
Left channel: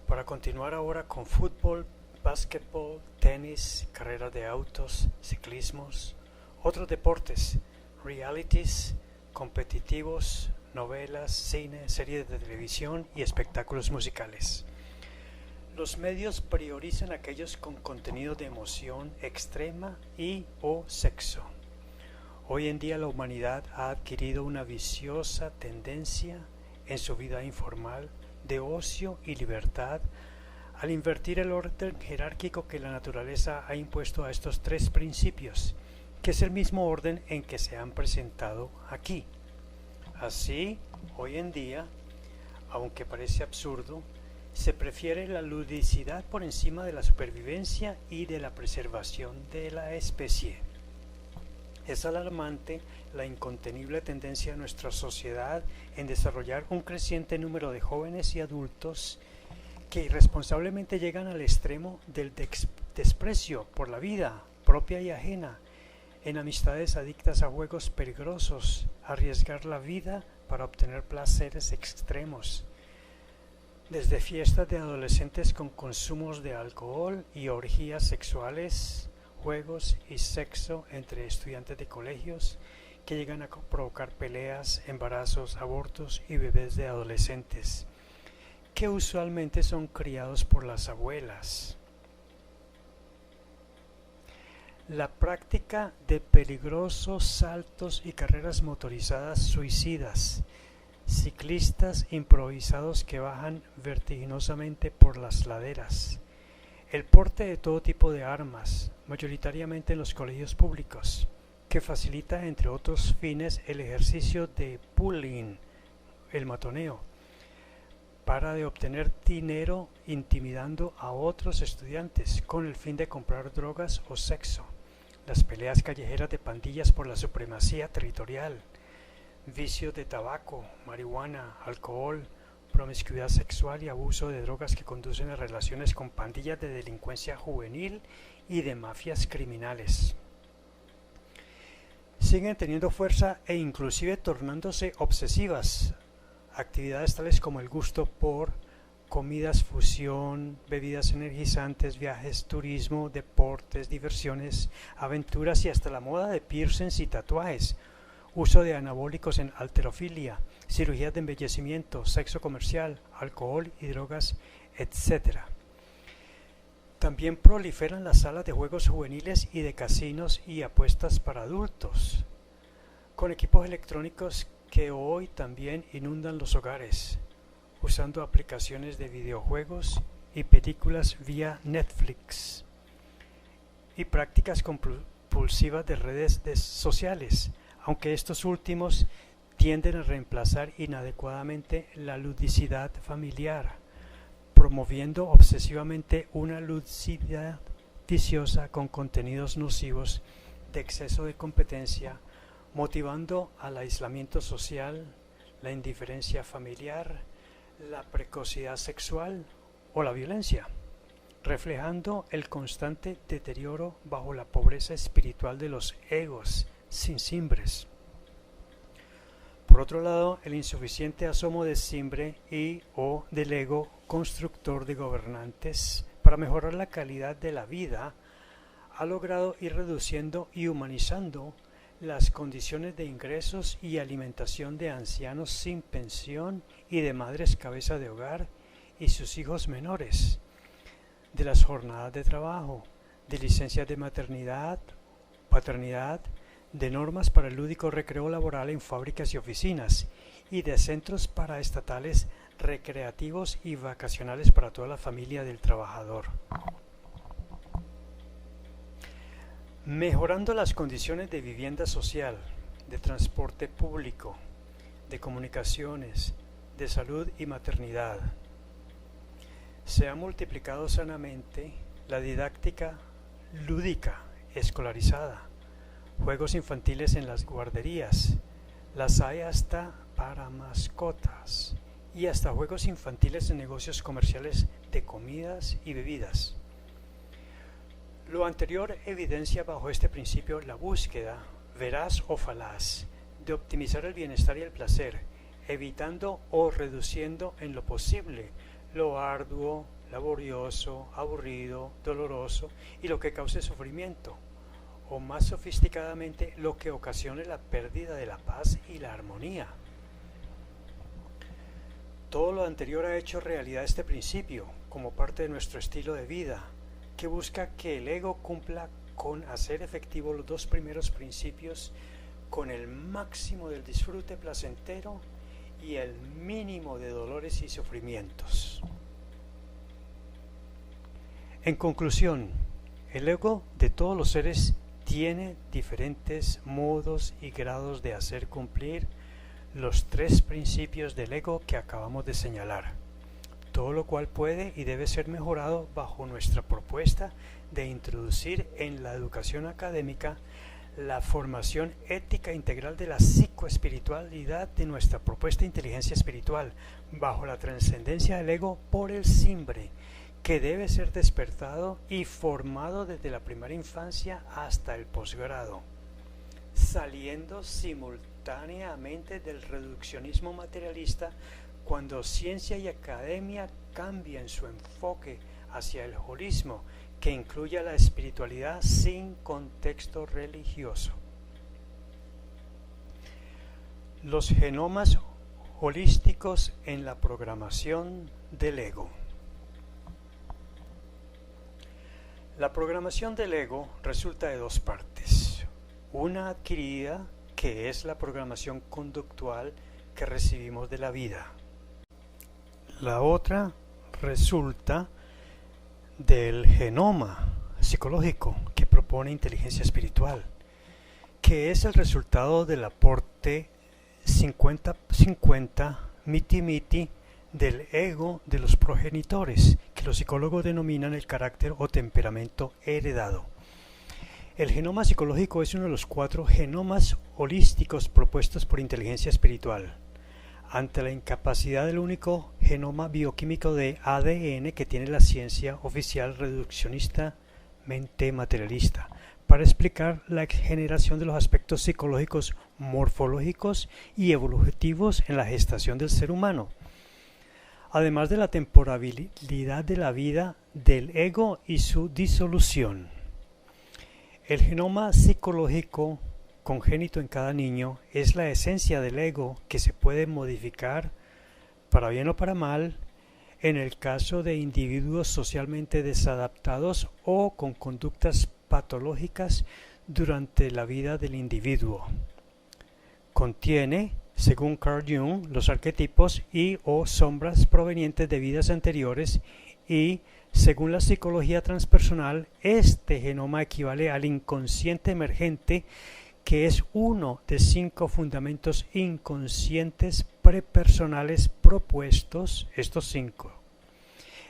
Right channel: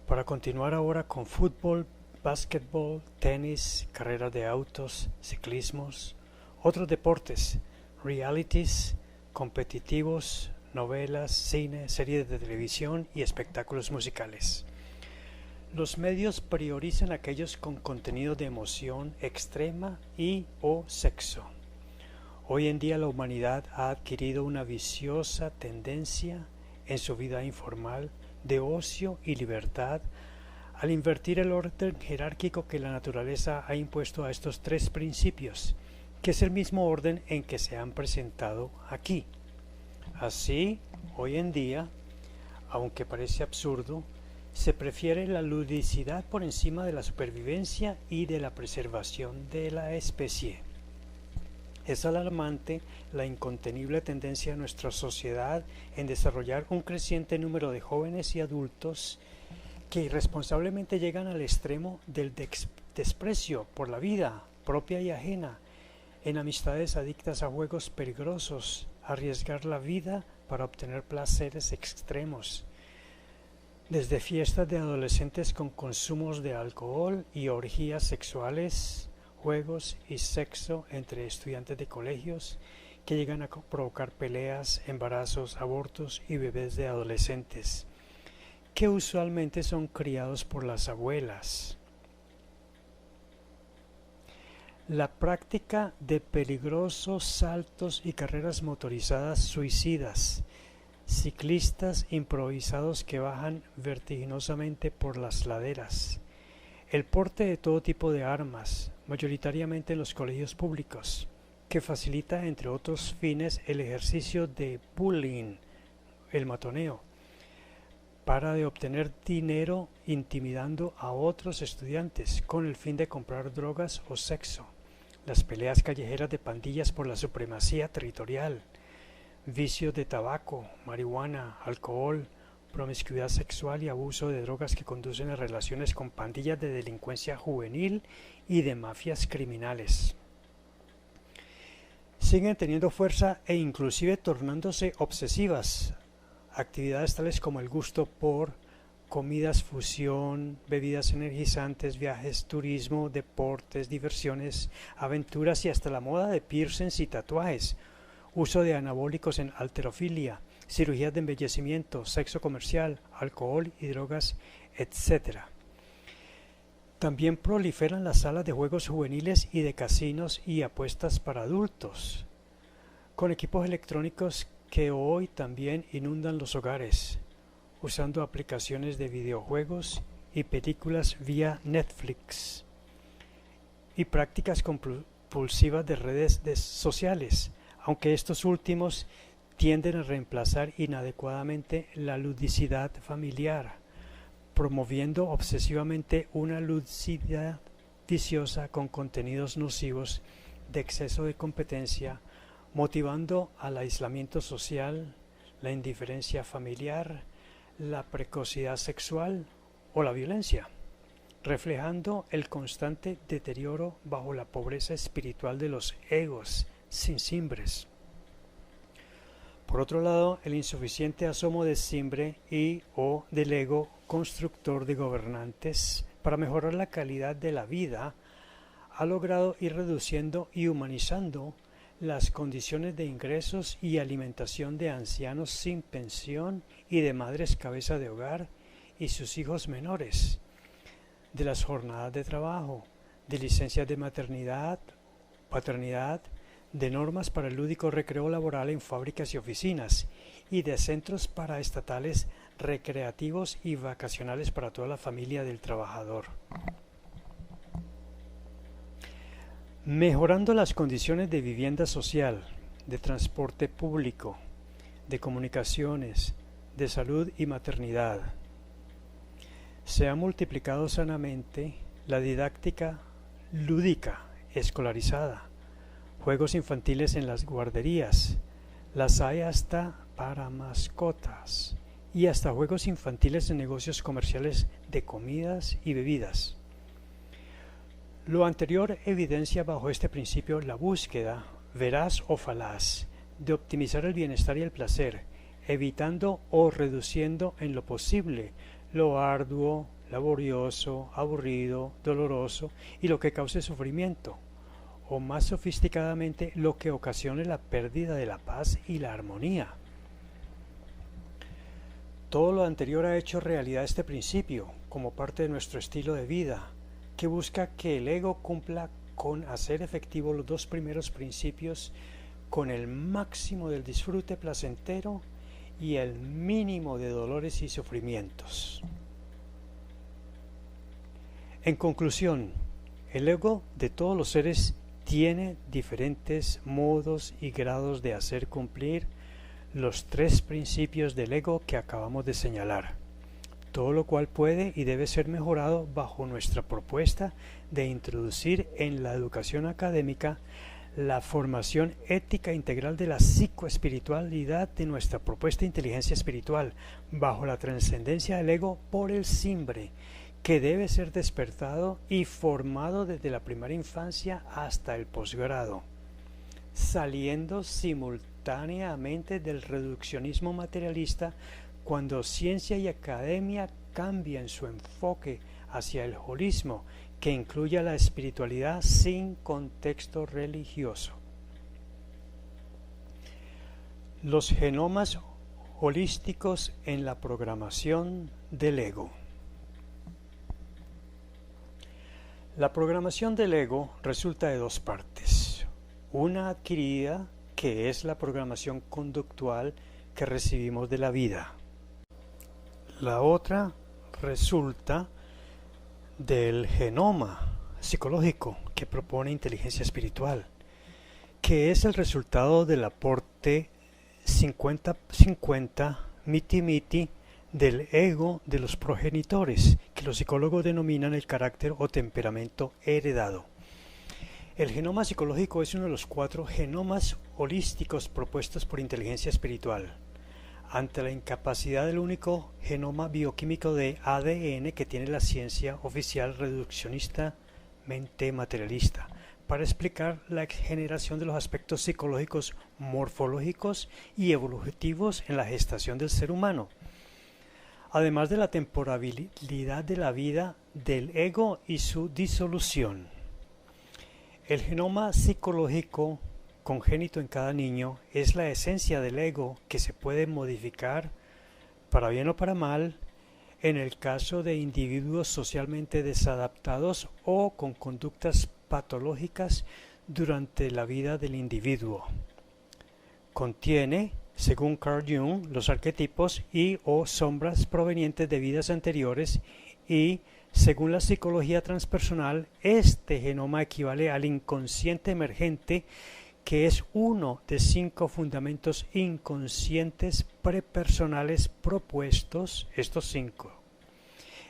para continuar ahora con fútbol, básquetbol, tenis, carreras de autos, ciclismos, otros deportes, realities, competitivos, novelas, cine, series de televisión y espectáculos musicales. Los medios priorizan aquellos con contenido de emoción extrema y o sexo. Hoy en día la humanidad ha adquirido una viciosa tendencia en su vida informal de ocio y libertad al invertir el orden jerárquico que la naturaleza ha impuesto a estos tres principios, que es el mismo orden en que se han presentado aquí. Así, hoy en día, aunque parece absurdo, se prefiere la ludicidad por encima de la supervivencia y de la preservación de la especie. Es alarmante la incontenible tendencia de nuestra sociedad en desarrollar un creciente número de jóvenes y adultos que irresponsablemente llegan al extremo del desprecio por la vida propia y ajena, en amistades adictas a juegos peligrosos, arriesgar la vida para obtener placeres extremos, desde fiestas de adolescentes con consumos de alcohol y orgías sexuales, juegos y sexo entre estudiantes de colegios que llegan a provocar peleas, embarazos, abortos y bebés de adolescentes, que usualmente son criados por las abuelas. La práctica de peligrosos saltos y carreras motorizadas suicidas, ciclistas improvisados que bajan vertiginosamente por las laderas, el porte de todo tipo de armas, mayoritariamente en los colegios públicos, que facilita entre otros fines el ejercicio de bullying, el matoneo, para de obtener dinero intimidando a otros estudiantes con el fin de comprar drogas o sexo, las peleas callejeras de pandillas por la supremacía territorial, vicios de tabaco, marihuana, alcohol, promiscuidad sexual y abuso de drogas que conducen a relaciones con pandillas de delincuencia juvenil y de mafias criminales. Siguen teniendo fuerza e inclusive tornándose obsesivas. Actividades tales como el gusto por comidas fusión, bebidas energizantes, viajes, turismo, deportes, diversiones, aventuras y hasta la moda de piercings y tatuajes, uso de anabólicos en halterofilia, cirugías de embellecimiento, sexo comercial, alcohol y drogas, etc. También proliferan las salas de juegos juveniles y de casinos y apuestas para adultos, con equipos electrónicos que hoy también inundan los hogares, usando aplicaciones de videojuegos y películas vía Netflix, y prácticas compulsivas de redes sociales, aunque estos últimos tienden a reemplazar inadecuadamente la ludicidad familiar, promoviendo obsesivamente una ludicidad viciosa con contenidos nocivos de exceso de competencia, motivando al aislamiento social, la indiferencia familiar, la precocidad sexual o la violencia, reflejando el constante deterioro bajo la pobreza espiritual de los egos sin cimbres. Por otro lado, el insuficiente asomo de cimbre y o del ego constructor de gobernantes para mejorar la calidad de la vida ha logrado ir reduciendo y humanizando las condiciones de ingresos y alimentación de ancianos sin pensión y de madres cabeza de hogar y sus hijos menores, de las jornadas de trabajo, de licencias de maternidad, paternidad, de normas para el lúdico recreo laboral en fábricas y oficinas, y de centros paraestatales recreativos y vacacionales para toda la familia del trabajador. Mejorando las condiciones de vivienda social, de transporte público, de comunicaciones, de salud y maternidad. Se ha multiplicado sanamente la didáctica lúdica escolarizada, juegos infantiles en las guarderías, las hay hasta para mascotas y hasta juegos infantiles en negocios comerciales de comidas y bebidas. Lo anterior evidencia bajo este principio la búsqueda, veraz o falaz, de optimizar el bienestar y el placer, evitando o reduciendo en lo posible lo arduo, laborioso, aburrido, doloroso y lo que cause sufrimiento, o más sofisticadamente lo que ocasione la pérdida de la paz y la armonía. Todo lo anterior ha hecho realidad este principio como parte de nuestro estilo de vida, que busca que el ego cumpla con hacer efectivo los dos primeros principios con el máximo del disfrute placentero y el mínimo de dolores y sufrimientos. En conclusión, el ego de todos los seres tiene diferentes modos y grados de hacer cumplir los tres principios del ego que acabamos de señalar, todo lo cual puede y debe ser mejorado bajo nuestra propuesta de introducir en la educación académica la formación ética integral de la psicoespiritualidad de nuestra propuesta inteligencia espiritual, bajo la trascendencia del ego por el cimbre, que debe ser despertado y formado desde la primera infancia hasta el posgrado, saliendo simultáneamente del reduccionismo materialista cuando ciencia y academia cambian su enfoque hacia el holismo, que incluya la espiritualidad sin contexto religioso. Los genomas holísticos en la programación del ego. La programación del ego resulta de dos partes. Una adquirida, que es la programación conductual que recibimos de la vida. La otra resulta del genoma psicológico que propone inteligencia espiritual, que es el resultado del aporte 50-50 miti-miti del ego de los progenitores, que los psicólogos denominan el carácter o temperamento heredado. El genoma psicológico es uno de los 4 genomas holísticos propuestos por inteligencia espiritual. Ante la incapacidad del único genoma bioquímico de ADN que tiene la ciencia oficial reduccionistamente materialista, para explicar la generación de los aspectos psicológicos, morfológicos y evolutivos en la gestación del ser humano, además de la temporalidad de la vida del ego y su disolución. El genoma psicológico congénito en cada niño es la esencia del ego que se puede modificar para bien o para mal en el caso de individuos socialmente desadaptados o con conductas patológicas durante la vida del individuo. Contiene, según Carl Jung, los arquetipos y o sombras provenientes de vidas anteriores y, según la psicología transpersonal, este genoma equivale al inconsciente emergente, que es uno de 5 fundamentos inconscientes prepersonales propuestos. Estos 5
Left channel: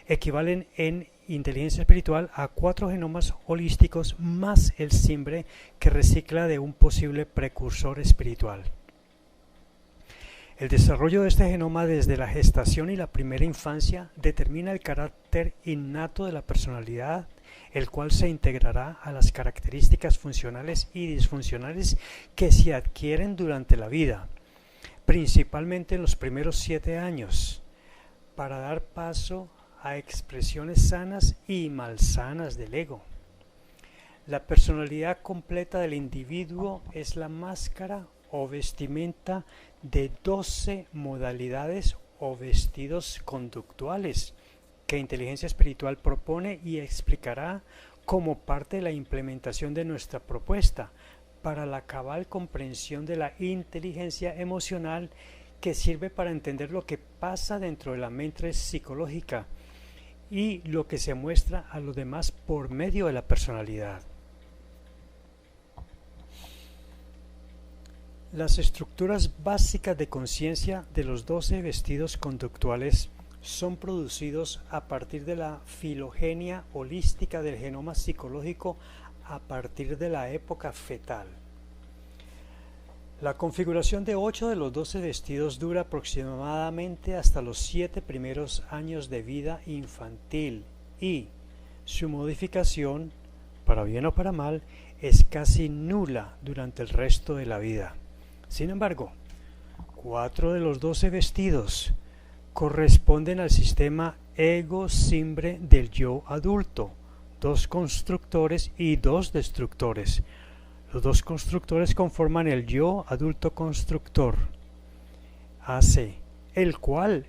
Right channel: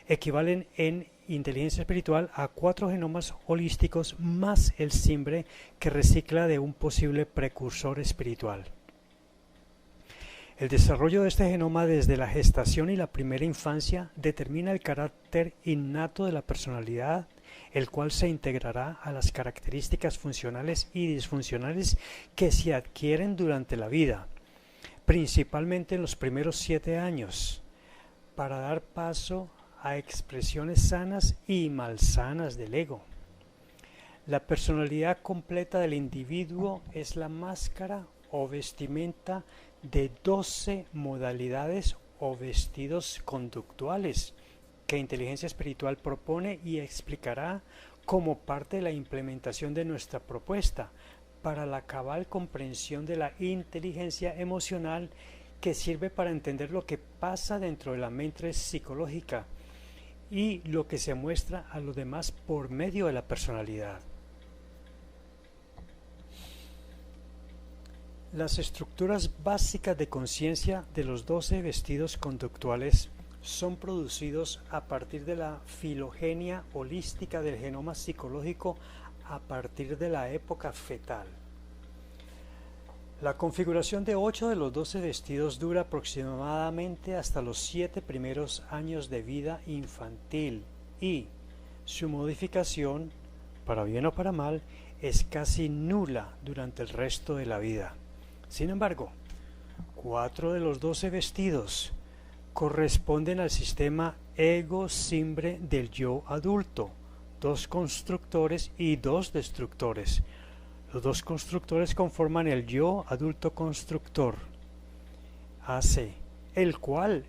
equivalen en inteligencia espiritual a 4 genomas holísticos más el simbre que recicla de un posible precursor espiritual. El desarrollo de este genoma desde la gestación y la primera infancia determina el carácter innato de la personalidad, el cual se integrará a las características funcionales y disfuncionales que se adquieren durante la vida, principalmente en los primeros 7 años, para dar paso a expresiones sanas y malsanas del ego. La personalidad completa del individuo es la máscara o vestimenta de 12 modalidades o vestidos conductuales que inteligencia espiritual propone y explicará como parte de la implementación de nuestra propuesta para la cabal comprensión de la inteligencia emocional, que sirve para entender lo que pasa dentro de la mente psicológica y lo que se muestra a los demás por medio de la personalidad. Las estructuras básicas de conciencia de los 12 vestidos conductuales son producidos a partir de la filogenia holística del genoma psicológico a partir de la época fetal. La configuración de 8 de los 12 vestidos dura aproximadamente hasta los 7 primeros años de vida infantil y su modificación, para bien o para mal, es casi nula durante el resto de la vida. Sin embargo, 4 de los 12 vestidos corresponden al sistema ego-simbre del yo adulto, 2 constructores y 2 destructores. Los 2 constructores conforman el yo adulto constructor, AC, el cual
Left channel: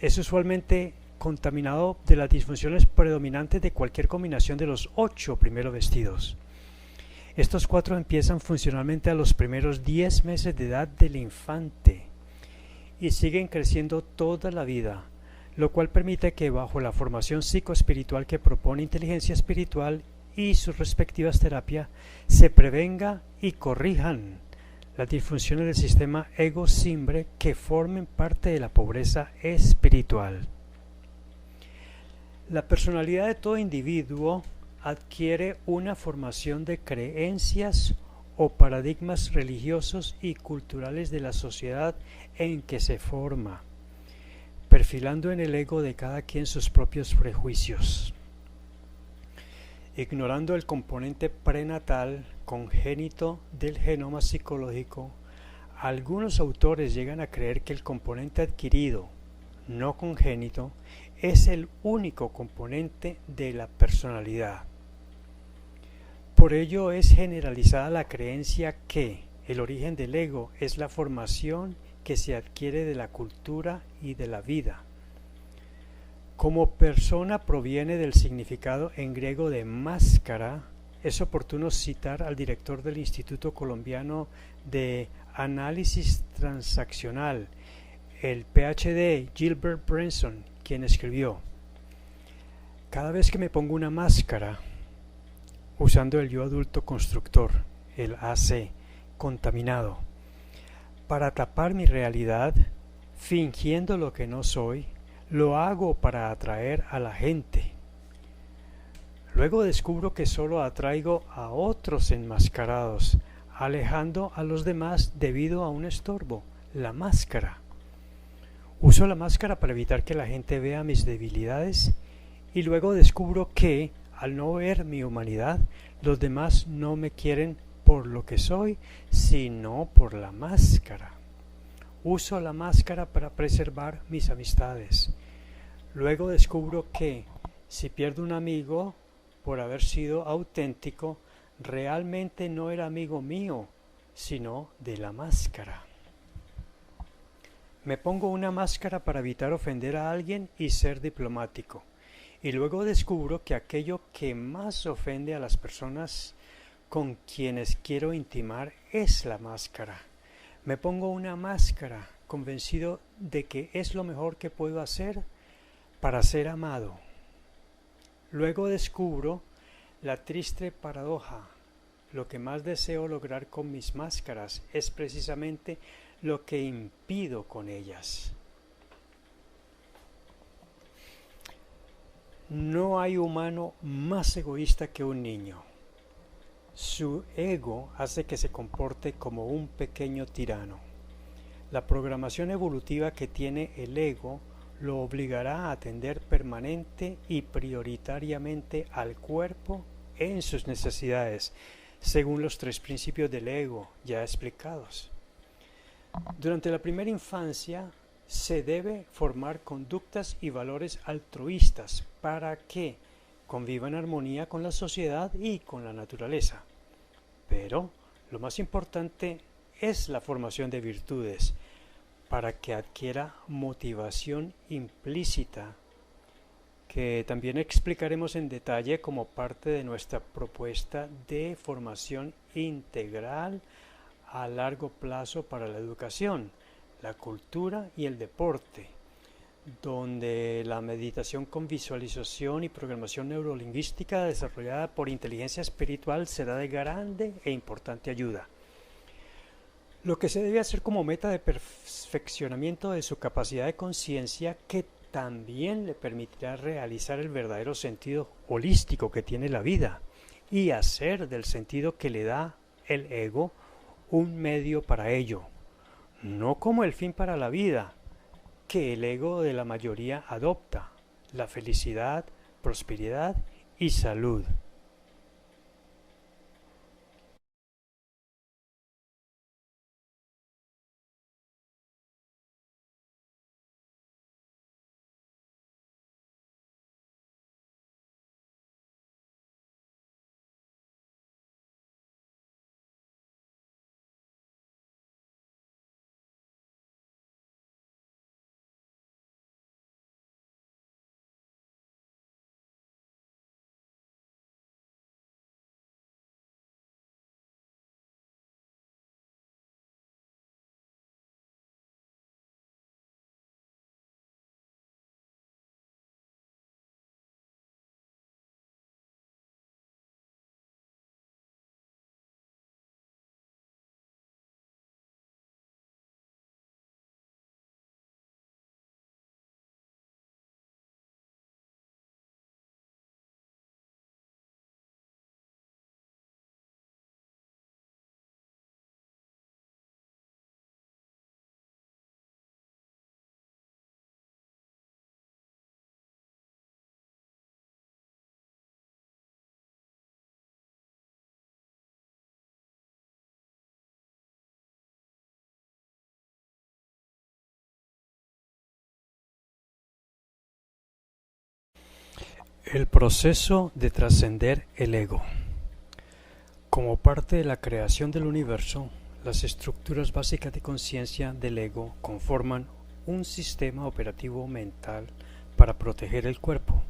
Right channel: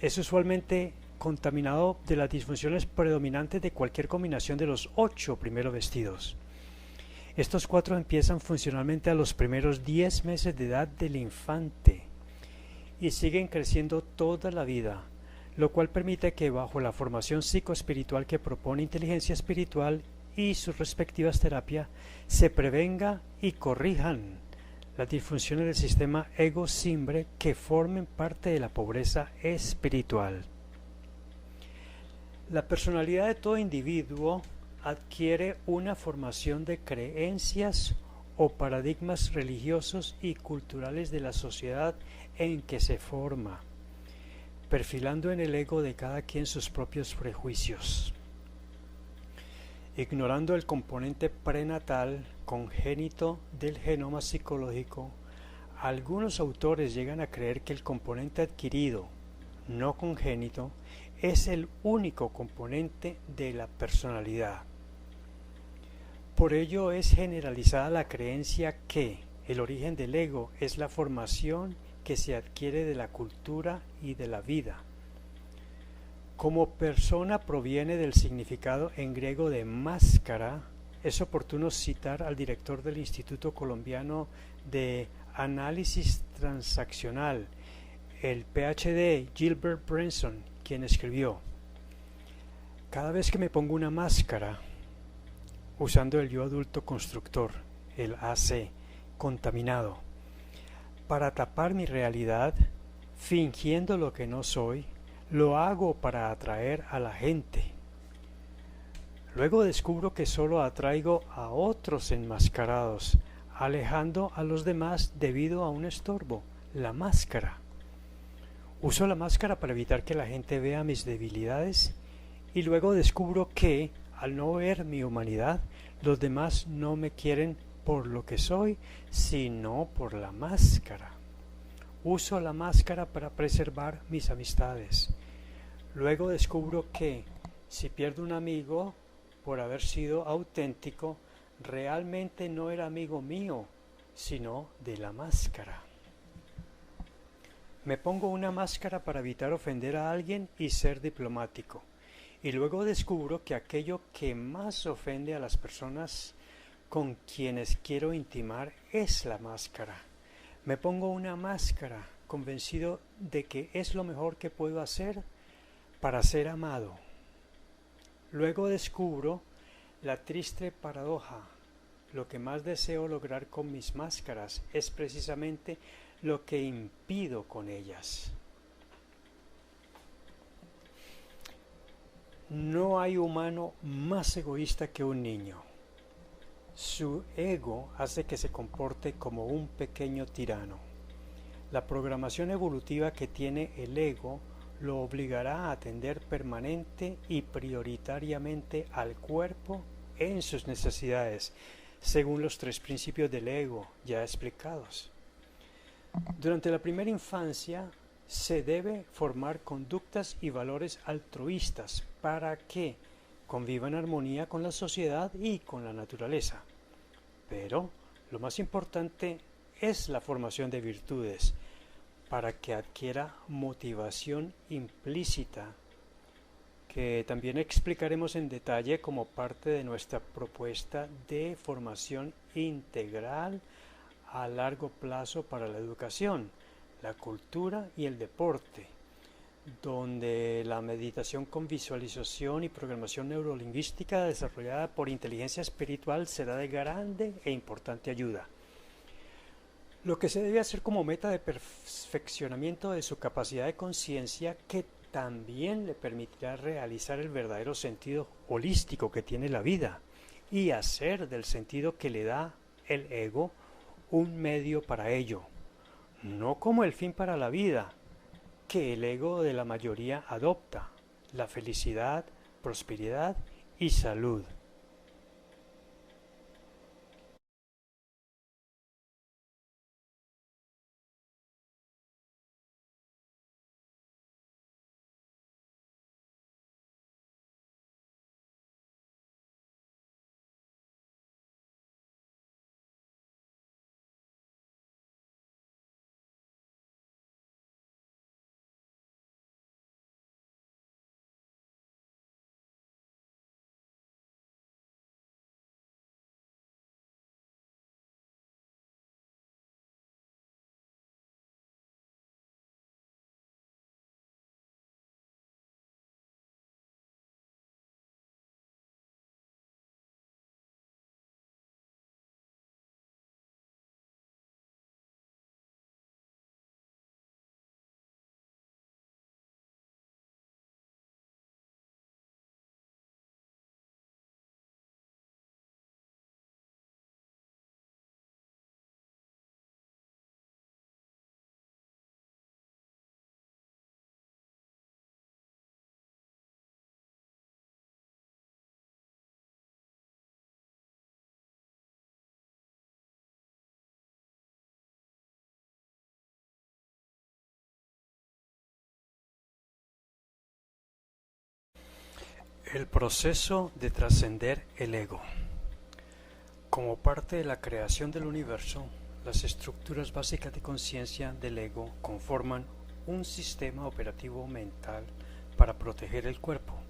es usualmente contaminado de las disfunciones predominantes de cualquier combinación de los 8 primeros vestidos. Estos 4 empiezan funcionalmente a los primeros 10 meses de edad del infante y siguen creciendo toda la vida, lo cual permite que bajo la formación psicoespiritual que propone inteligencia espiritual y sus respectivas terapias se prevenga y corrijan las disfunciones del sistema ego-simbre que formen parte de la pobreza espiritual. La personalidad de todo individuo adquiere una formación de creencias o paradigmas religiosos y culturales de la sociedad en que se forma, perfilando en el ego de cada quien sus propios prejuicios. Ignorando el componente prenatal congénito del genoma psicológico, algunos autores llegan a creer que el componente adquirido, no congénito, es el único componente de la personalidad. Por ello es generalizada la creencia que el origen del ego es la formación que se adquiere de la cultura y de la vida. Como persona proviene del significado en griego de máscara, es oportuno citar al director del Instituto Colombiano de Análisis Transaccional, el PhD Gilbert Branson, quien escribió: cada vez que me pongo una máscara, usando el yo adulto constructor, el AC, contaminado, para tapar mi realidad, fingiendo lo que no soy, lo hago para atraer a la gente. Luego descubro que solo atraigo a otros enmascarados, alejando a los demás debido a un estorbo, la máscara. Uso la máscara para evitar que la gente vea mis debilidades y luego descubro que, al no ver mi humanidad, los demás no me quieren por lo que soy, sino por la máscara. Uso la máscara para preservar mis amistades. Luego descubro que, si pierdo un amigo por haber sido auténtico, realmente no era amigo mío, sino de la máscara. Me pongo una máscara para evitar ofender a alguien y ser diplomático. Y luego descubro que aquello que más ofende a las personas con quienes quiero intimar es la máscara. Me pongo una máscara, convencido de que es lo mejor que puedo hacer para ser amado. Luego descubro la triste paradoja. Lo que más deseo lograr con mis máscaras es precisamente lo que impido con ellas. No hay humano más egoísta que un niño. Su ego hace que se comporte como un pequeño tirano. La programación evolutiva que tiene el ego lo obligará a atender permanente y prioritariamente al cuerpo en sus necesidades, según los 3 principios del ego ya explicados. Durante la primera infancia se debe formar conductas y valores altruistas para que conviva en armonía con la sociedad y con la naturaleza. Pero lo más importante es la formación de virtudes para que adquiera motivación implícita, que también explicaremos en detalle como parte de nuestra propuesta de formación integral a largo plazo para la educación, la cultura y el deporte, donde la meditación con visualización y programación neurolingüística desarrollada por inteligencia espiritual será de grande e importante ayuda. Lo que se debe hacer como meta de perfeccionamiento de su capacidad de conciencia, que también le permitirá realizar el verdadero sentido holístico que tiene la vida y hacer del sentido que le da el ego un medio para ello, no como el fin para la vida que el ego de la mayoría adopta: la felicidad, prosperidad y salud. El proceso de trascender el ego. Como parte de la creación del universo, las estructuras básicas de conciencia del ego conforman un sistema operativo mental para proteger el cuerpo.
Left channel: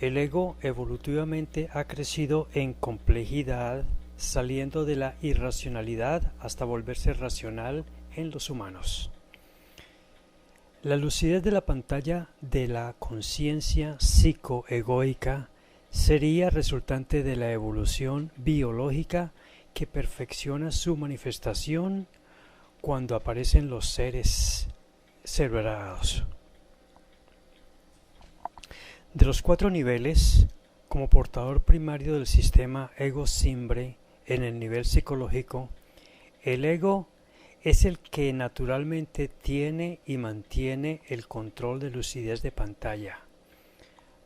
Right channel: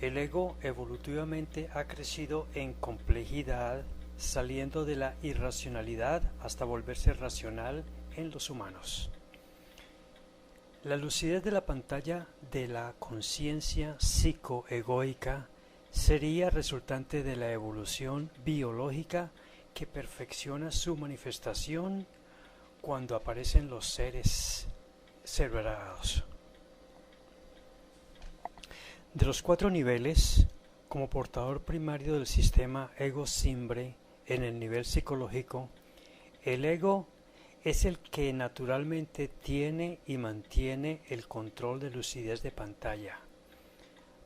El ego evolutivamente ha crecido en complejidad, saliendo de la irracionalidad hasta volverse racional en los humanos. La lucidez de la pantalla de la conciencia psicoegoica sería resultante de la evolución biológica que perfecciona su manifestación cuando aparecen los seres cerebrados. De los 4 niveles, Como portador primario del sistema ego-simbre en el nivel psicológico, el ego es el que naturalmente tiene y mantiene el control de lucidez de pantalla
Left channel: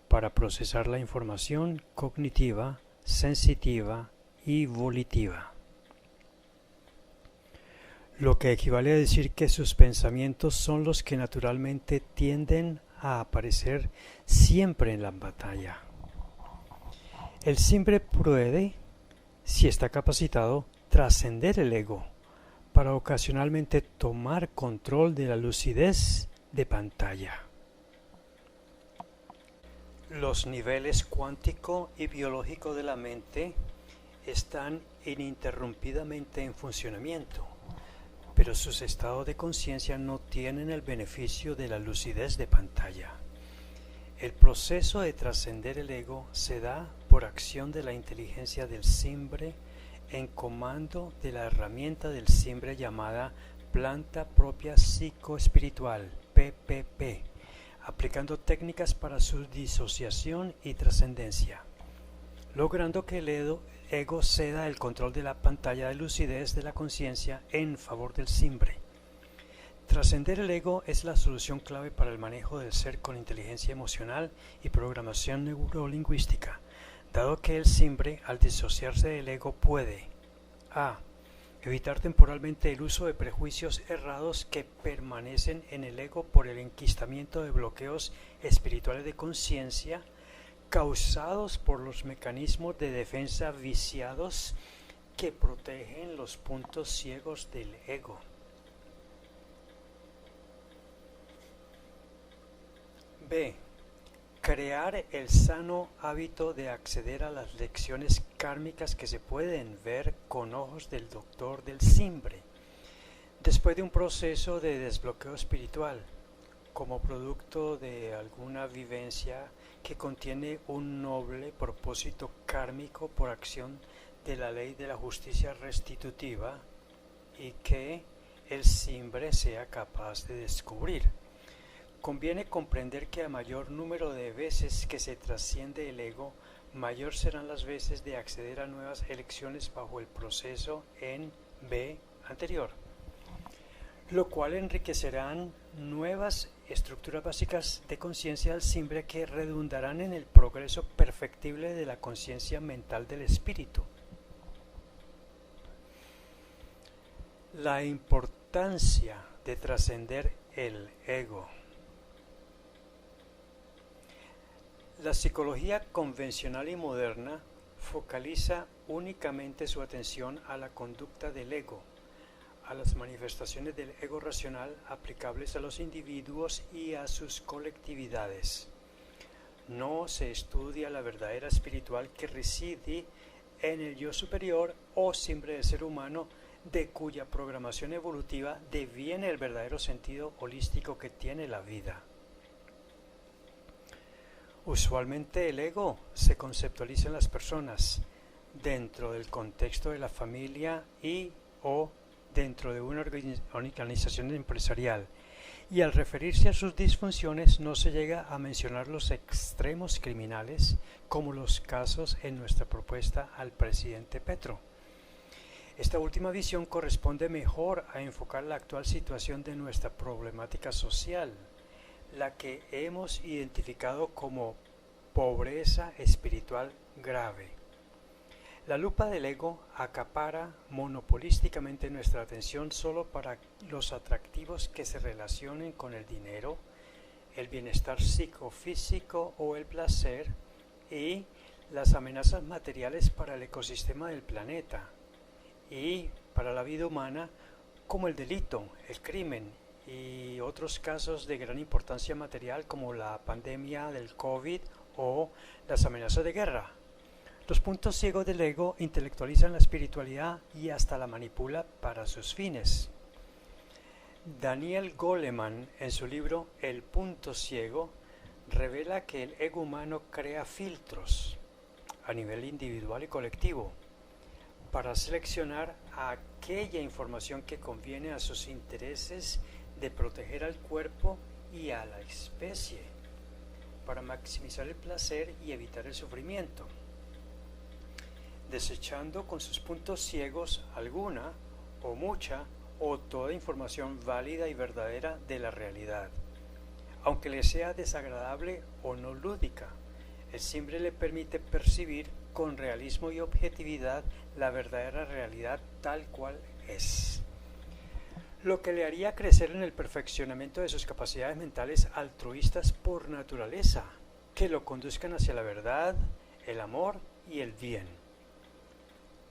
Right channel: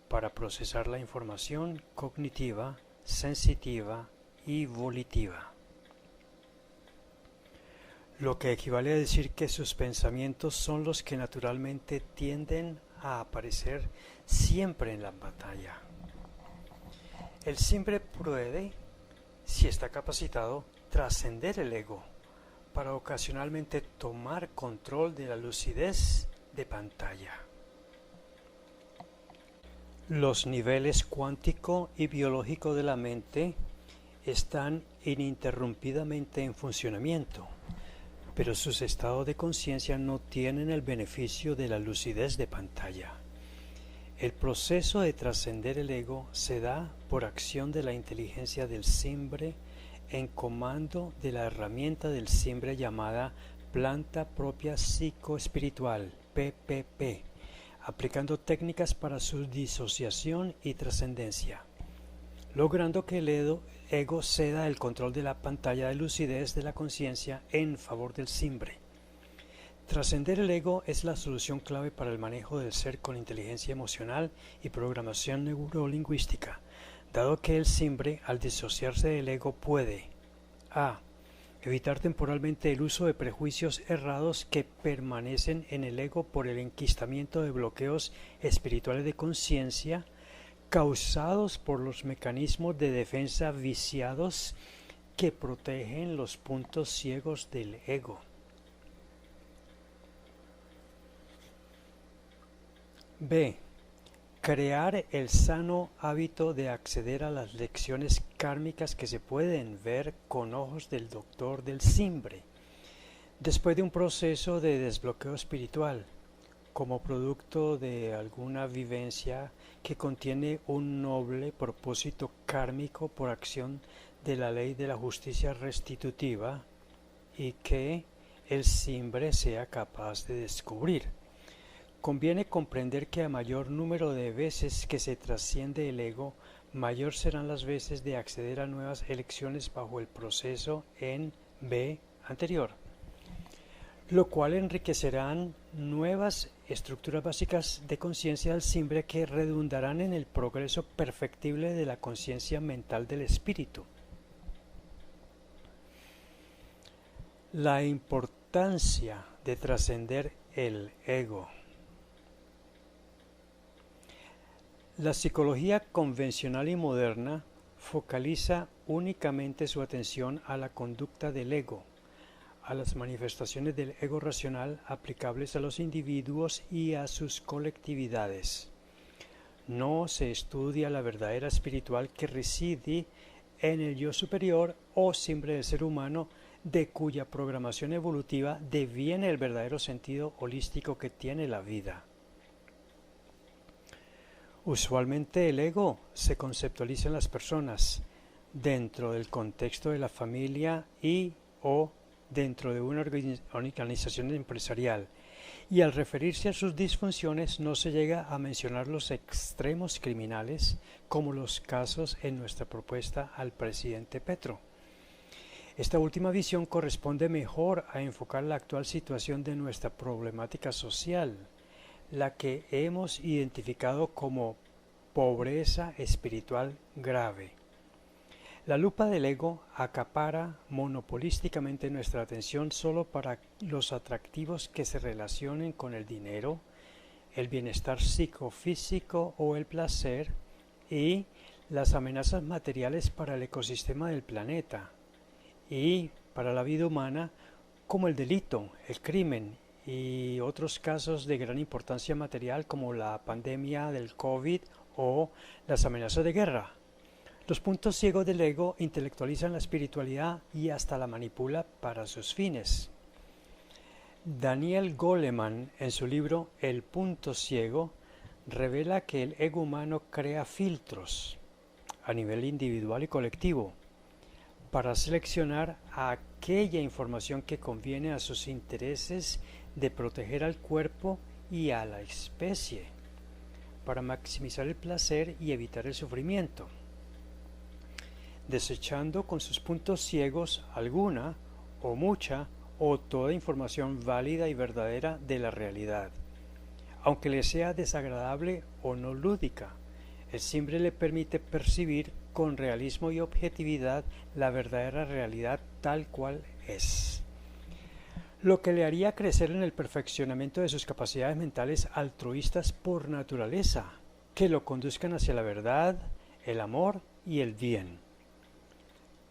para procesar la información cognitiva, sensitiva y volitiva. Lo que equivale a decir que sus pensamientos son los que naturalmente tienden a aparecer siempre en la pantalla. El simbre puede, si está capacitado, trascender el ego para ocasionalmente tomar control de la lucidez de pantalla. Los niveles cuántico y biológico de la mente están ininterrumpidamente en funcionamiento, pero sus estados de conciencia no tienen el beneficio de la lucidez de pantalla. El proceso de trascender el ego se da por acción de la inteligencia del simbre en comando de la herramienta del simbre llamada planta propia psicoespiritual, PPP, aplicando técnicas para su disociación y trascendencia, logrando que el ego ceda el control de la pantalla de lucidez de la conciencia en favor del simbre. Trascender el ego es la solución clave para el manejo del ser con inteligencia emocional y programación neurolingüística, dado que el simbre, al disociarse del ego, puede a. Evitar temporalmente el uso de prejuicios errados que permanecen en el ego por el enquistamiento de bloqueos espirituales de conciencia causados por los mecanismos de defensa viciados que protegen los puntos ciegos del ego. B. Crear el sano hábito de acceder a las lecciones kármicas que se pueden ver con ojos del doctor del simbre, después de un proceso de desbloqueo espiritual, como producto de alguna vivencia que contiene un noble propósito kármico por acción de la ley de la justicia restitutiva y que el simbre sea capaz de descubrir. Conviene comprender que a mayor número de veces que se trasciende el ego, mayor serán las veces de acceder a nuevas elecciones bajo el proceso en B anterior, lo cual enriquecerán nuevas estructuras básicas de conciencia del simbre que redundarán en el progreso perfectible de la conciencia mental del espíritu. La importancia de trascender el ego. La psicología convencional y moderna focaliza únicamente su atención a la conducta del ego, a las manifestaciones del ego racional aplicables a los individuos y a sus colectividades. No se estudia la verdadera espiritual que reside en el yo superior o simbre del ser humano, de cuya programación evolutiva deviene el verdadero sentido holístico que tiene la vida. Usualmente el ego se conceptualiza en las personas dentro del contexto de la familia y o dentro de una organización empresarial, y al referirse a sus disfunciones no se llega a mencionar los extremos criminales como los casos en nuestra propuesta al presidente Petro. Esta última visión corresponde mejor a enfocar la actual situación de nuestra problemática social, la que hemos identificado como pobreza espiritual grave. La lupa del ego acapara monopolísticamente nuestra atención solo para los atractivos que se relacionen con el dinero, el bienestar psicofísico o el placer, y las amenazas materiales para el ecosistema del planeta y para la vida humana, como el delito, el crimen y otros casos de gran importancia material como la pandemia del COVID o las amenazas de guerra. Los puntos ciegos del ego intelectualizan la espiritualidad y hasta la manipula para sus fines. Daniel Goleman, en su libro El punto ciego, revela que el ego humano crea filtros a nivel individual y colectivo para seleccionar aquella información que conviene a sus intereses de proteger al cuerpo y a la especie. para maximizar el placer y evitar el sufrimiento, desechando con sus puntos ciegos alguna o mucha o toda información válida y verdadera de la realidad, aunque le sea desagradable o no lúdica. El simbre le permite percibir con realismo y objetividad la verdadera realidad tal cual es, lo que le haría crecer en el perfeccionamiento de sus capacidades mentales altruistas por naturaleza, que lo conduzcan hacia la verdad, el amor y el bien.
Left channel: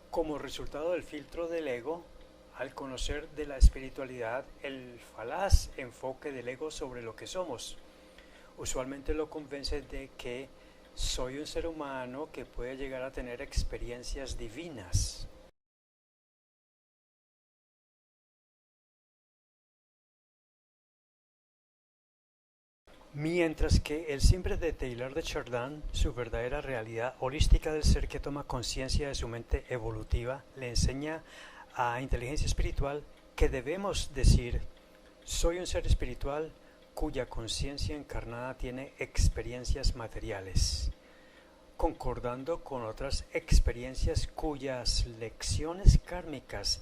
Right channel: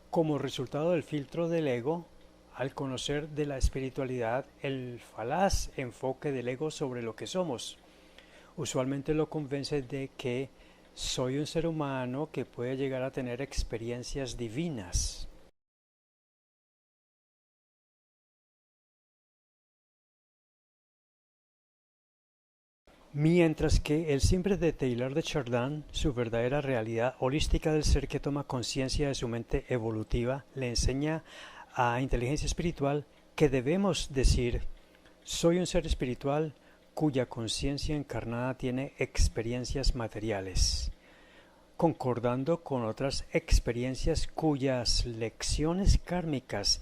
Como resultado del filtro del ego, al conocer de la espiritualidad el falaz enfoque del ego sobre lo que somos, usualmente lo convence de que soy un ser humano que puede llegar a tener experiencias divinas. Mientras que el simbre de Teilhard de Chardin, su verdadera realidad holística del ser que toma conciencia de su mente evolutiva, le enseña a inteligencia espiritual que debemos decir: soy un ser espiritual cuya conciencia encarnada tiene experiencias materiales, concordando con otras experiencias cuyas lecciones kármicas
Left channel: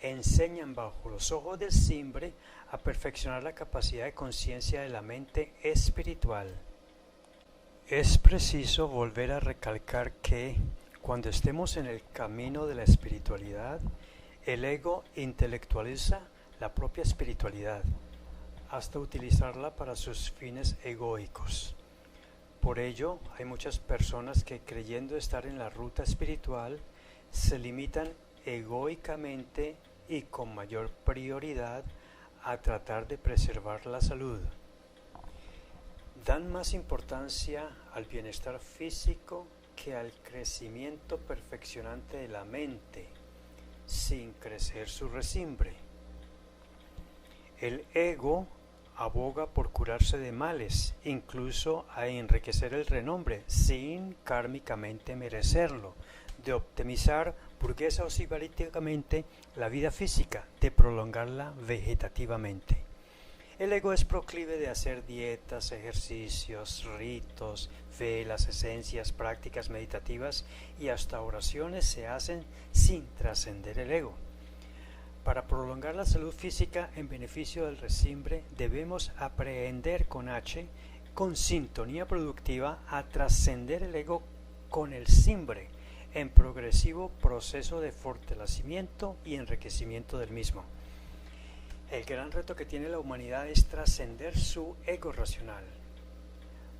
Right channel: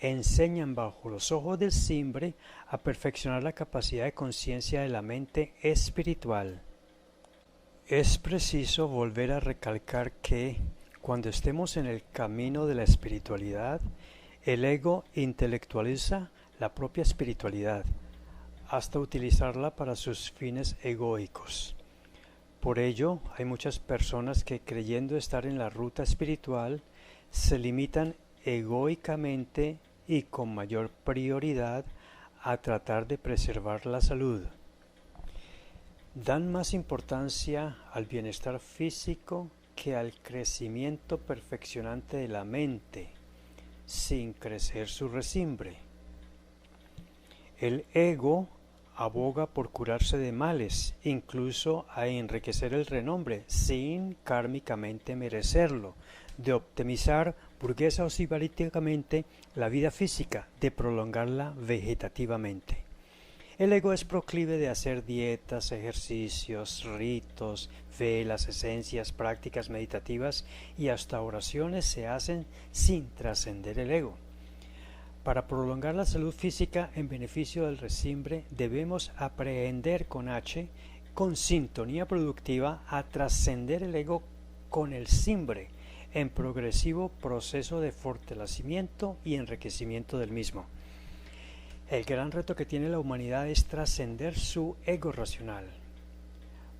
enseñan bajo los ojos del simbre a perfeccionar la capacidad de conciencia de la mente espiritual. Es preciso volver a recalcar que, cuando estemos en el camino de la espiritualidad, el ego intelectualiza la propia espiritualidad, hasta utilizarla para sus fines egoicos. Por ello, hay muchas personas que, creyendo estar en la ruta espiritual, se limitan egoicamente y con mayor prioridad a tratar de preservar la salud. Dan más importancia al bienestar físico que al crecimiento perfeccionante de la mente, sin crecer su resimbre. El ego aboga por curarse de males, incluso a enriquecer el renombre, sin kármicamente merecerlo, de optimizar burguesa o sibaríticamente la vida física, de prolongarla vegetativamente. El ego es proclive de hacer dietas, ejercicios, ritos, velas, esencias, prácticas meditativas y hasta oraciones se hacen sin trascender el ego. Para prolongar la salud física en beneficio del resimbre, debemos aprender con sintonía productiva, a trascender el ego con el simbre, en progresivo proceso de fortalecimiento y enriquecimiento del mismo. El gran reto que tiene la humanidad es trascender su ego racional.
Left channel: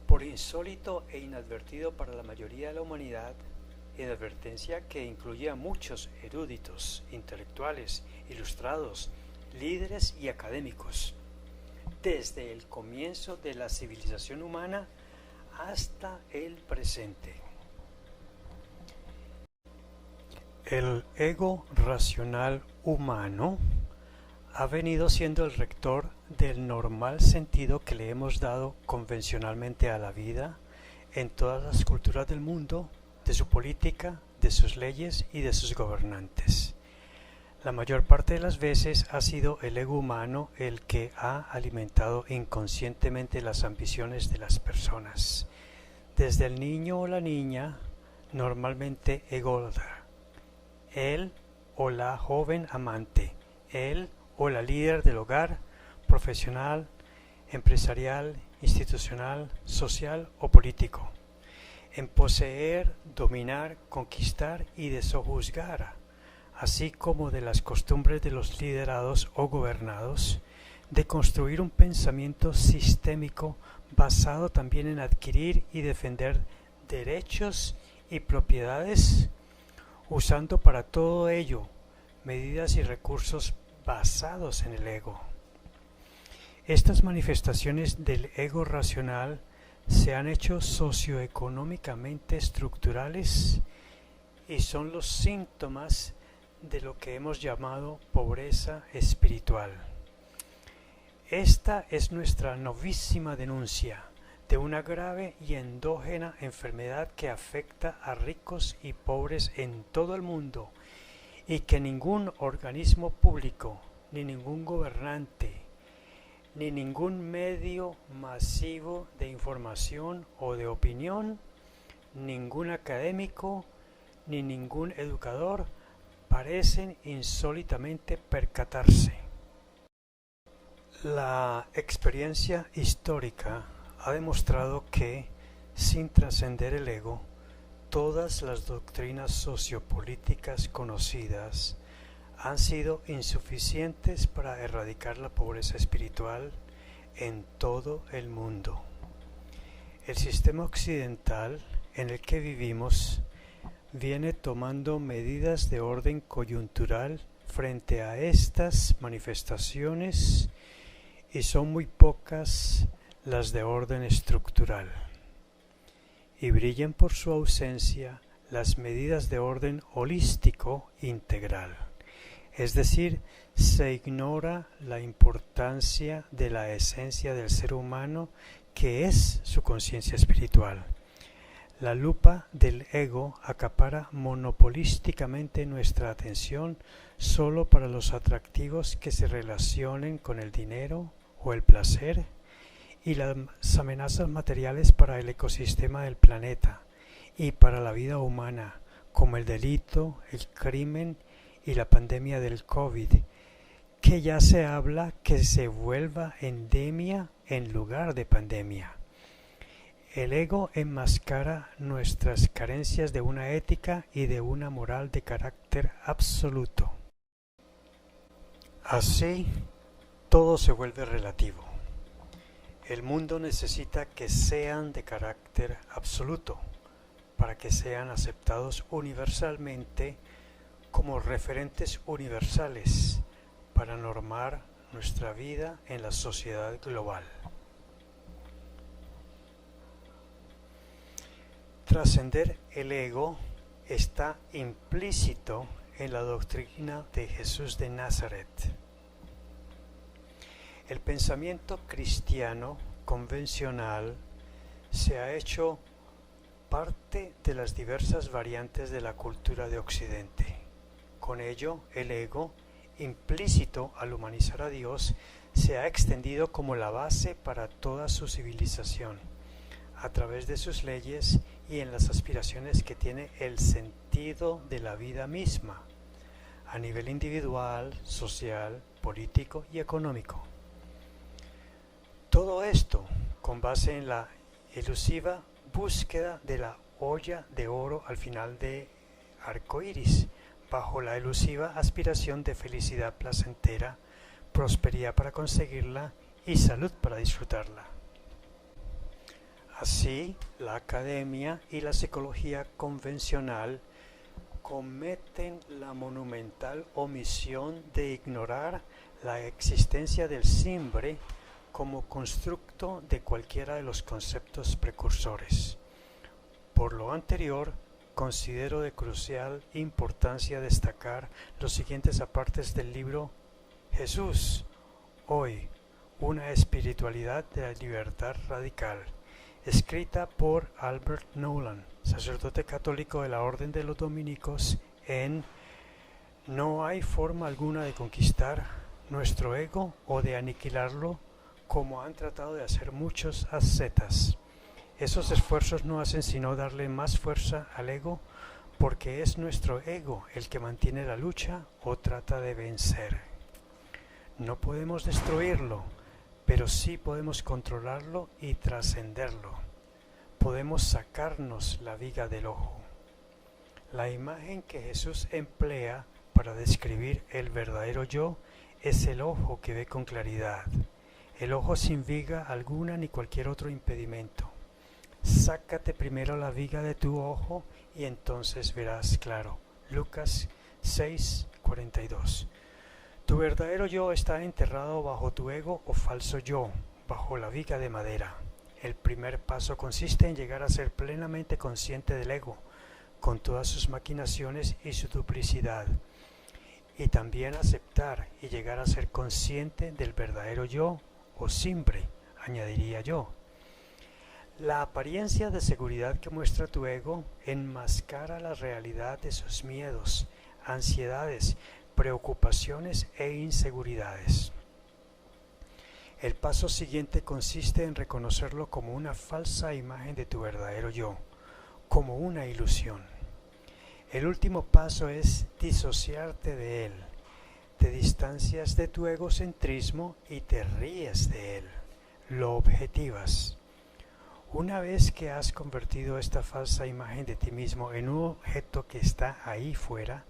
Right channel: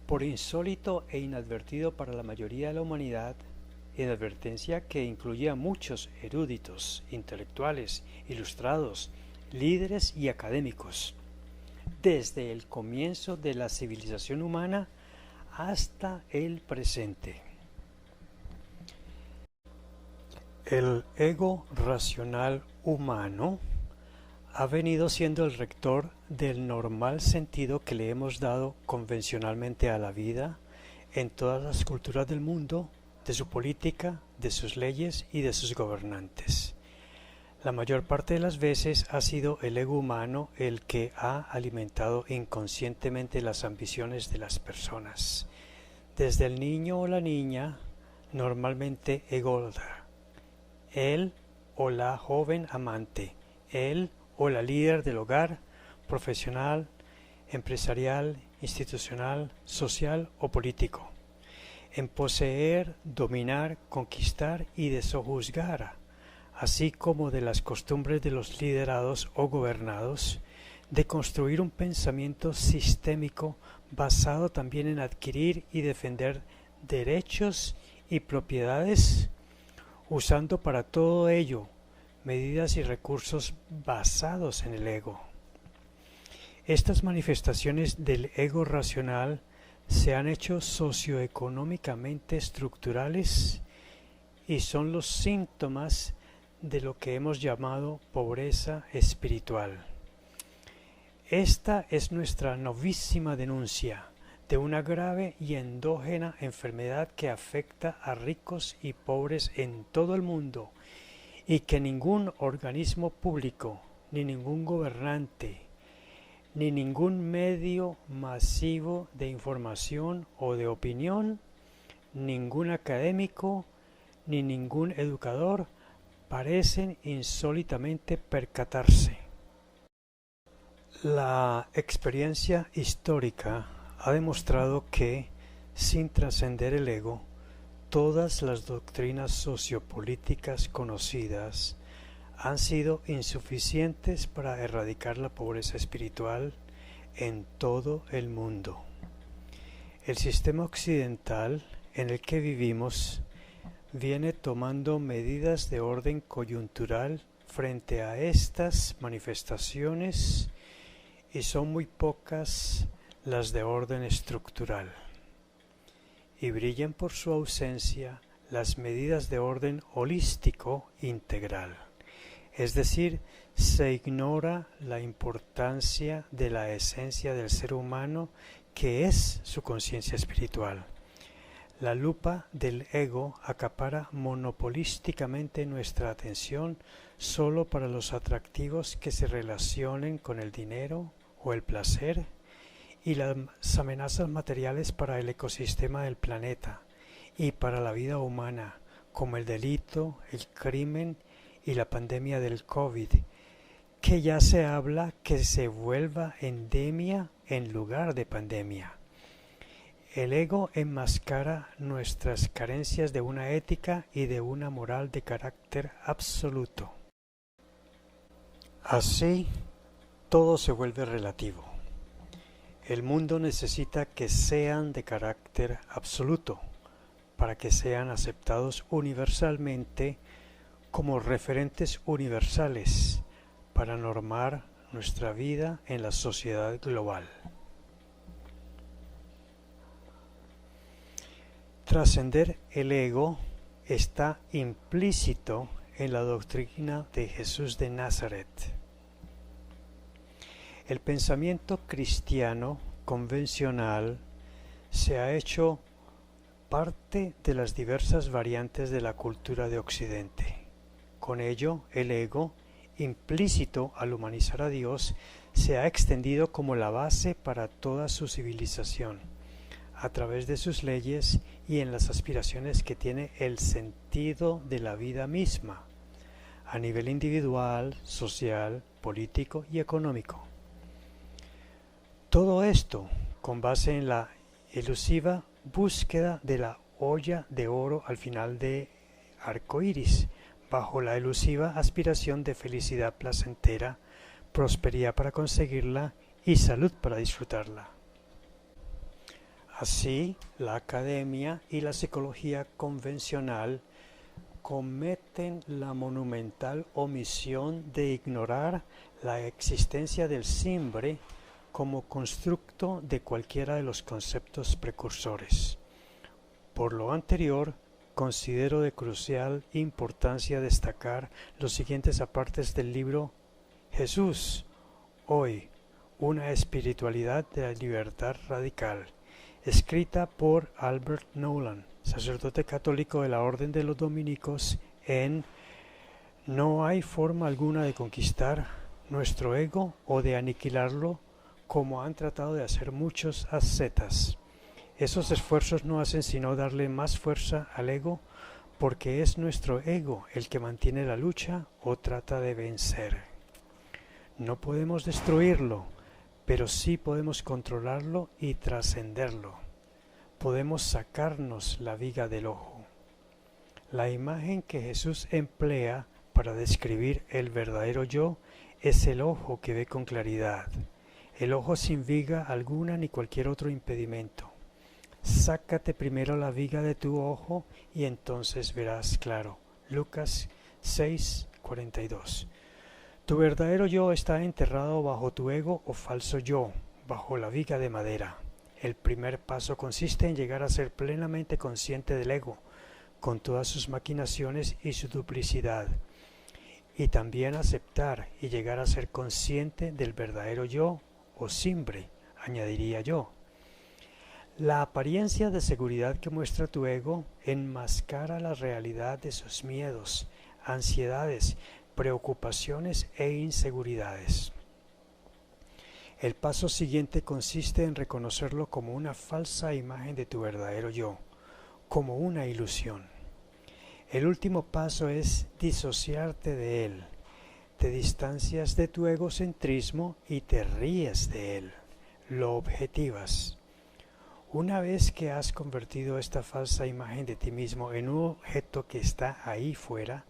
Por insólito e inadvertido para la mayoría de la humanidad, inadvertencia que incluye a muchos eruditos, intelectuales, ilustrados, líderes y académicos, desde el comienzo de la civilización humana hasta el presente. El ego racional humano ha venido siendo el rector del normal sentido que le hemos dado convencionalmente a la vida en todas las culturas del mundo, de su política, de sus leyes y de sus gobernantes. La mayor parte de las veces ha sido el ego humano el que ha alimentado inconscientemente las ambiciones de las personas. Desde el niño o la niña, normalmente ególatra, él o la joven amante, él o la líder del hogar, profesional, empresarial, institucional, social o político, en poseer, dominar, conquistar y desojuzgar, así como de las costumbres de los liderados o gobernados, de construir un pensamiento sistémico basado también en adquirir y defender derechos y propiedades, usando para todo ello medidas y recursos basados en el ego. Estas manifestaciones del ego racional se han hecho socioeconómicamente estructurales y son los síntomas de lo que hemos llamado pobreza espiritual. Esta es nuestra novísima denuncia de una grave y endógena enfermedad que afecta a ricos y pobres en todo el mundo y que ningún organismo público ni ningún gobernante ni ningún medio masivo de información o de opinión, ningún académico, ni ningún educador parecen insólitamente percatarse. La experiencia histórica ha demostrado que, sin trascender el ego, todas las doctrinas sociopolíticas conocidas han sido insuficientes para erradicar la pobreza espiritual en todo el mundo. El sistema occidental en el que vivimos viene tomando medidas de orden coyuntural frente a estas manifestaciones y son muy pocas las de orden estructural, y brillan por su ausencia las medidas de orden holístico integral, es decir, se ignora la importancia de la esencia del ser humano que es su conciencia espiritual. La lupa del ego acapara monopolísticamente nuestra atención solo para los atractivos que se relacionen con el dinero o el placer y las amenazas materiales para el ecosistema del planeta y para la vida humana, como el delito, el crimen y la pandemia del COVID, que ya se habla que se vuelva endemia en lugar de pandemia. El ego enmascara nuestras carencias de una ética y de una moral de carácter absoluto. Así, todo se vuelve relativo. El mundo necesita que sean de carácter absoluto, para que sean aceptados universalmente como referentes universales, para normar nuestra vida en la sociedad global. Trascender el ego está implícito en la doctrina de Jesús de Nazaret. El pensamiento cristiano convencional se ha hecho parte de las diversas variantes de la cultura de Occidente. Con ello, el ego, implícito al humanizar a Dios, se ha extendido como la base para toda su civilización, a través de sus leyes y en las aspiraciones que tiene el sentido de la vida misma, a nivel individual, social, político y económico. Todo esto con base en la elusiva búsqueda de la olla de oro al final de arco iris, bajo la elusiva aspiración de felicidad placentera, prosperidad para conseguirla y salud para disfrutarla. Así, la academia y la psicología convencional cometen la monumental omisión de ignorar la existencia del simbre como constructo de cualquiera de los conceptos precursores. Por lo anterior, considero de crucial importancia destacar los siguientes apartes del libro Jesús, hoy, una espiritualidad de la libertad radical, escrita por Albert Nolan, sacerdote católico de la Orden de los Dominicos, en No hay forma alguna de conquistar nuestro ego o de aniquilarlo como han tratado de hacer muchos ascetas. Esos esfuerzos no hacen sino darle más fuerza al ego, porque es nuestro ego el que mantiene la lucha o trata de vencer. No podemos destruirlo, pero sí podemos controlarlo y trascenderlo. Podemos sacarnos la viga del ojo. La imagen que Jesús emplea para describir el verdadero yo es el ojo que ve con claridad, el ojo sin viga alguna ni cualquier otro impedimento. Sácate primero la viga de tu ojo y entonces verás claro. Lucas 6:42. Tu verdadero yo está enterrado bajo tu ego o falso yo, bajo la viga de madera. El primer paso consiste en llegar a ser plenamente consciente del ego, con todas sus maquinaciones y su duplicidad, y también aceptar y llegar a ser consciente del verdadero yo, o simbre, añadiría yo. La apariencia de seguridad que muestra tu ego enmascara la realidad de sus miedos, ansiedades, preocupaciones e inseguridades. El paso siguiente consiste en reconocerlo como una falsa imagen de tu verdadero yo, como una ilusión. El último paso es disociarte de él. Te distancias de tu egocentrismo y te ríes de él. Lo objetivas. Una vez que has convertido esta falsa imagen de ti mismo en un objeto que está ahí fuera,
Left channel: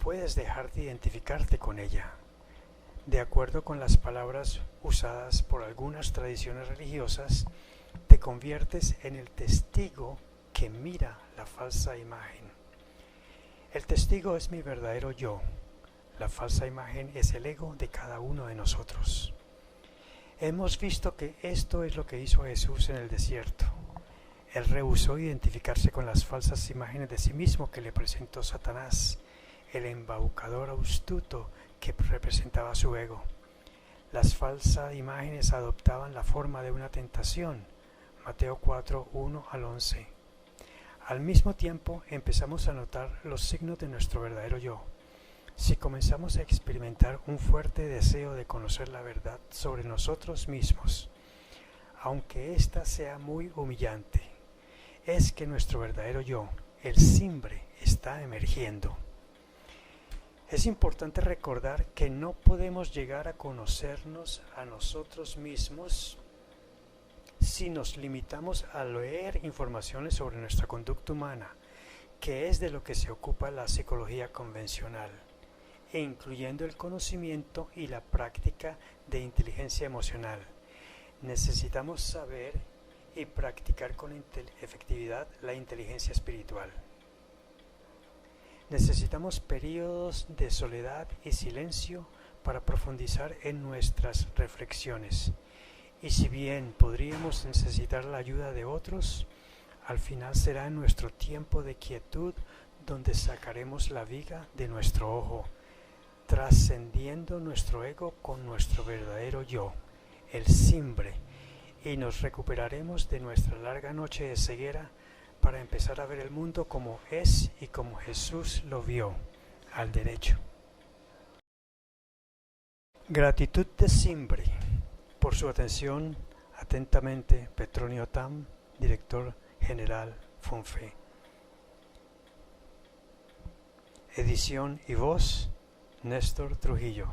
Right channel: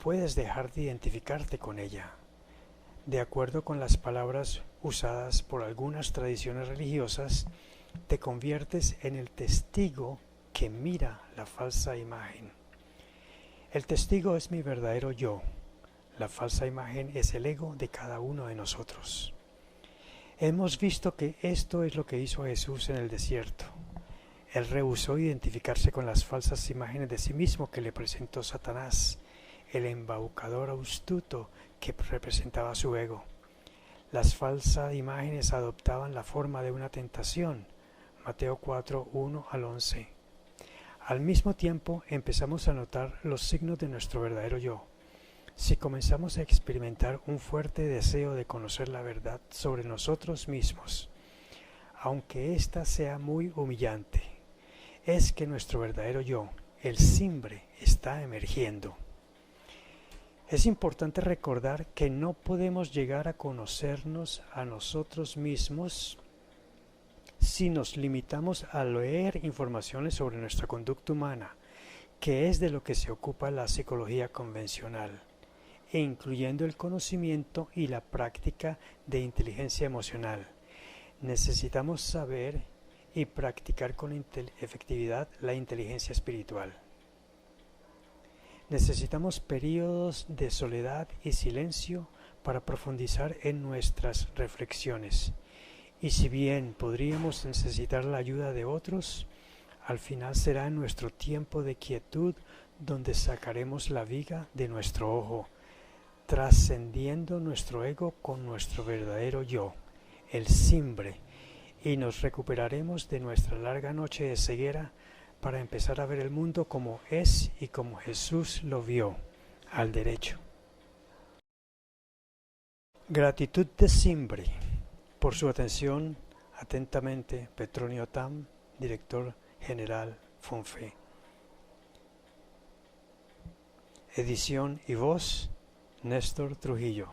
puedes dejar de identificarte con ella. De acuerdo con las palabras usadas por algunas tradiciones religiosas, te conviertes en el testigo que mira la falsa imagen. El testigo es mi verdadero yo. La falsa imagen es el ego de cada uno de nosotros. Hemos visto que esto es lo que hizo Jesús en el desierto. Él rehusó identificarse con las falsas imágenes de sí mismo que le presentó Satanás, el embaucador astuto que representaba su ego. Las falsas imágenes adoptaban la forma de una tentación. Mateo 4, 1 al 11. Al mismo tiempo empezamos a notar los signos de nuestro verdadero yo. Si comenzamos a experimentar un fuerte deseo de conocer la verdad sobre nosotros mismos, aunque ésta sea muy humillante, es que nuestro verdadero yo, el simbre, está emergiendo. Es importante recordar que no podemos llegar a conocernos a nosotros mismos si nos limitamos a leer informaciones sobre nuestra conducta humana, que es de lo que se ocupa la psicología convencional, e incluyendo el conocimiento y la práctica de inteligencia emocional. Necesitamos saber y practicar con efectividad la inteligencia espiritual. Necesitamos periodos de soledad y silencio para profundizar en nuestras reflexiones. Y si bien podríamos necesitar la ayuda de otros, al final será en nuestro tiempo de quietud donde sacaremos la viga de nuestro ojo, trascendiendo nuestro ego con nuestro verdadero yo, el simbre, y nos recuperaremos de nuestra larga noche de ceguera para empezar a ver el mundo como es y como Jesús lo vio, al derecho. Gratitud de simbre. Por su atención, atentamente, Petronio Tam, Director General Fonfe. Edición y voz, Néstor Trujillo.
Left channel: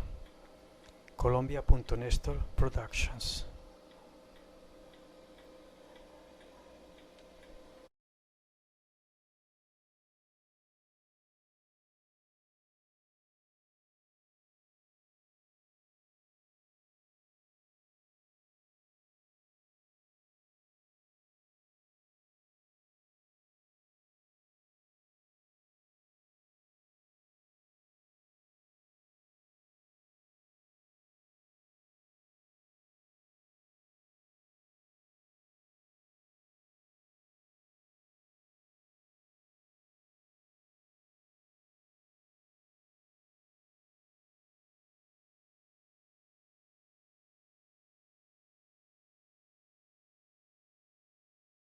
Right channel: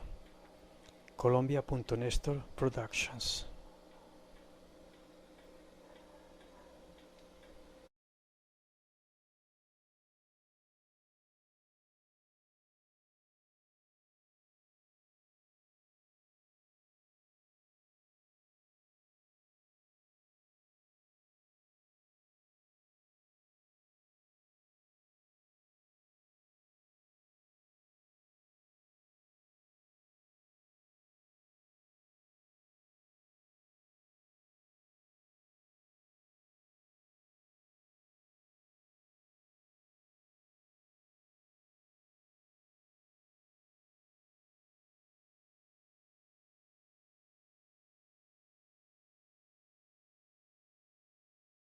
Colombia.Nestor Productions.